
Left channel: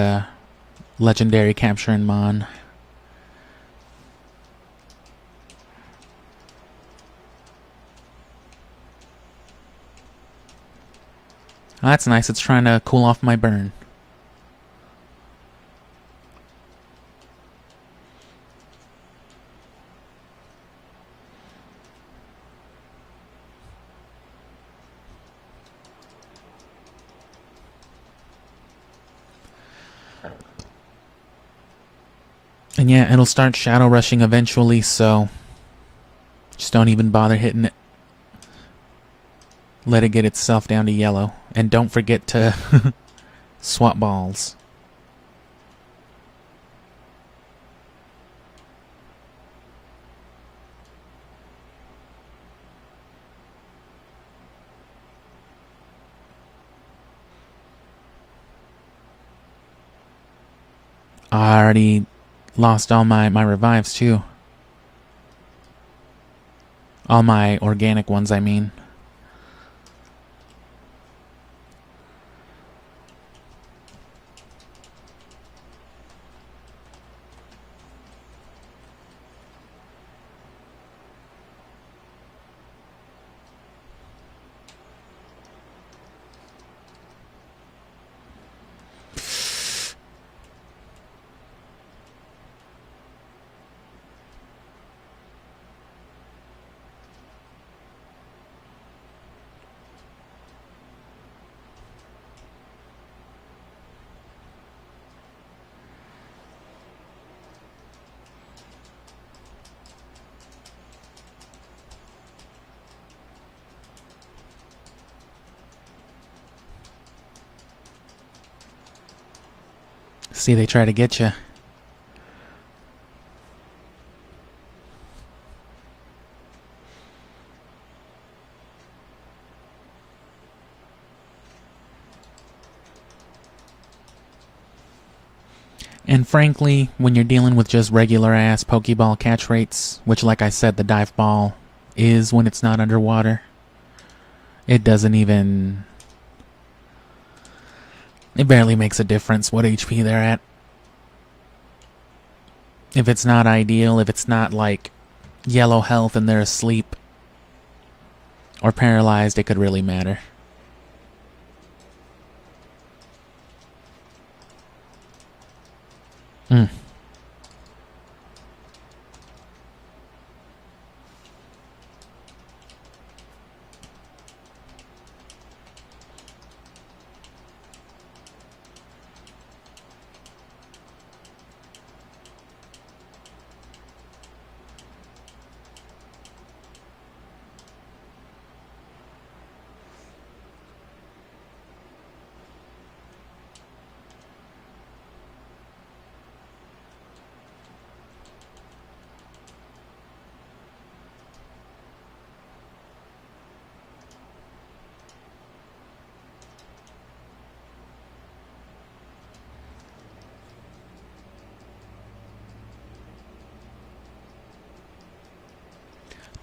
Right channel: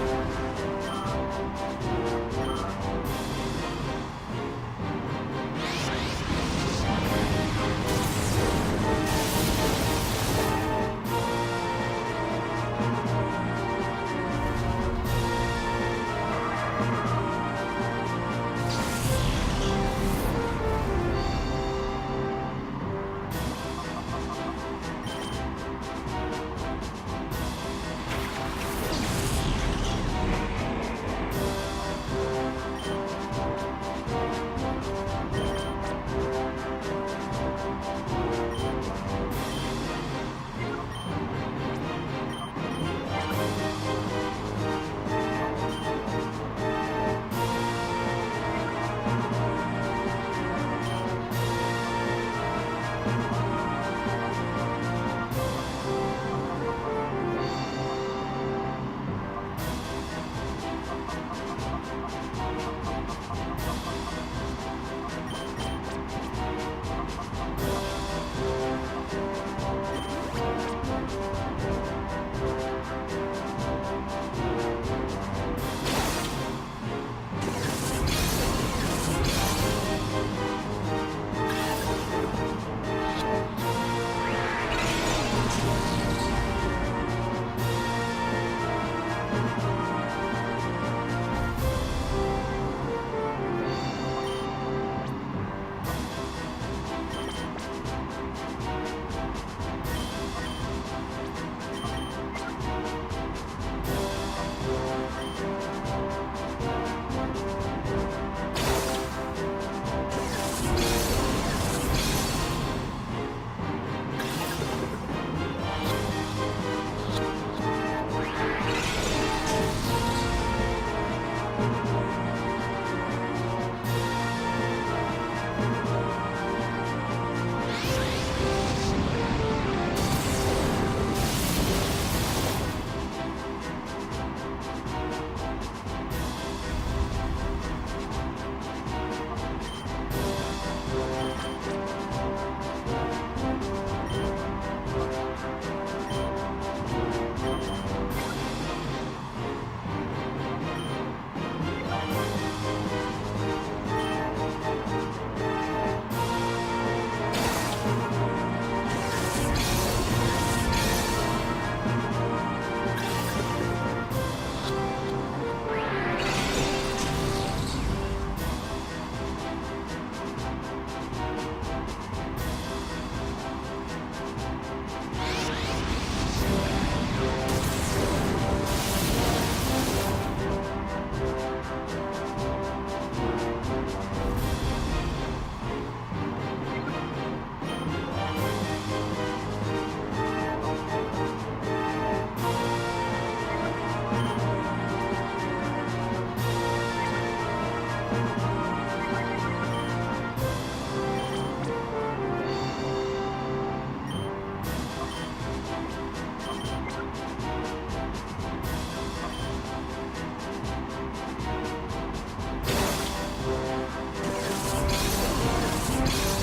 legendary capturing mon. That's nice. It's trying to cool off my burn. And yeah, it'll start Shadow Rushing eventually, so just don't even bother hitting it. Let it get itself down to yellow. And don't forget to swap balls. I already lost all my revives too. All my organic ones, I mean. See, they try to get you. And frankly, when you're dealing with just regular ass Pokeball catch rates, which like I said, the dive ball is when it's not underwater, it doesn't even... It barely makes a difference what HP they're at. If it's not ideal, if it's not like yellow health and they're asleep or paralyzed, it could really matter.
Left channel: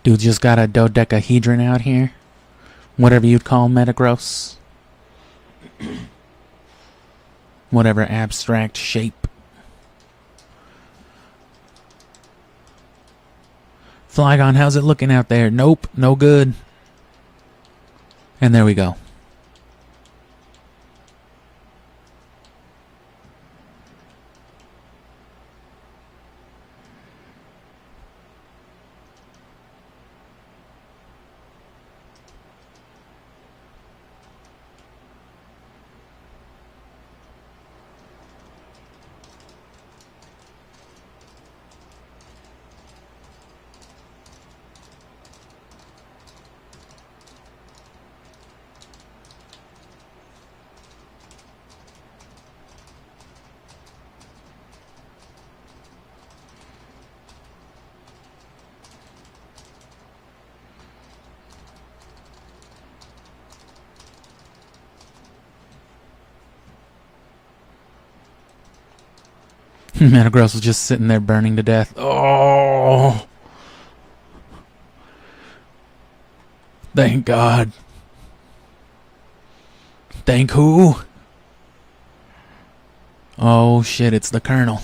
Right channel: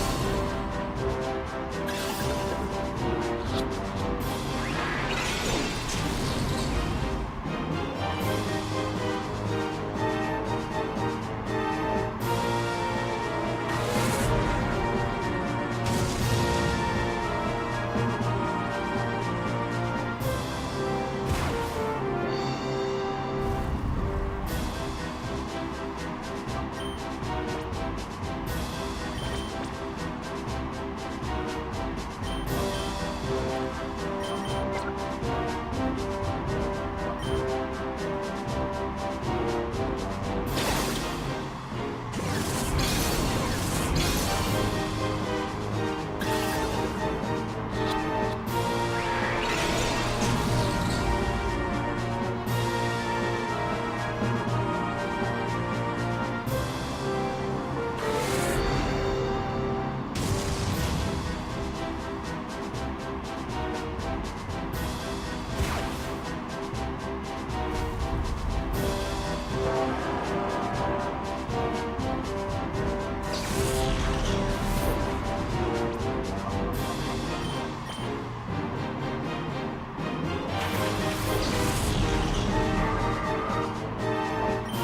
Dude just got a dodecahedron out here. Whatever you'd call Metagross. Whatever abstract shape. Flygon, how's it looking out there? Nope, no good. And there we go. Metagross is just sitting there burning to death. Oh! Thank God. Thank who? Oh shit, it's the Colonel.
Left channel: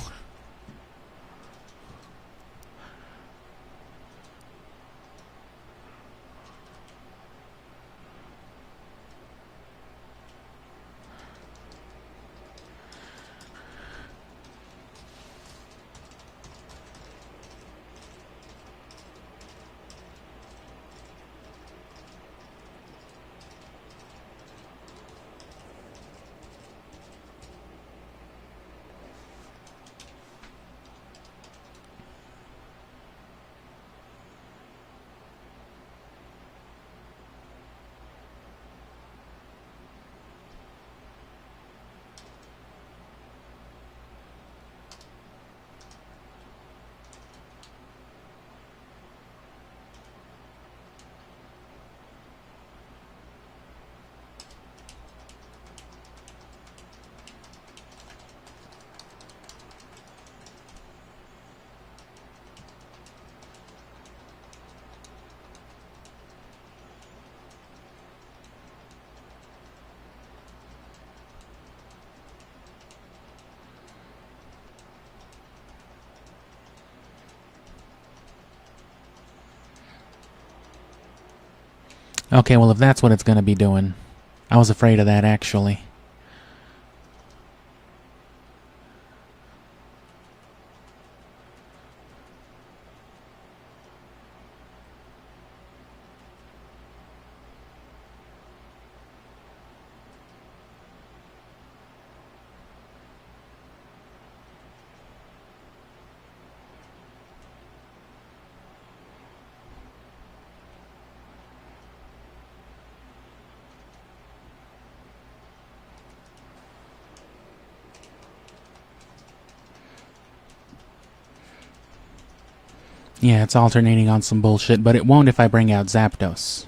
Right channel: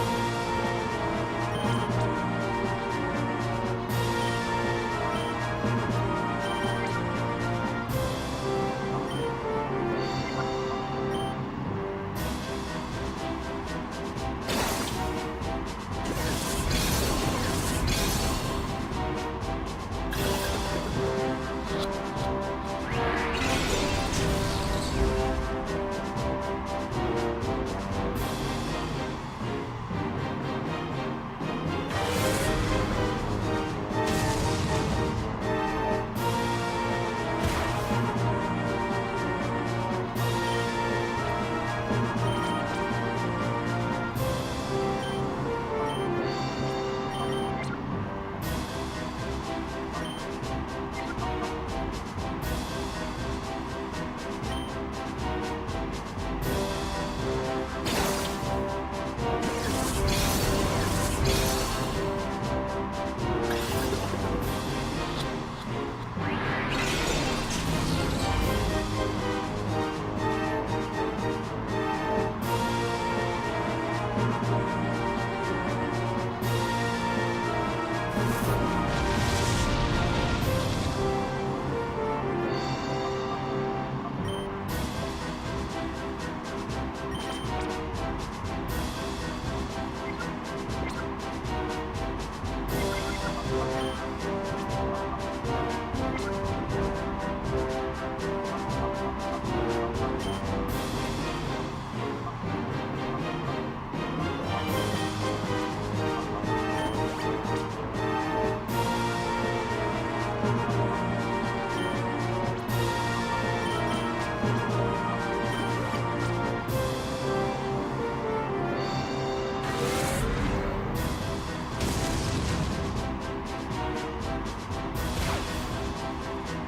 Okay, well if that's what it's gonna be doing. I was afraid of that actually. Yeah, it's alternating on some bullshit, but it won't if I bring out Zapdos.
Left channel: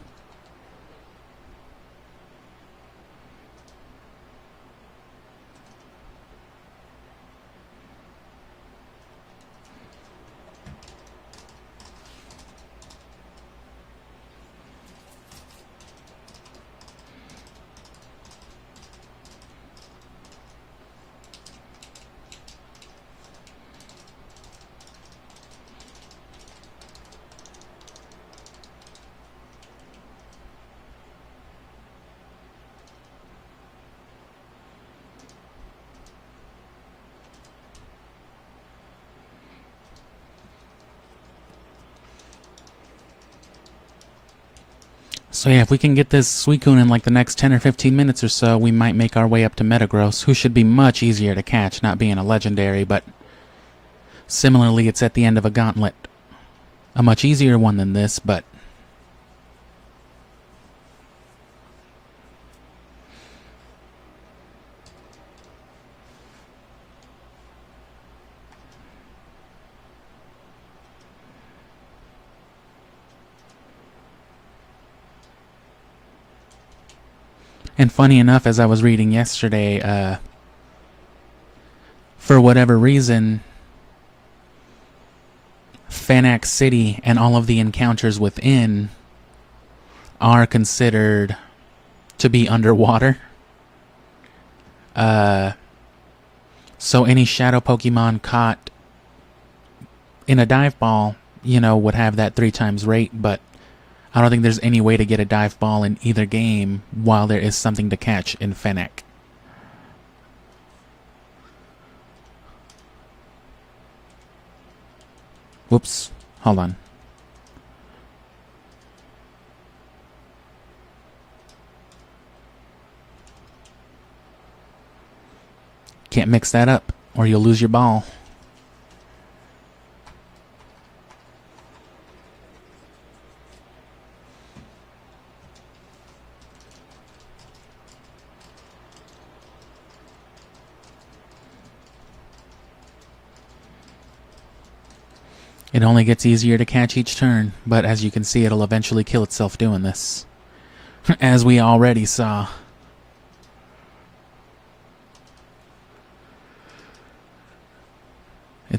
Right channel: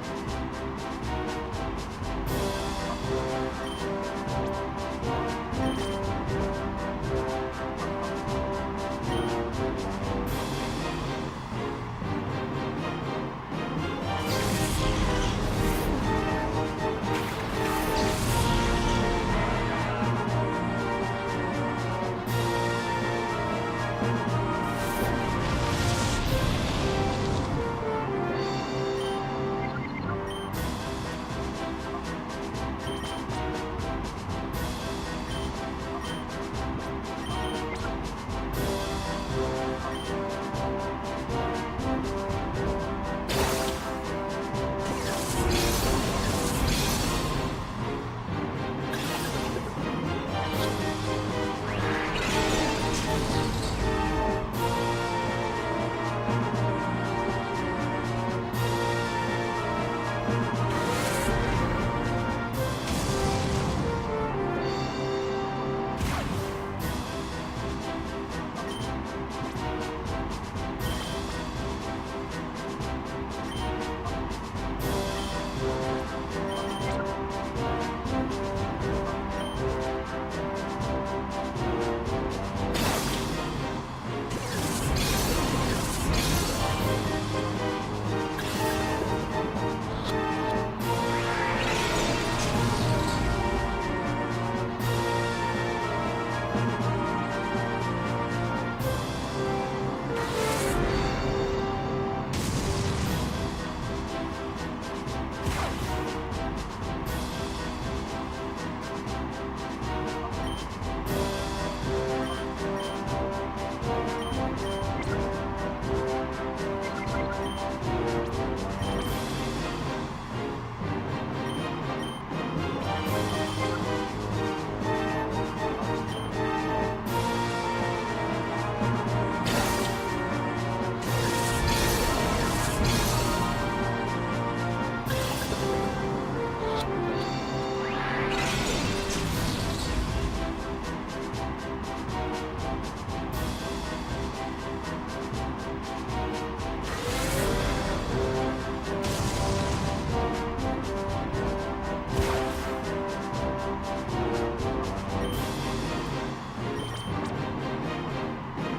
So yeah, if we can get this Suicune in like the next 10 or 15 minutes or so, we might make our way up to Metagross, who should be much easier to catch, not being a legendary, but similarly it's at the end of a gauntlet. A much easier one than this, but and funny enough, as I was reading yesterday, for whatever reason, Fanac City and all of the encounters within are considered to be underwater. So any shadow Pokemon caught in a dive ball, you know, would have that 3 times rate, but I don't think there's any way to get a dive ball in either game while there is something to catch in Fanac. Whoops. Hold on. Can't mix that up or you'll lose your ball. It only gets easier to catch each turn, but as you can see, it'll eventually kill itself doing this. As we already saw.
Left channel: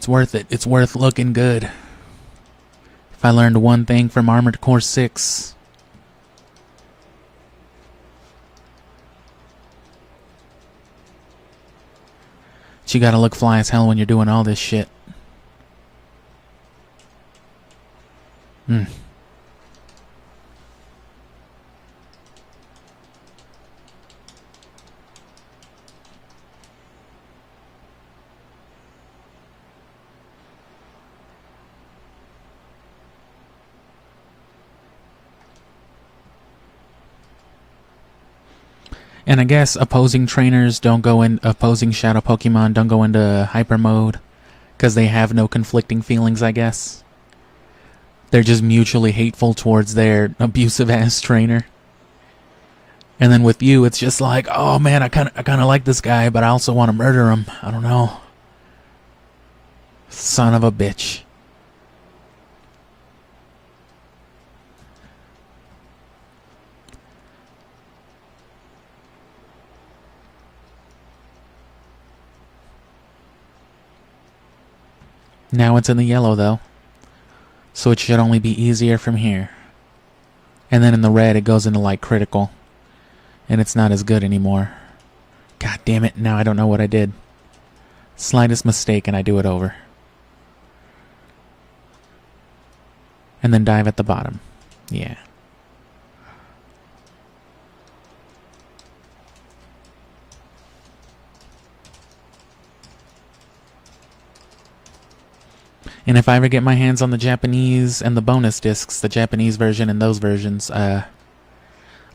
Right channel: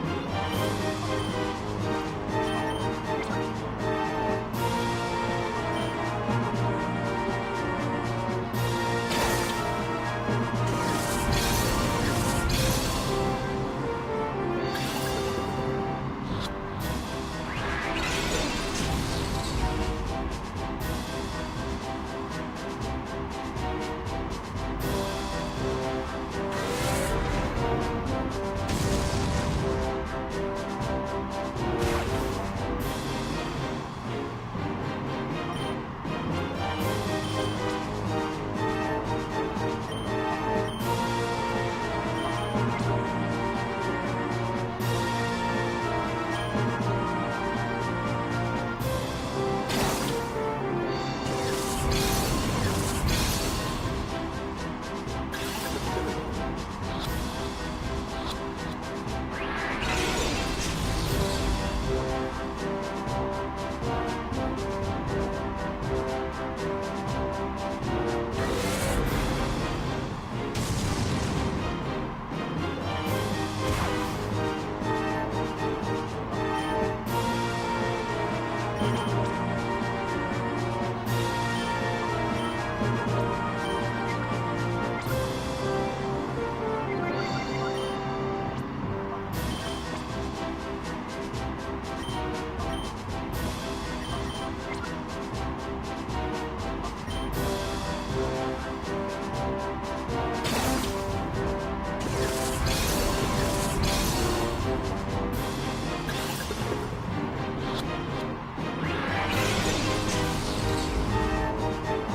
It's worth it. It's worth looking good. If I learned one thing from Armored Core 6, you gotta look fly as hell when you're doing all this shit. And I guess opposing trainers don't go in, opposing shadow Pokemon don't go into hyper mode because they have no conflicting feelings, I guess. They're just mutually hateful towards their abusive ass trainer. And then with you, it's just like, oh man, I kind of like this guy, but I also want to murder him. I don't know. Son of a bitch. Now it's in the yellow though, so it should only be easier from here. And then in the red it goes into like critical, and it's not as good anymore. God damn it, now I don't know what I did. Slightest mistake and I do it over. And then dive at the bottom. Yeah. And if I ever get my hands on the Japanese and the bonus discs, the Japanese version and those versions,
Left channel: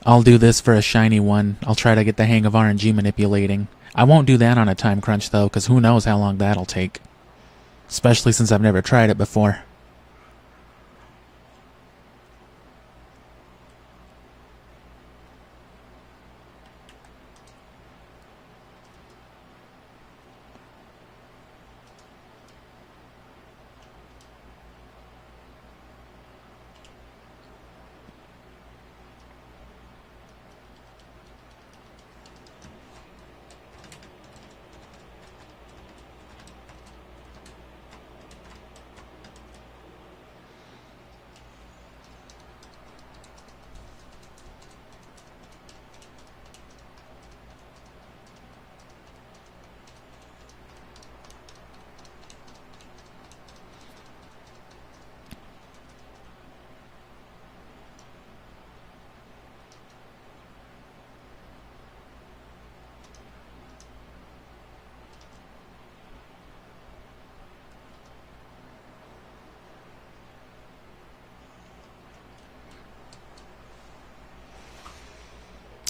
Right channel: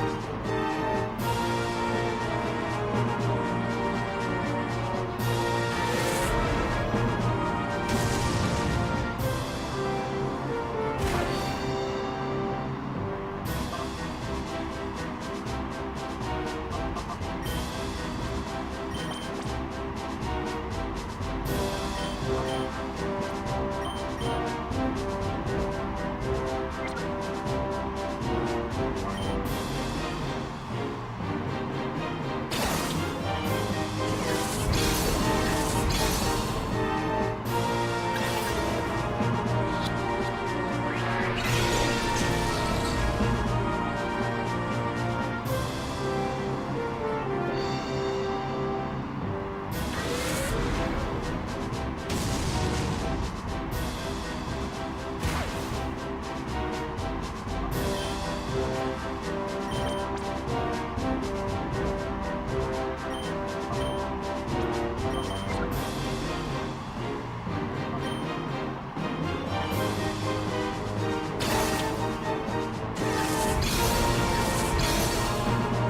I'll do this for a shiny one. I'll try to get the hang of RNG manipulating. I won't do that on a time crunch though, because who knows how long that'll take. Especially since I've never tried it before.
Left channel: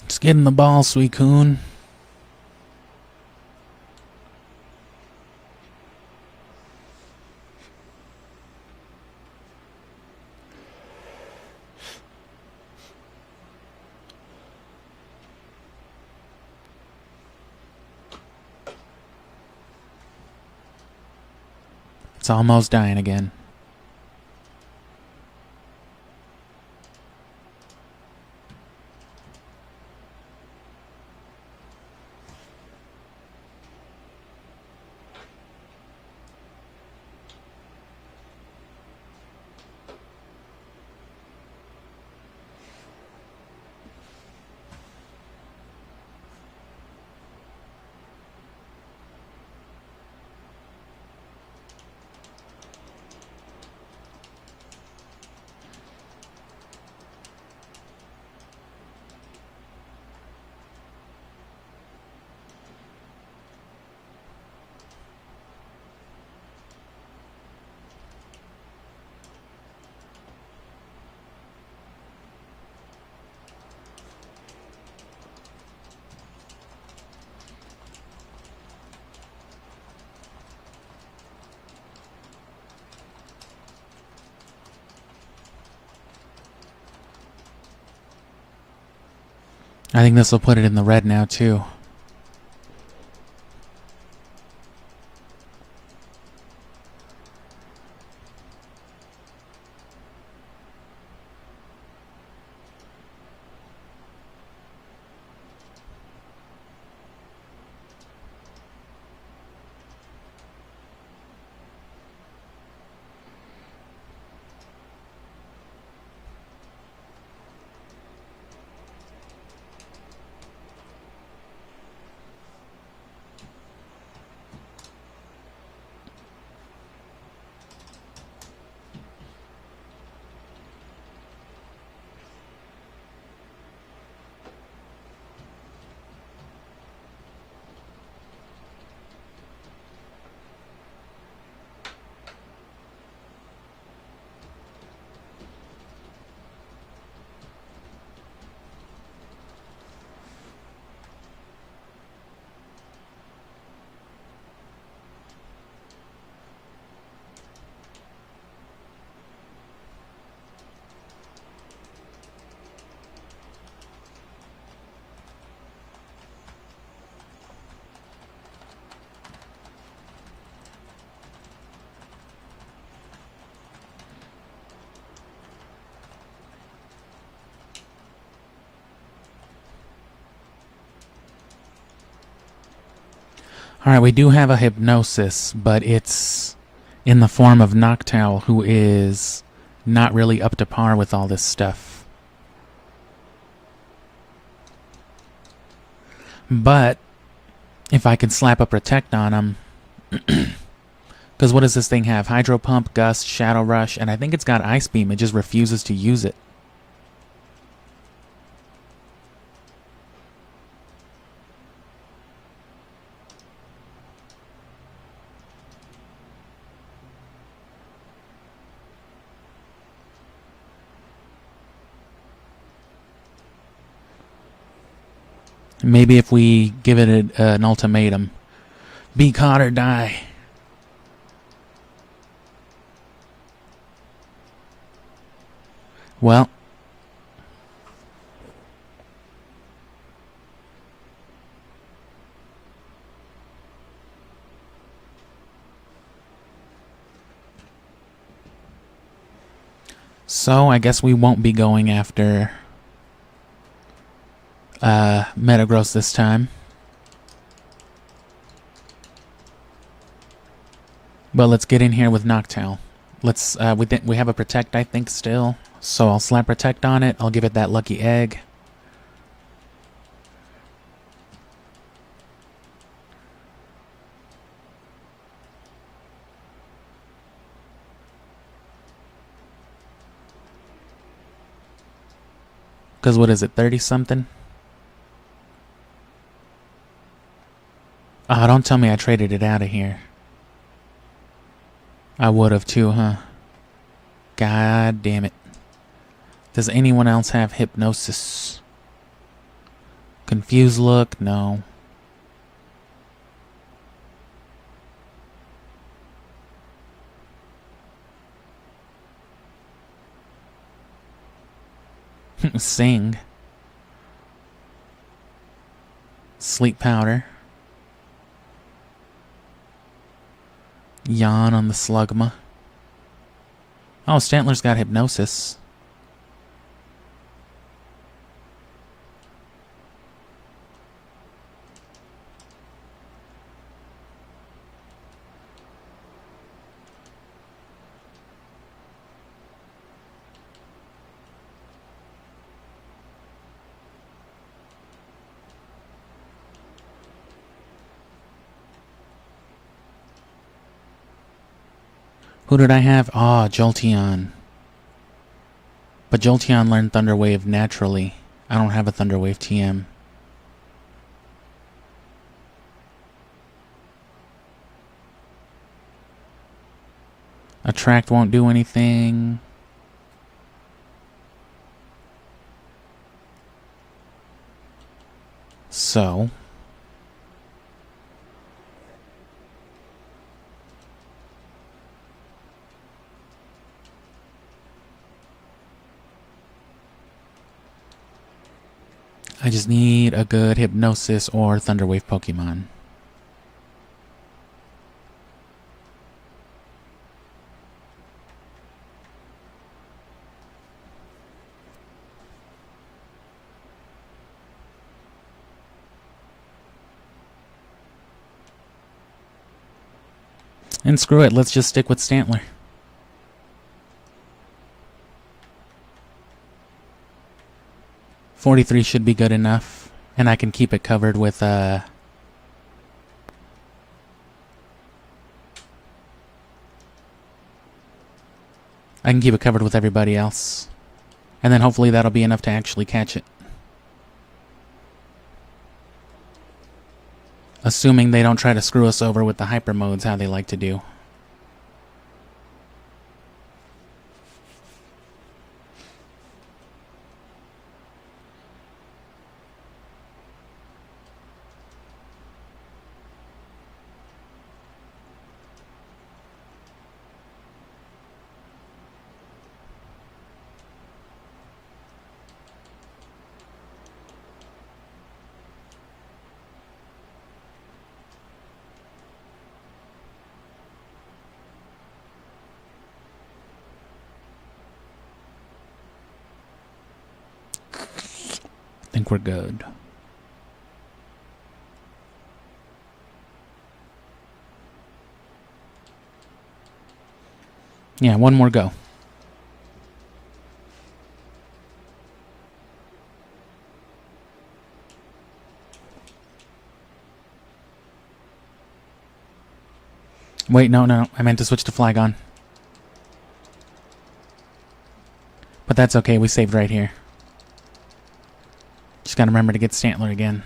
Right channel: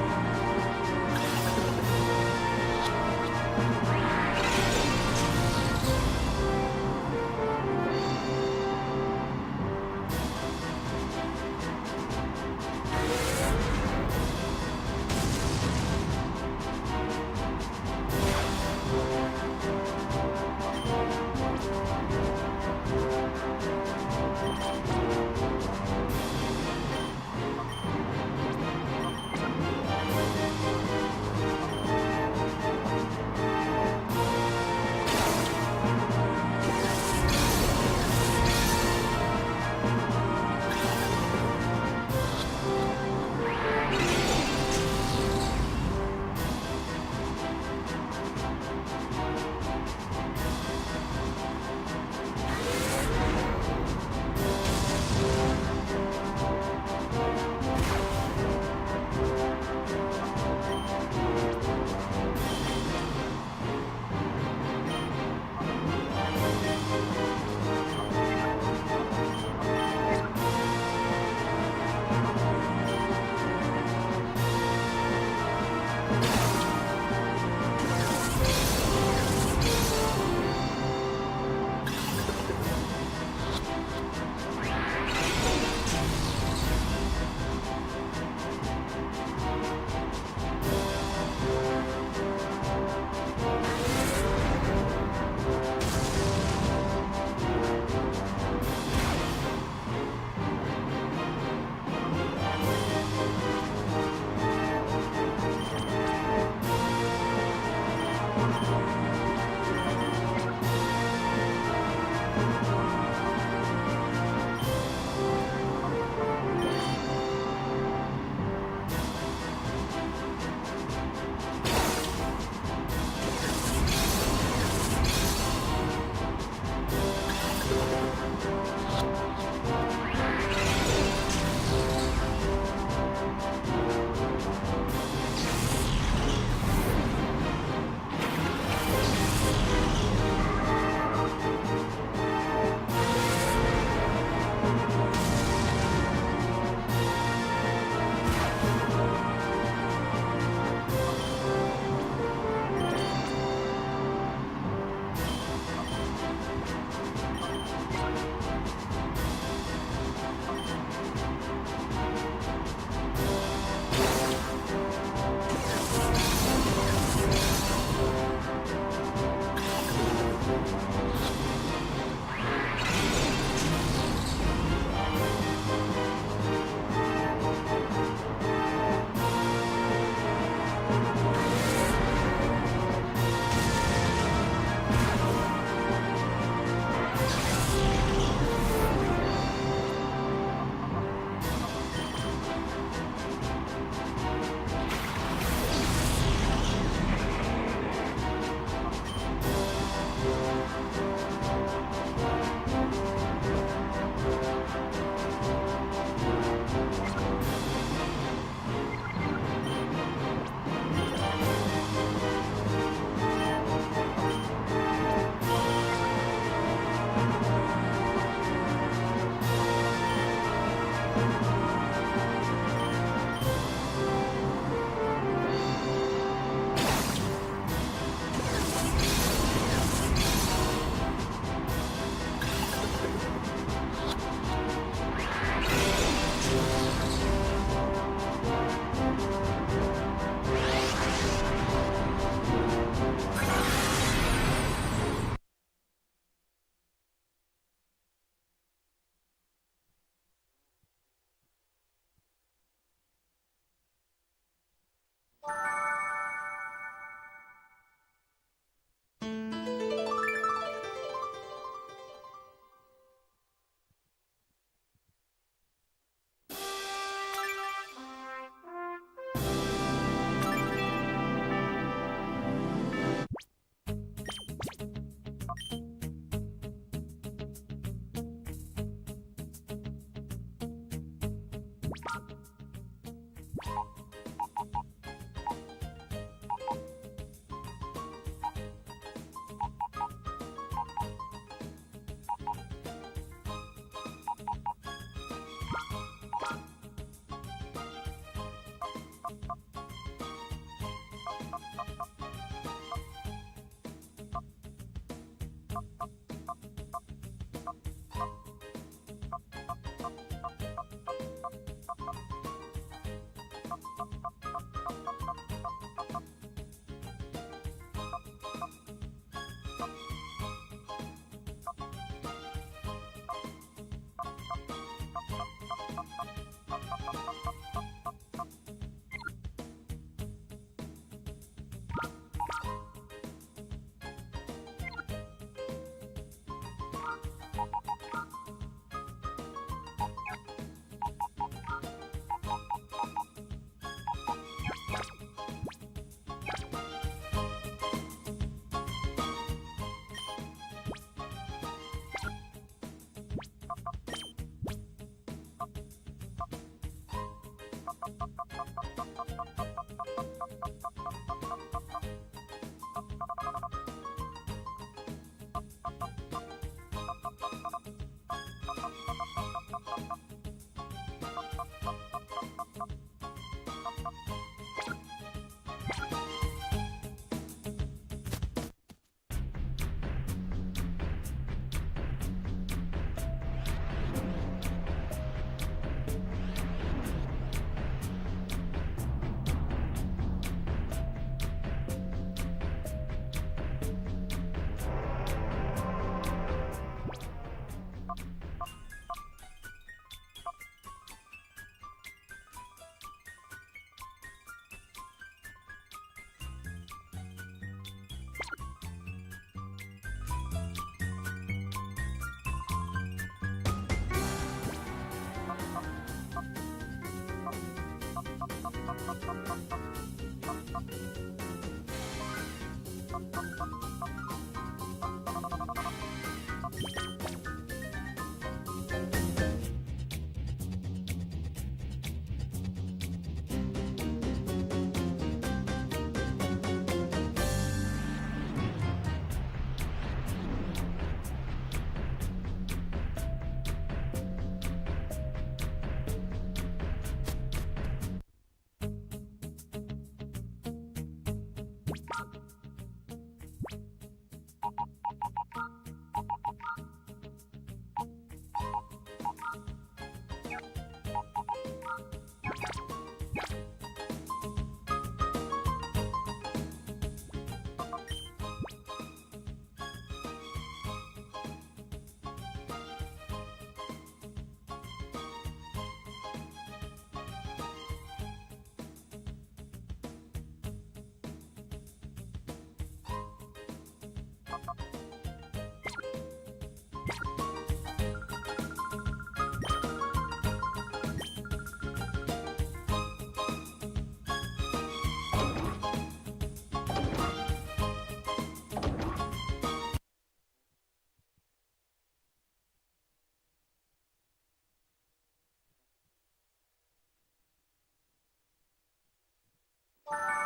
Just get in the ball, Suicune. It's almost dying again. I think this will put it in the red now, too. Alright, we do have a hypnosis, but it's in the form of Noctowl, who is not really up to par with all this stuff. But if I could slap a Protect on him, because what does this thing have? Hydro Pump, Gust, Shadow Rush, and I think it's got Ice Beam. It just refuses to use it. Maybe if we give it an ultimatum. Be caught or die. Well. So I guess we won't be going after Metagross this time. But let's get in here with Noctowl. Let's we have a Protect, I think, still. So I'll slap Protect on it. I'll give it that lucky egg. Because what is it, 30 something? Oh, don't tell me I traded it out of here. I would have too, huh? God damn it. Does anyone else have Hypnosis? Confused Look? No. Sing. Sleep Powder. Yawn on the Slugma. Oh, Stantler's got Hypnosis. Who did I have? Ah, Jolteon. But Jolteon learned Thunder Wave naturally. I don't have a Thunder Wave TM. Attract won't do anything. So... I just need a good Hypnosis or Thunder Wave Pokemon. And screw it, let's just stick with Stantler. $43 should be good enough, and I can keep it covered with I can keep it covered with everybody else. And then hopefully that'll be enough to actually catch it. Assuming they don't try to screw us over with the hyper modes, how they like to do. I think we're good. Yeah, one more go. Wait, no. I meant to switch to Flygon. But that's okay, we saved right here. Just gotta remember to get Stantler again.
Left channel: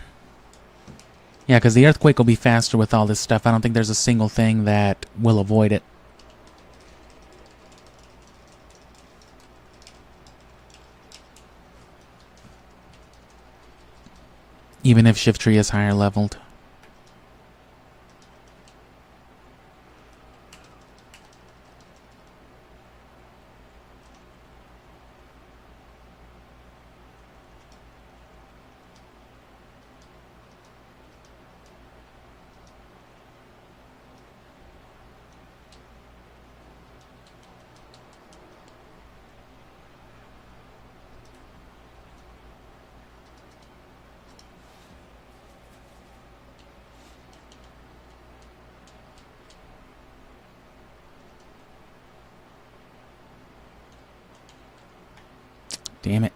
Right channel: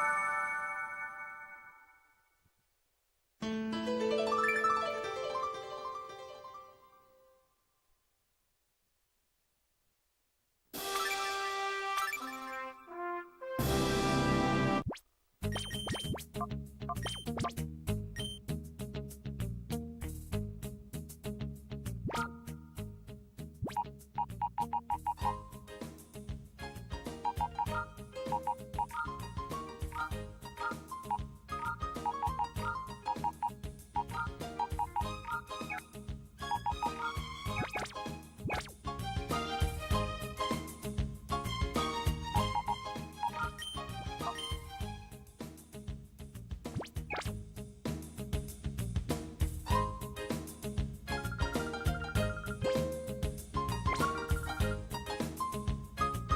Yeah, because the Earthquake will be faster with all this stuff. I don't think there's a single thing that will avoid it. Even if Shiftry is higher leveled. Damn it.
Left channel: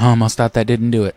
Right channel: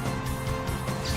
Almost thought that didn't do it.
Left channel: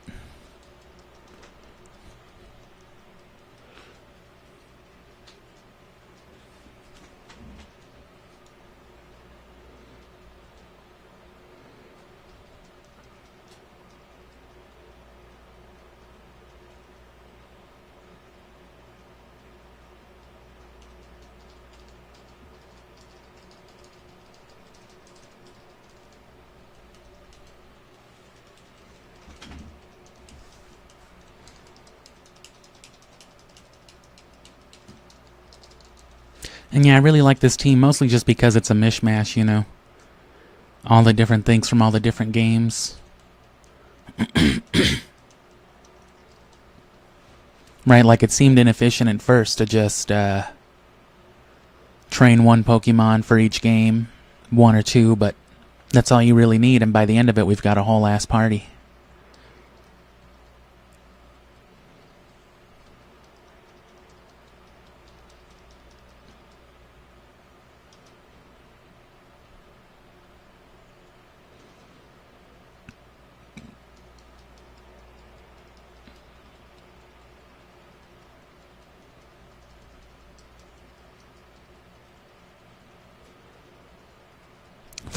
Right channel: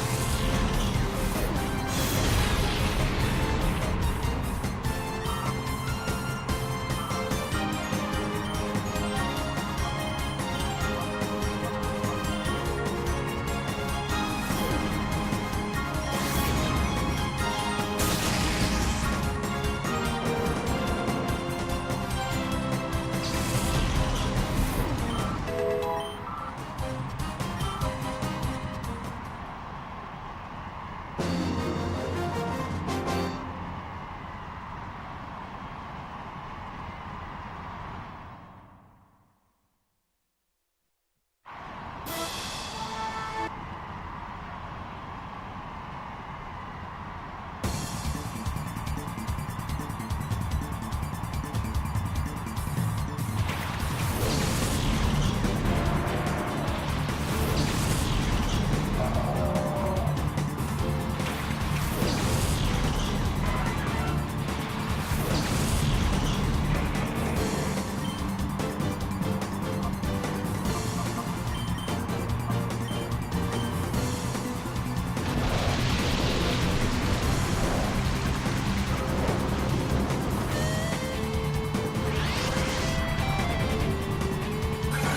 And yeah, I really like this team, mostly just because it's a mishmash, you know. All the different things from all the different games. Right, like it seemed inefficient at first to just train one Pokemon for each game, one or two, but that's all you really need, and by the end of it, we've got a whole ass party.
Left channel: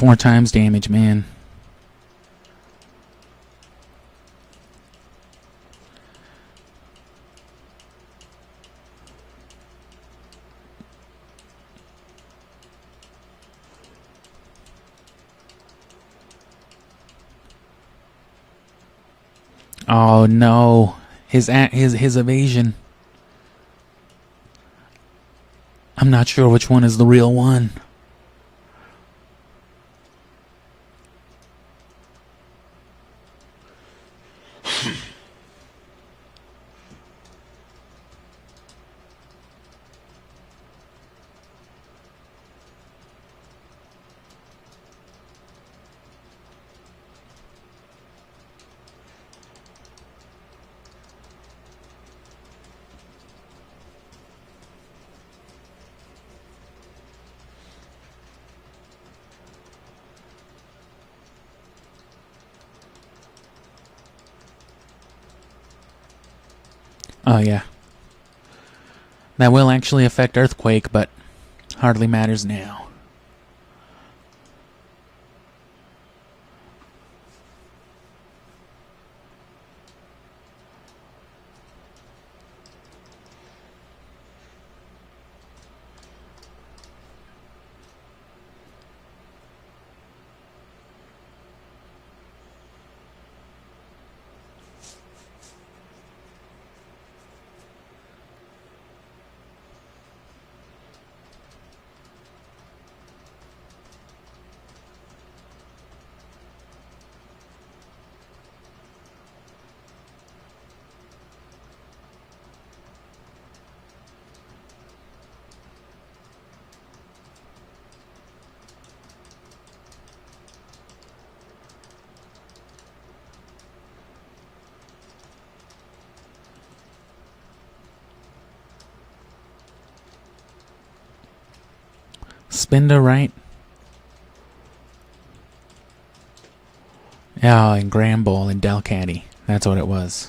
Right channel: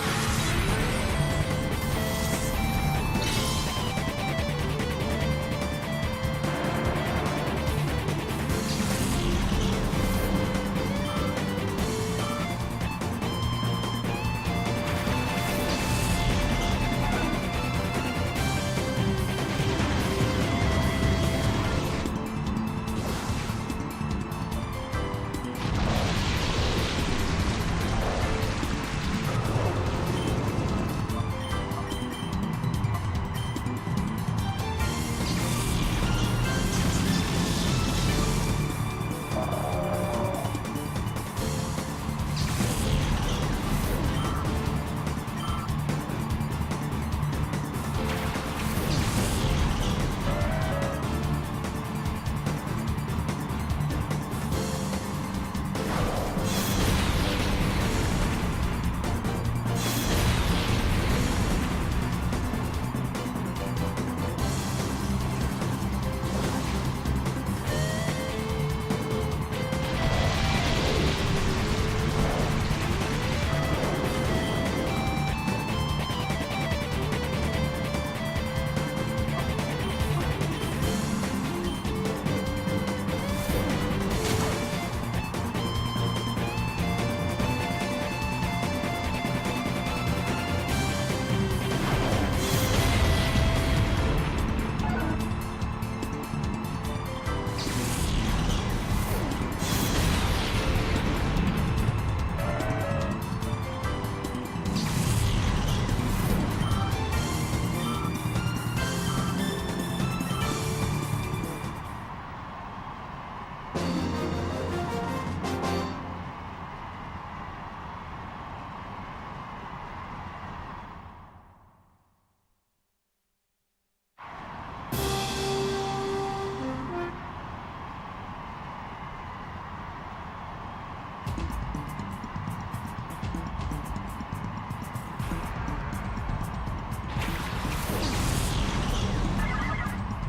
Four times damage, man. Oh no. His evasion. I'm not sure which one is the real one. Oh yeah. That will actually affect Earthquake, but hardly matters now. Spin to right. Oh, and Gramble and Delcatty. That's what it was.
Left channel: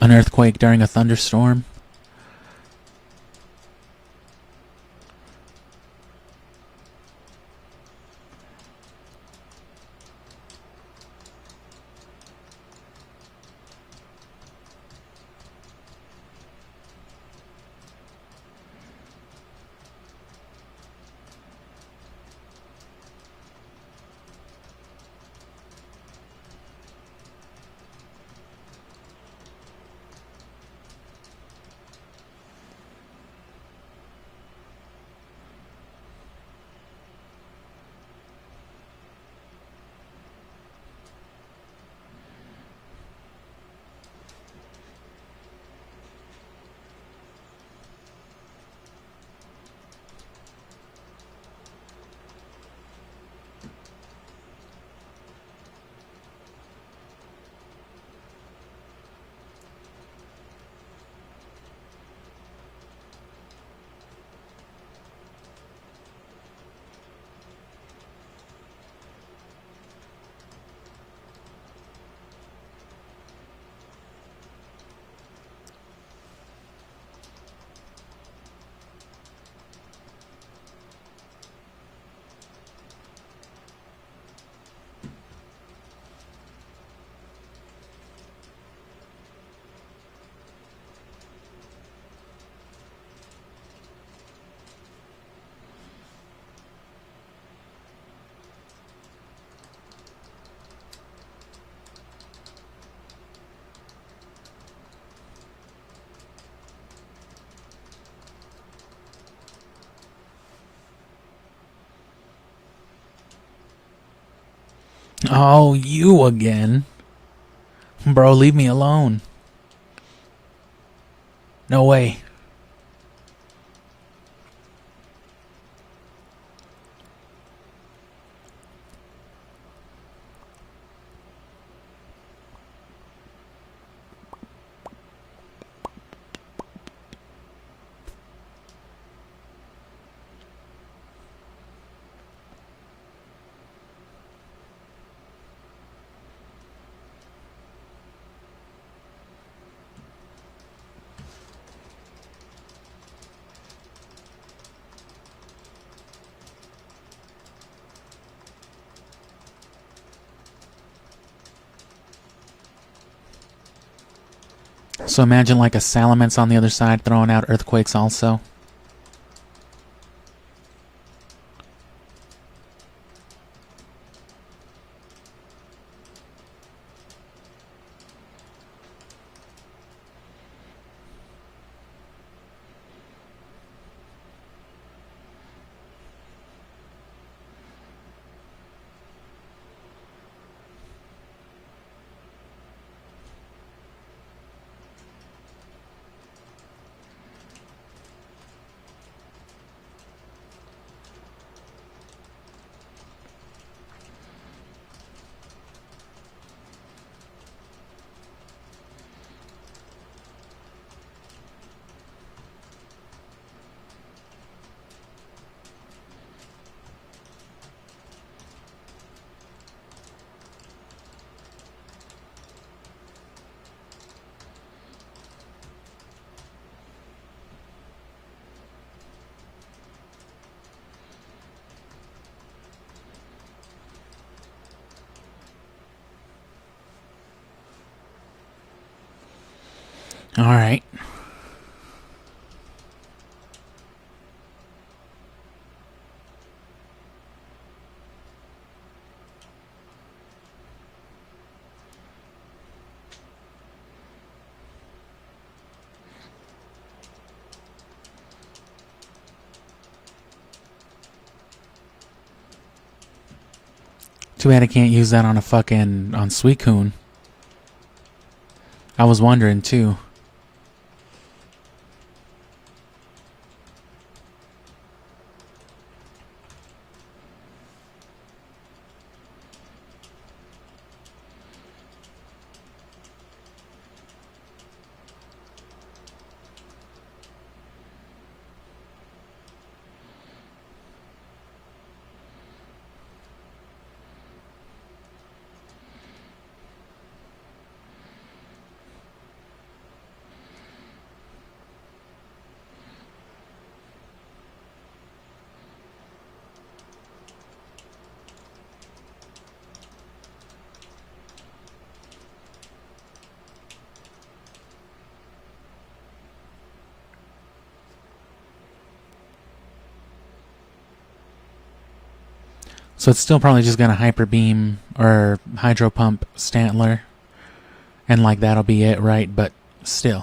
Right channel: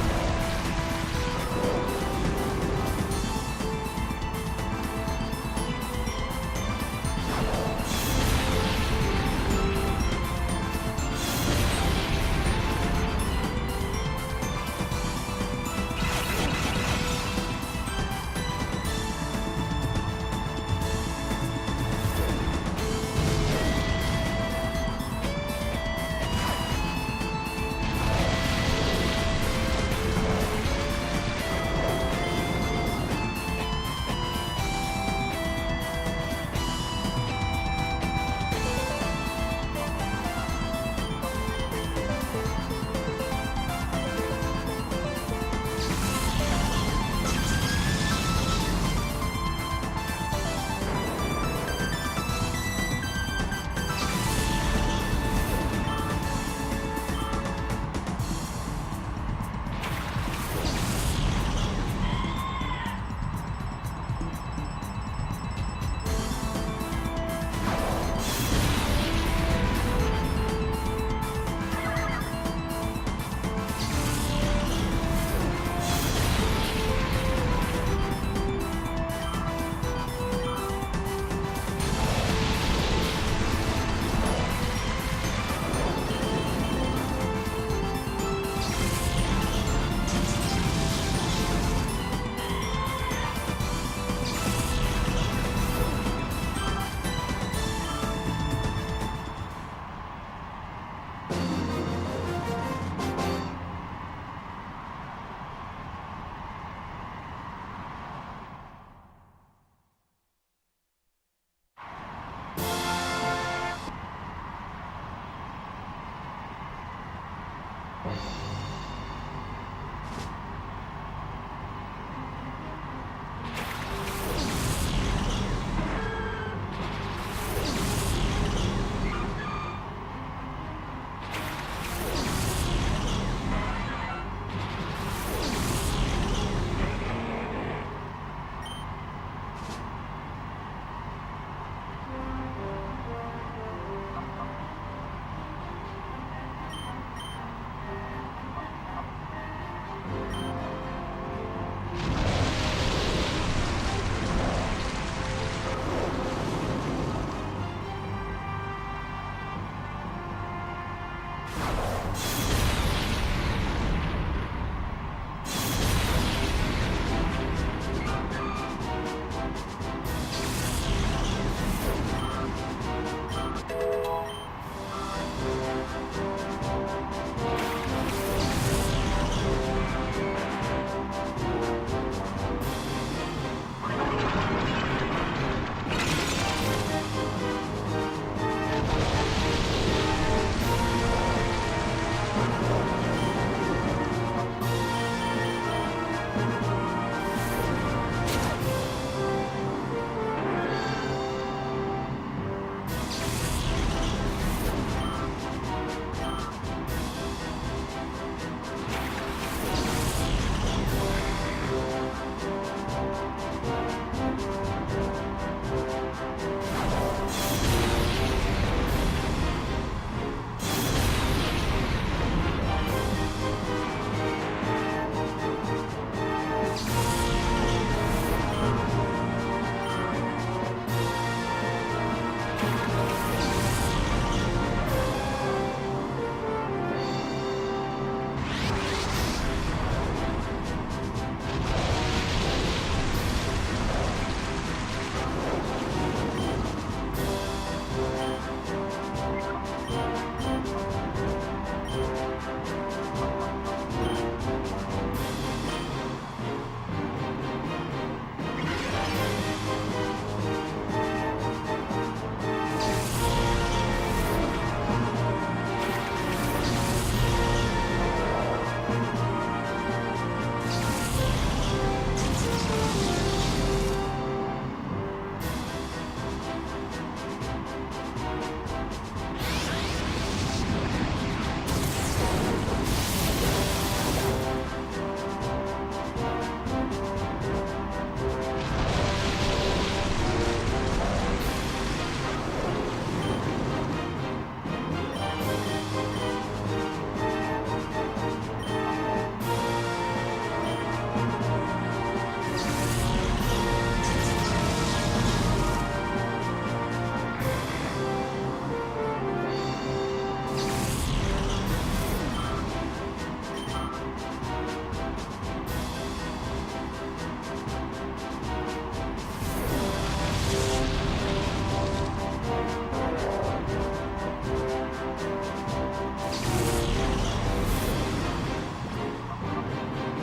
An earthquake during a thunderstorm. Oh, you again. Bro, leave me alone. No way. So imagine like a Salamence on the other side throwing out Earthquakes also. All right. Too bad I can't use that on a fucking on Suicune. I was wondering too. So it's still probably just gonna Hyper Beam or Hydro Pump Stantler, and like that'll be it, right? But still.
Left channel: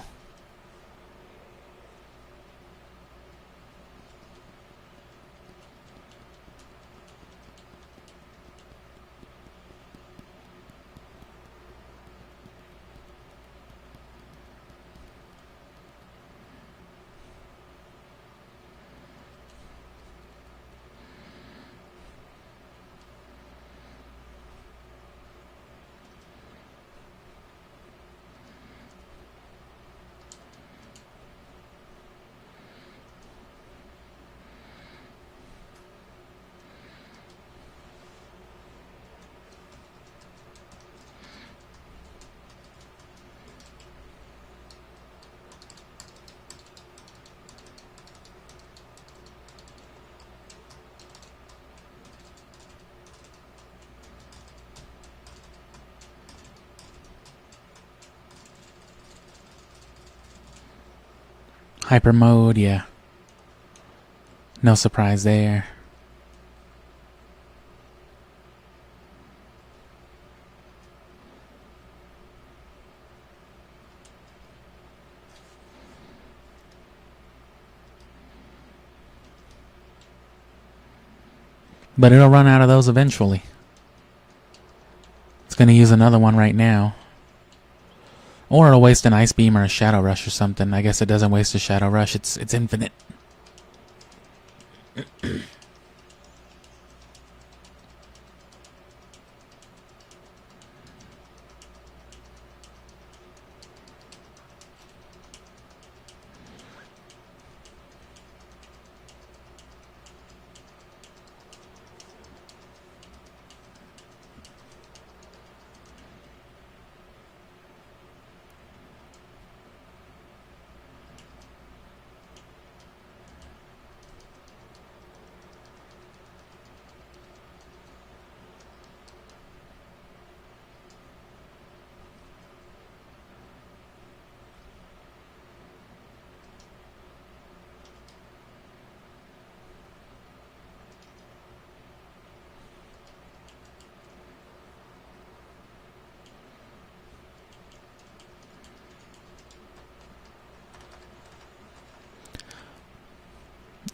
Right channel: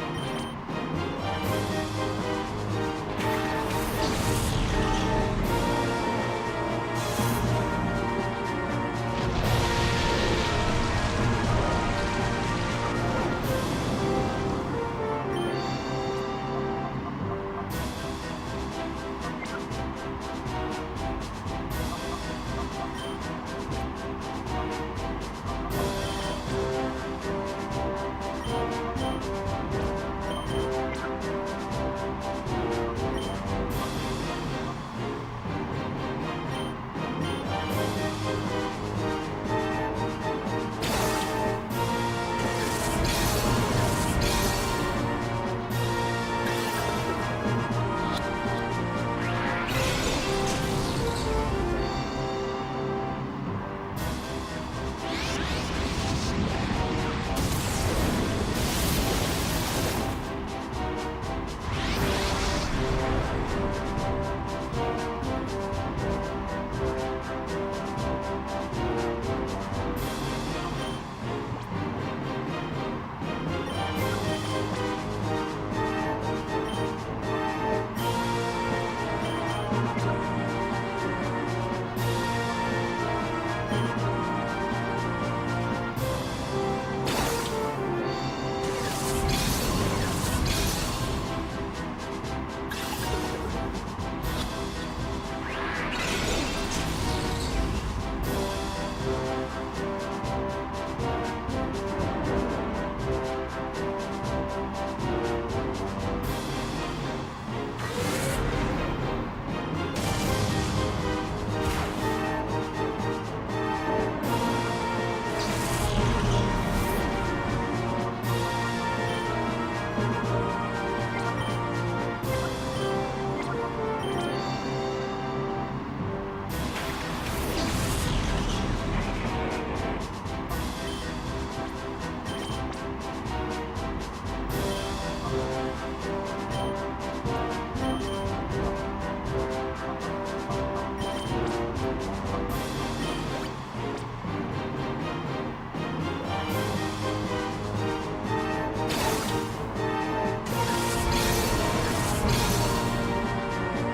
Hyper mode, yeah. No surprise there. But it'll run out of those eventually. It's gonna use another one right now. Or it'll waste an Ice Beam or a Shadow Rush or something. I guess it doesn't waste a Shadow Rush, it's infinite.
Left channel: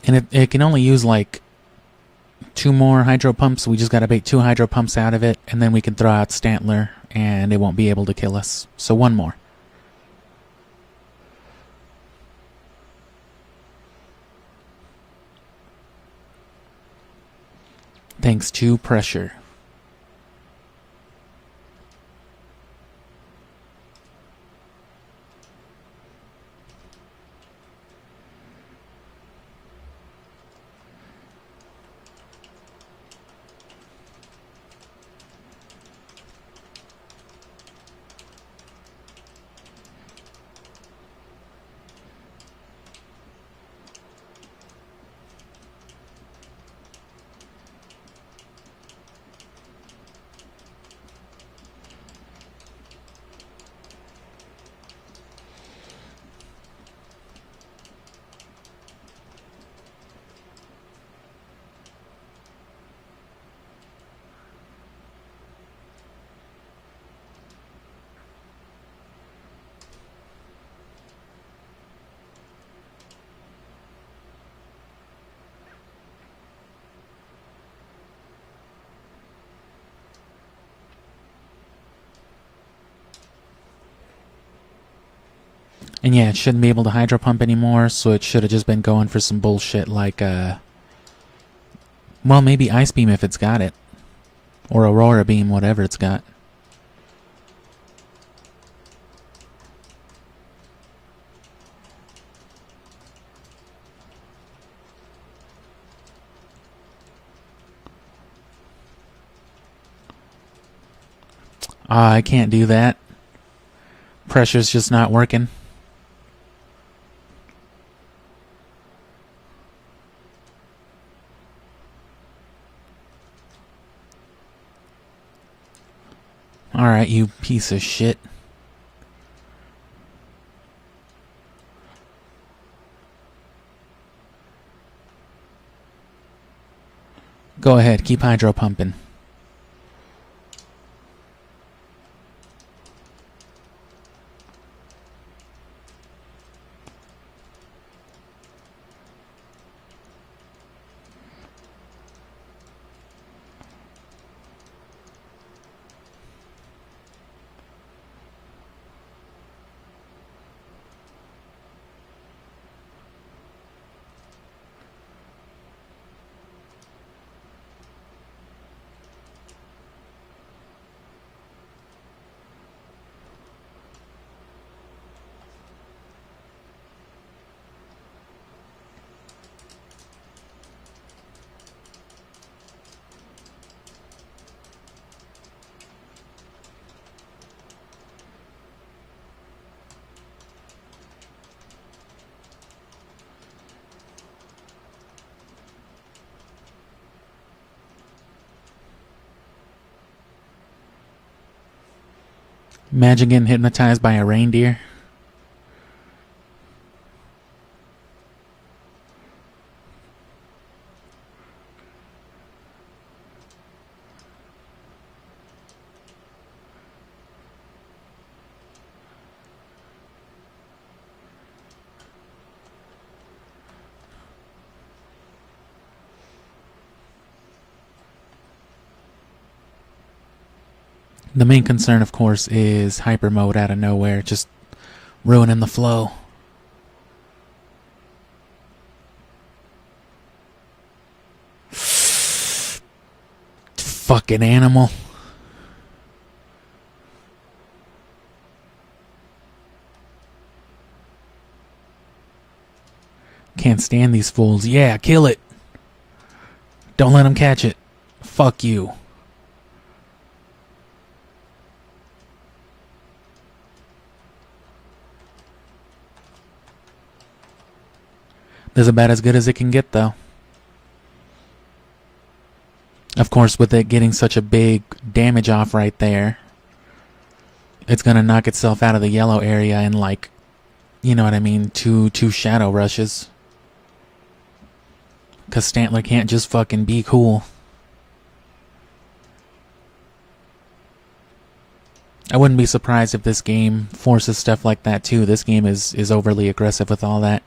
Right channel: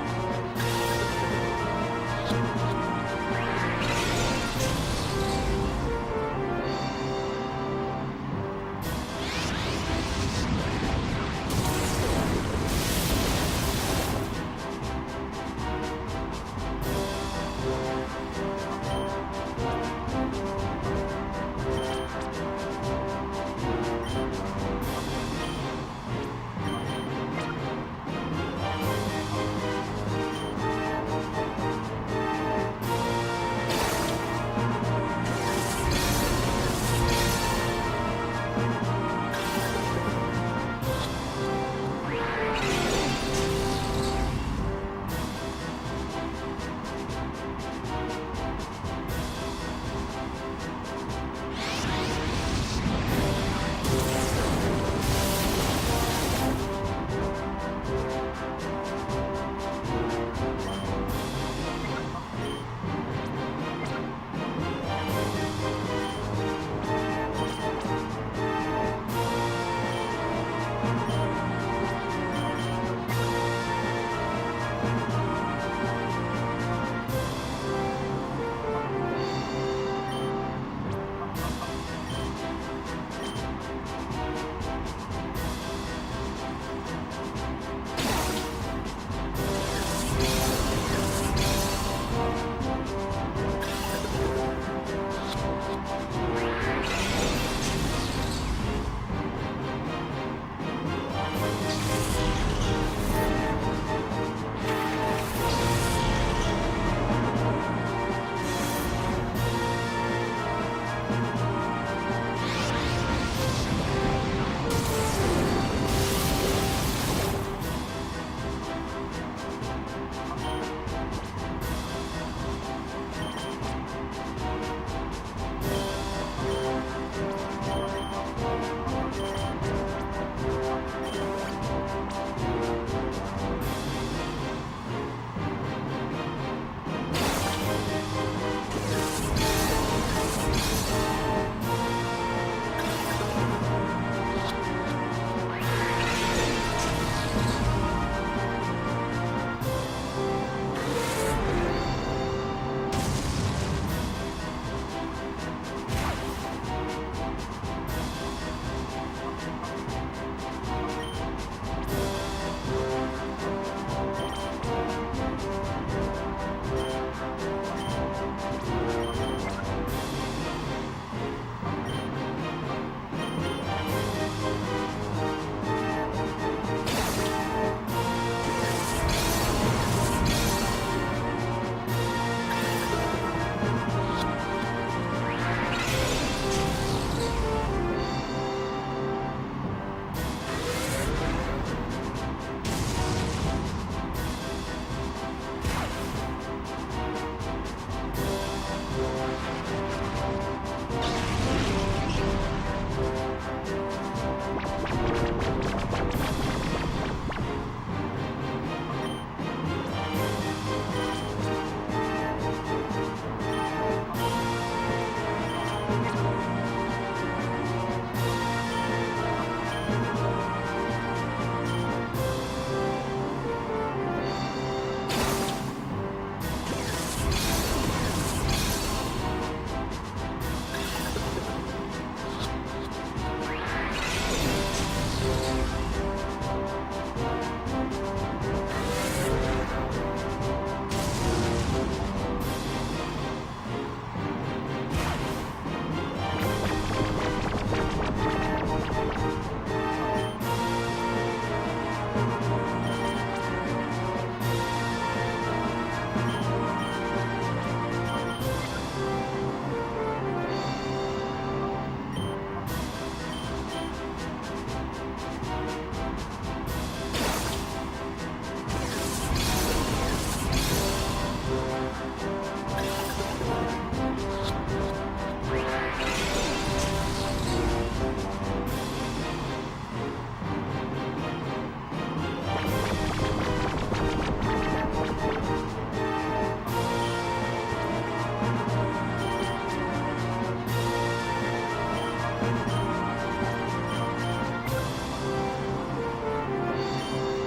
And it can only use like 2 more hydro pumps. We just gotta make 2 hydro pumps out of it, and then we can throw out Stantler and it won't be able to kill us. So 1 more. Thanks to pressure. And yeah, it shouldn't be able to hydro pump anymore, so it should have just been going for some bullshit like, well, maybe Ice Beam if it's got it. Or Aurora Beam, whatever it's got. I can't do that. Pressure's just not working. Alright, you piece of shit. Go ahead, keep hydro pumping. Imagine getting hypnotized by a reindeer. The main concern, of course, is hyper mode out of nowhere, just ruining the flow. Fucking animal. Can't stand these fools. Yeah, kill it. Don't let them catch it. Fuck you. This is about as good as it can get, though. Of course, with it getting such a big damage off right there, it's gonna knock itself out of the yellow area in, like, you know what I mean, two shadow rushes. Because Stantler can't just fucking be cool. I wouldn't be surprised if this game forces stuff like that too. This game is overly aggressive with all that.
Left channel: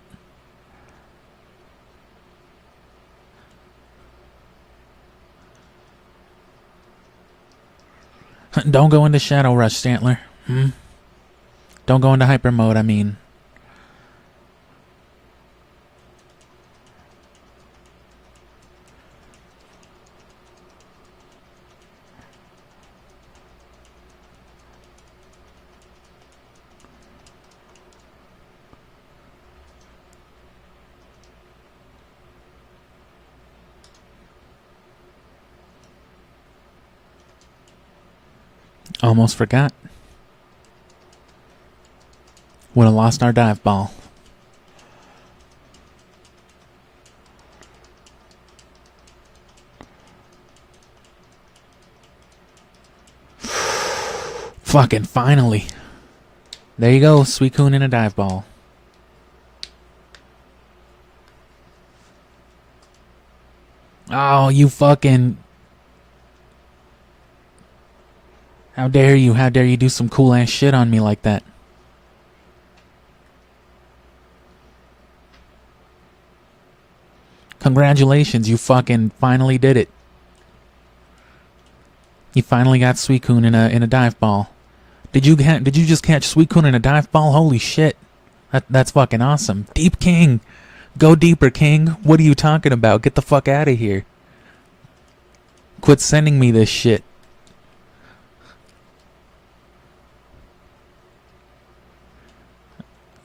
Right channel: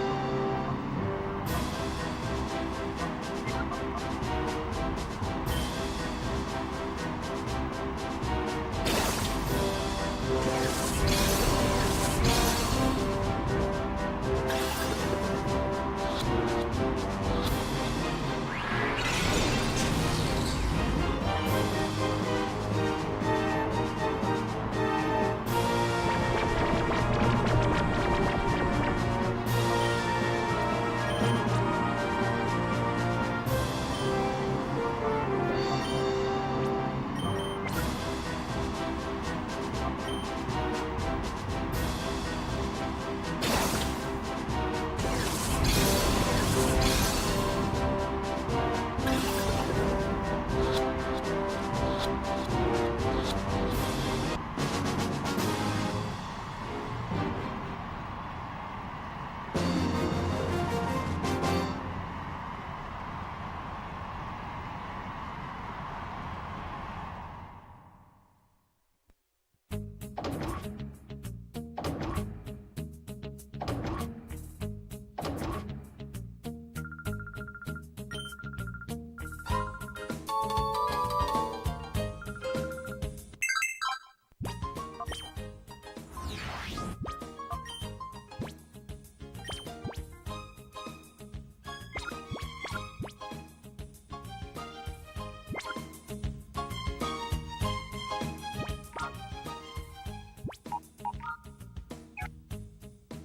Don't go into Shadow Rush, Stantler. Don't go into hyper mode, I mean. Almost forgot. Would have lost our dive ball. Fucking finally. There you go, Suicune and a dive ball. Oh, you fucking... How dare you? How dare you do some cool ass shit on me like that? Congratulations, you fucking finally did it. You finally got Suicune in a dive ball. Did you just catch Suicune in a dive ball? Holy shit. That's fucking awesome. Deep King. Go deeper, King. What are you talking about? Get the fuck out of here. Quit sending me this shit.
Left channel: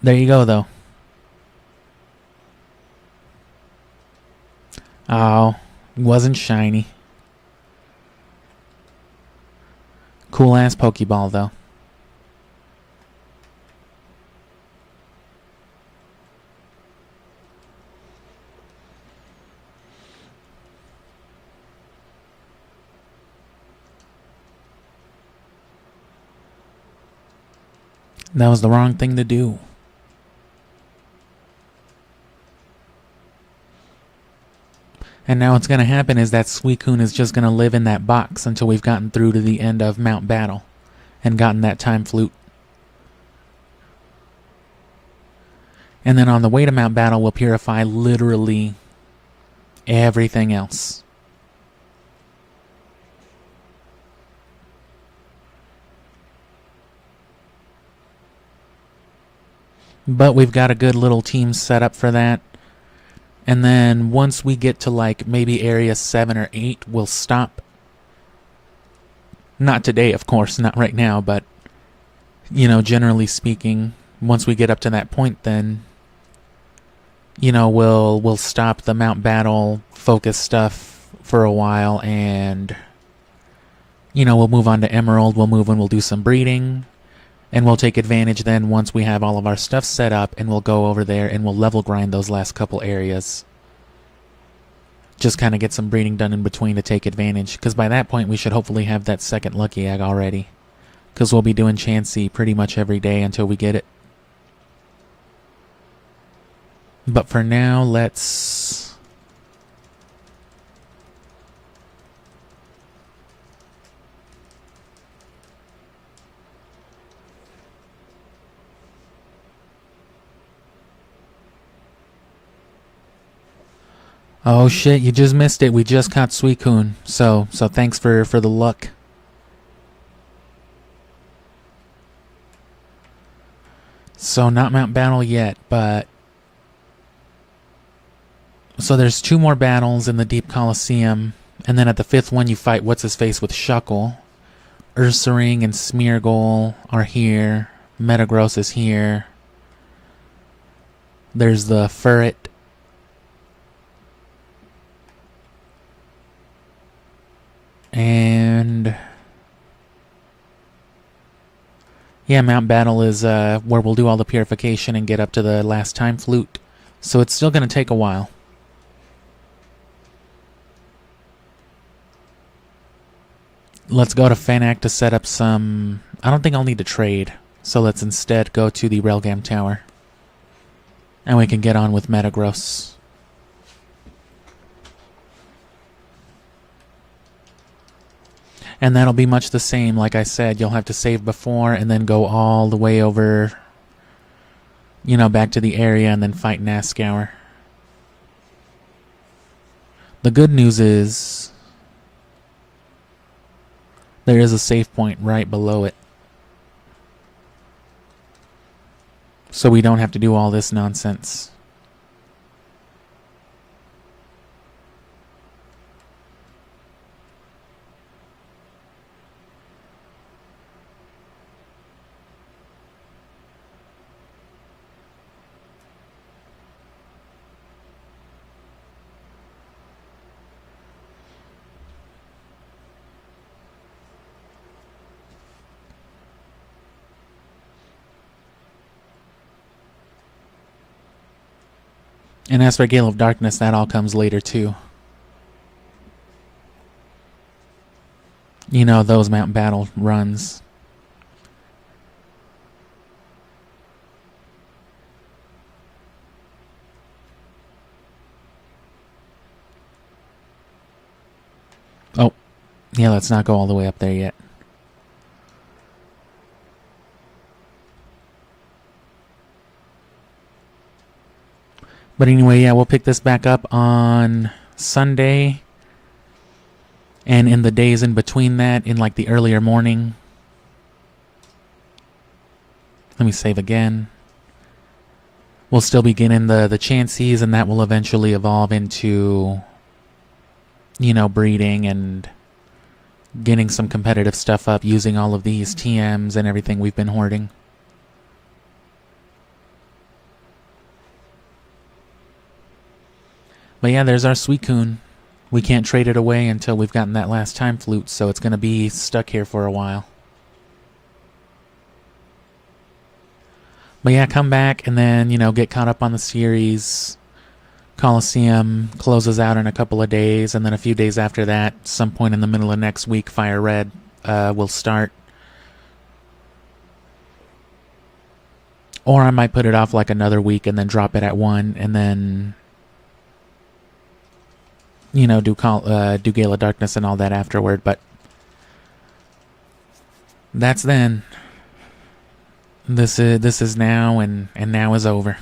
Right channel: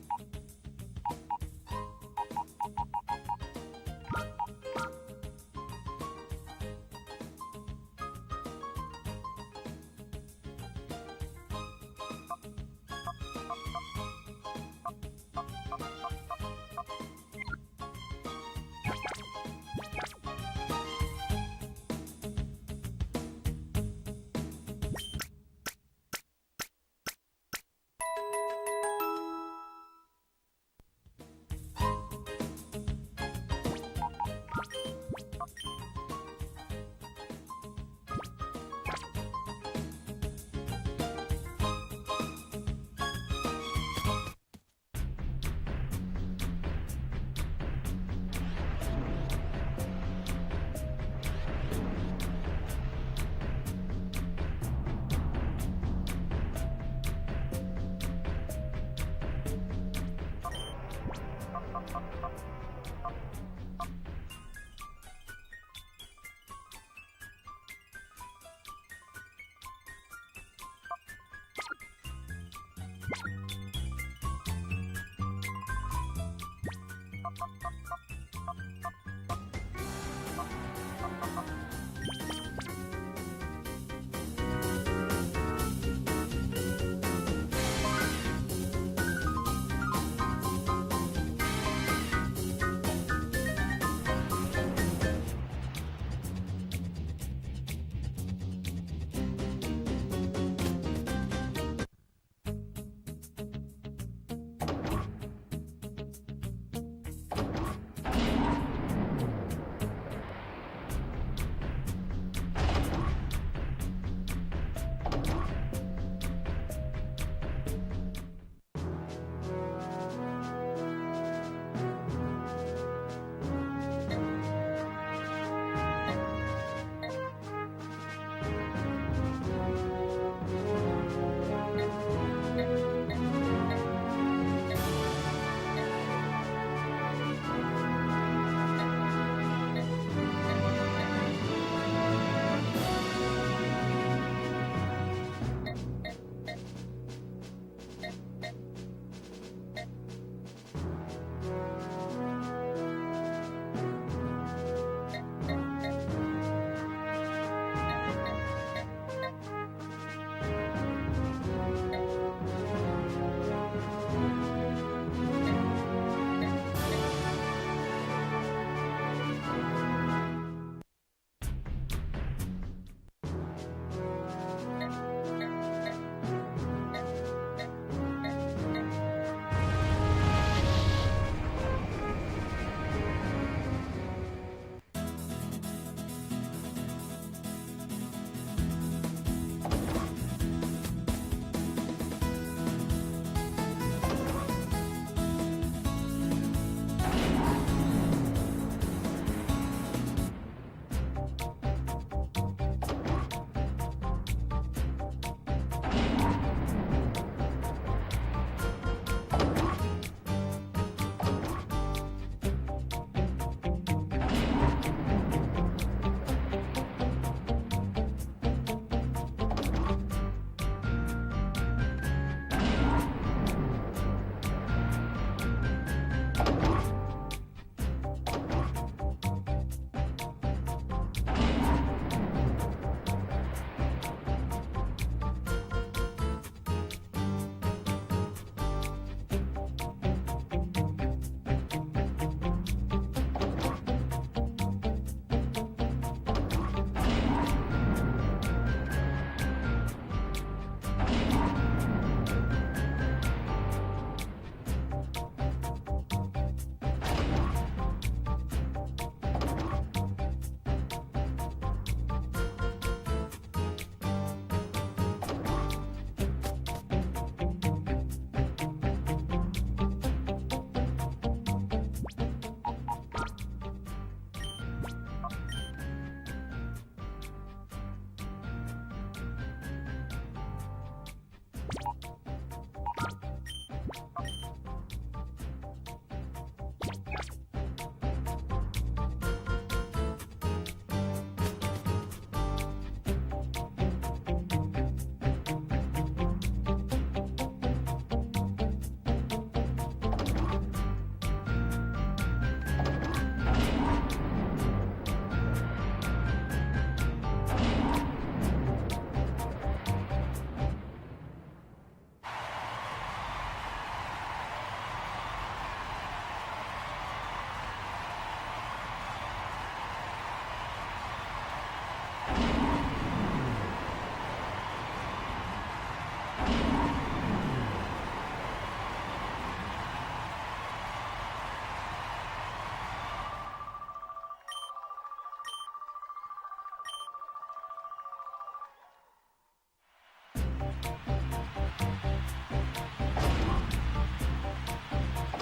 There you go, though. Oh, wasn't shiny. Cool ass Pokeball, though. That was the wrong thing to do. And now what's going to happen is that Suicune is just going to live in that box until we've gotten through to the end of Mount Battle and gotten that time flute. And then on the way to Mount Battle, we'll purify literally everything else. But we've got a good little team set up for that. And then once we get to like maybe area 7 or 8, we'll stop. Not today, of course, not right now, but you know, generally speaking, once we get up to that point, then you know, we'll stop the Mount Battle focus stuff for a while, and you know, we'll move on to Emerald. We'll move and we'll do some breeding. And we'll take advantage then once we have all of our stuff set up, and we'll go over there and we'll level grind those last couple areas. Just kind of get some breeding done in between to take advantage, because by that point we should hopefully have that second lucky egg already. Because we'll be doing Chansey pretty much every day until we get it. But for now, let's... Oh shit, you just missed it. We just caught Suicune. So thanks for the luck. So not Mount Battle yet, but... So there's 2 more battles in the Deep Colosseum, and then at the 5th one you fight What's-His-Face with Shuckle. Ursaring and Smeargle are here. Metagross is here. There's the Furret. And yeah, Mount Battle is where we'll do all the purification and get up to the last time flute. So it's still going to take a while. Let's go to Fanac to set up some... I don't think I'll need to trade. So let's instead go to the Railgam Tower. And we can get on with Metagross. And that'll be much the same. Like I said, you'll have to save before and then go all the way over, you know, back to the area and then fight Nascour. The good news is There is a save point right below it. So we don't have to do all this nonsense. And as for Gale of Darkness, that all comes later too. You know, those mountain battle runs. Oh, yeah, let's not go all the way up there yet. But anyway, yeah, we'll pick this back up on Sunday. And in the days in between that, in like the earlier morning. Let me save again. We'll still be getting the chances, and that will eventually evolve into, you know, breeding and getting some competitive stuff up using all of these TMs and everything we've been hoarding. But yeah, there's our Suicune. We can't trade it away until we've gotten that last time flute, so it's going to be stuck here for a while. But yeah, come back and then, you know, get caught up on the series. Colosseum closes out in a couple of days, and then a few days after that, some point in the middle of next week, Fire Red will start. Or I might put it off like another week and then drop it at 1, and then, you know, do Gale of Darkness and all that afterward, but that's then. This is now, and now is over.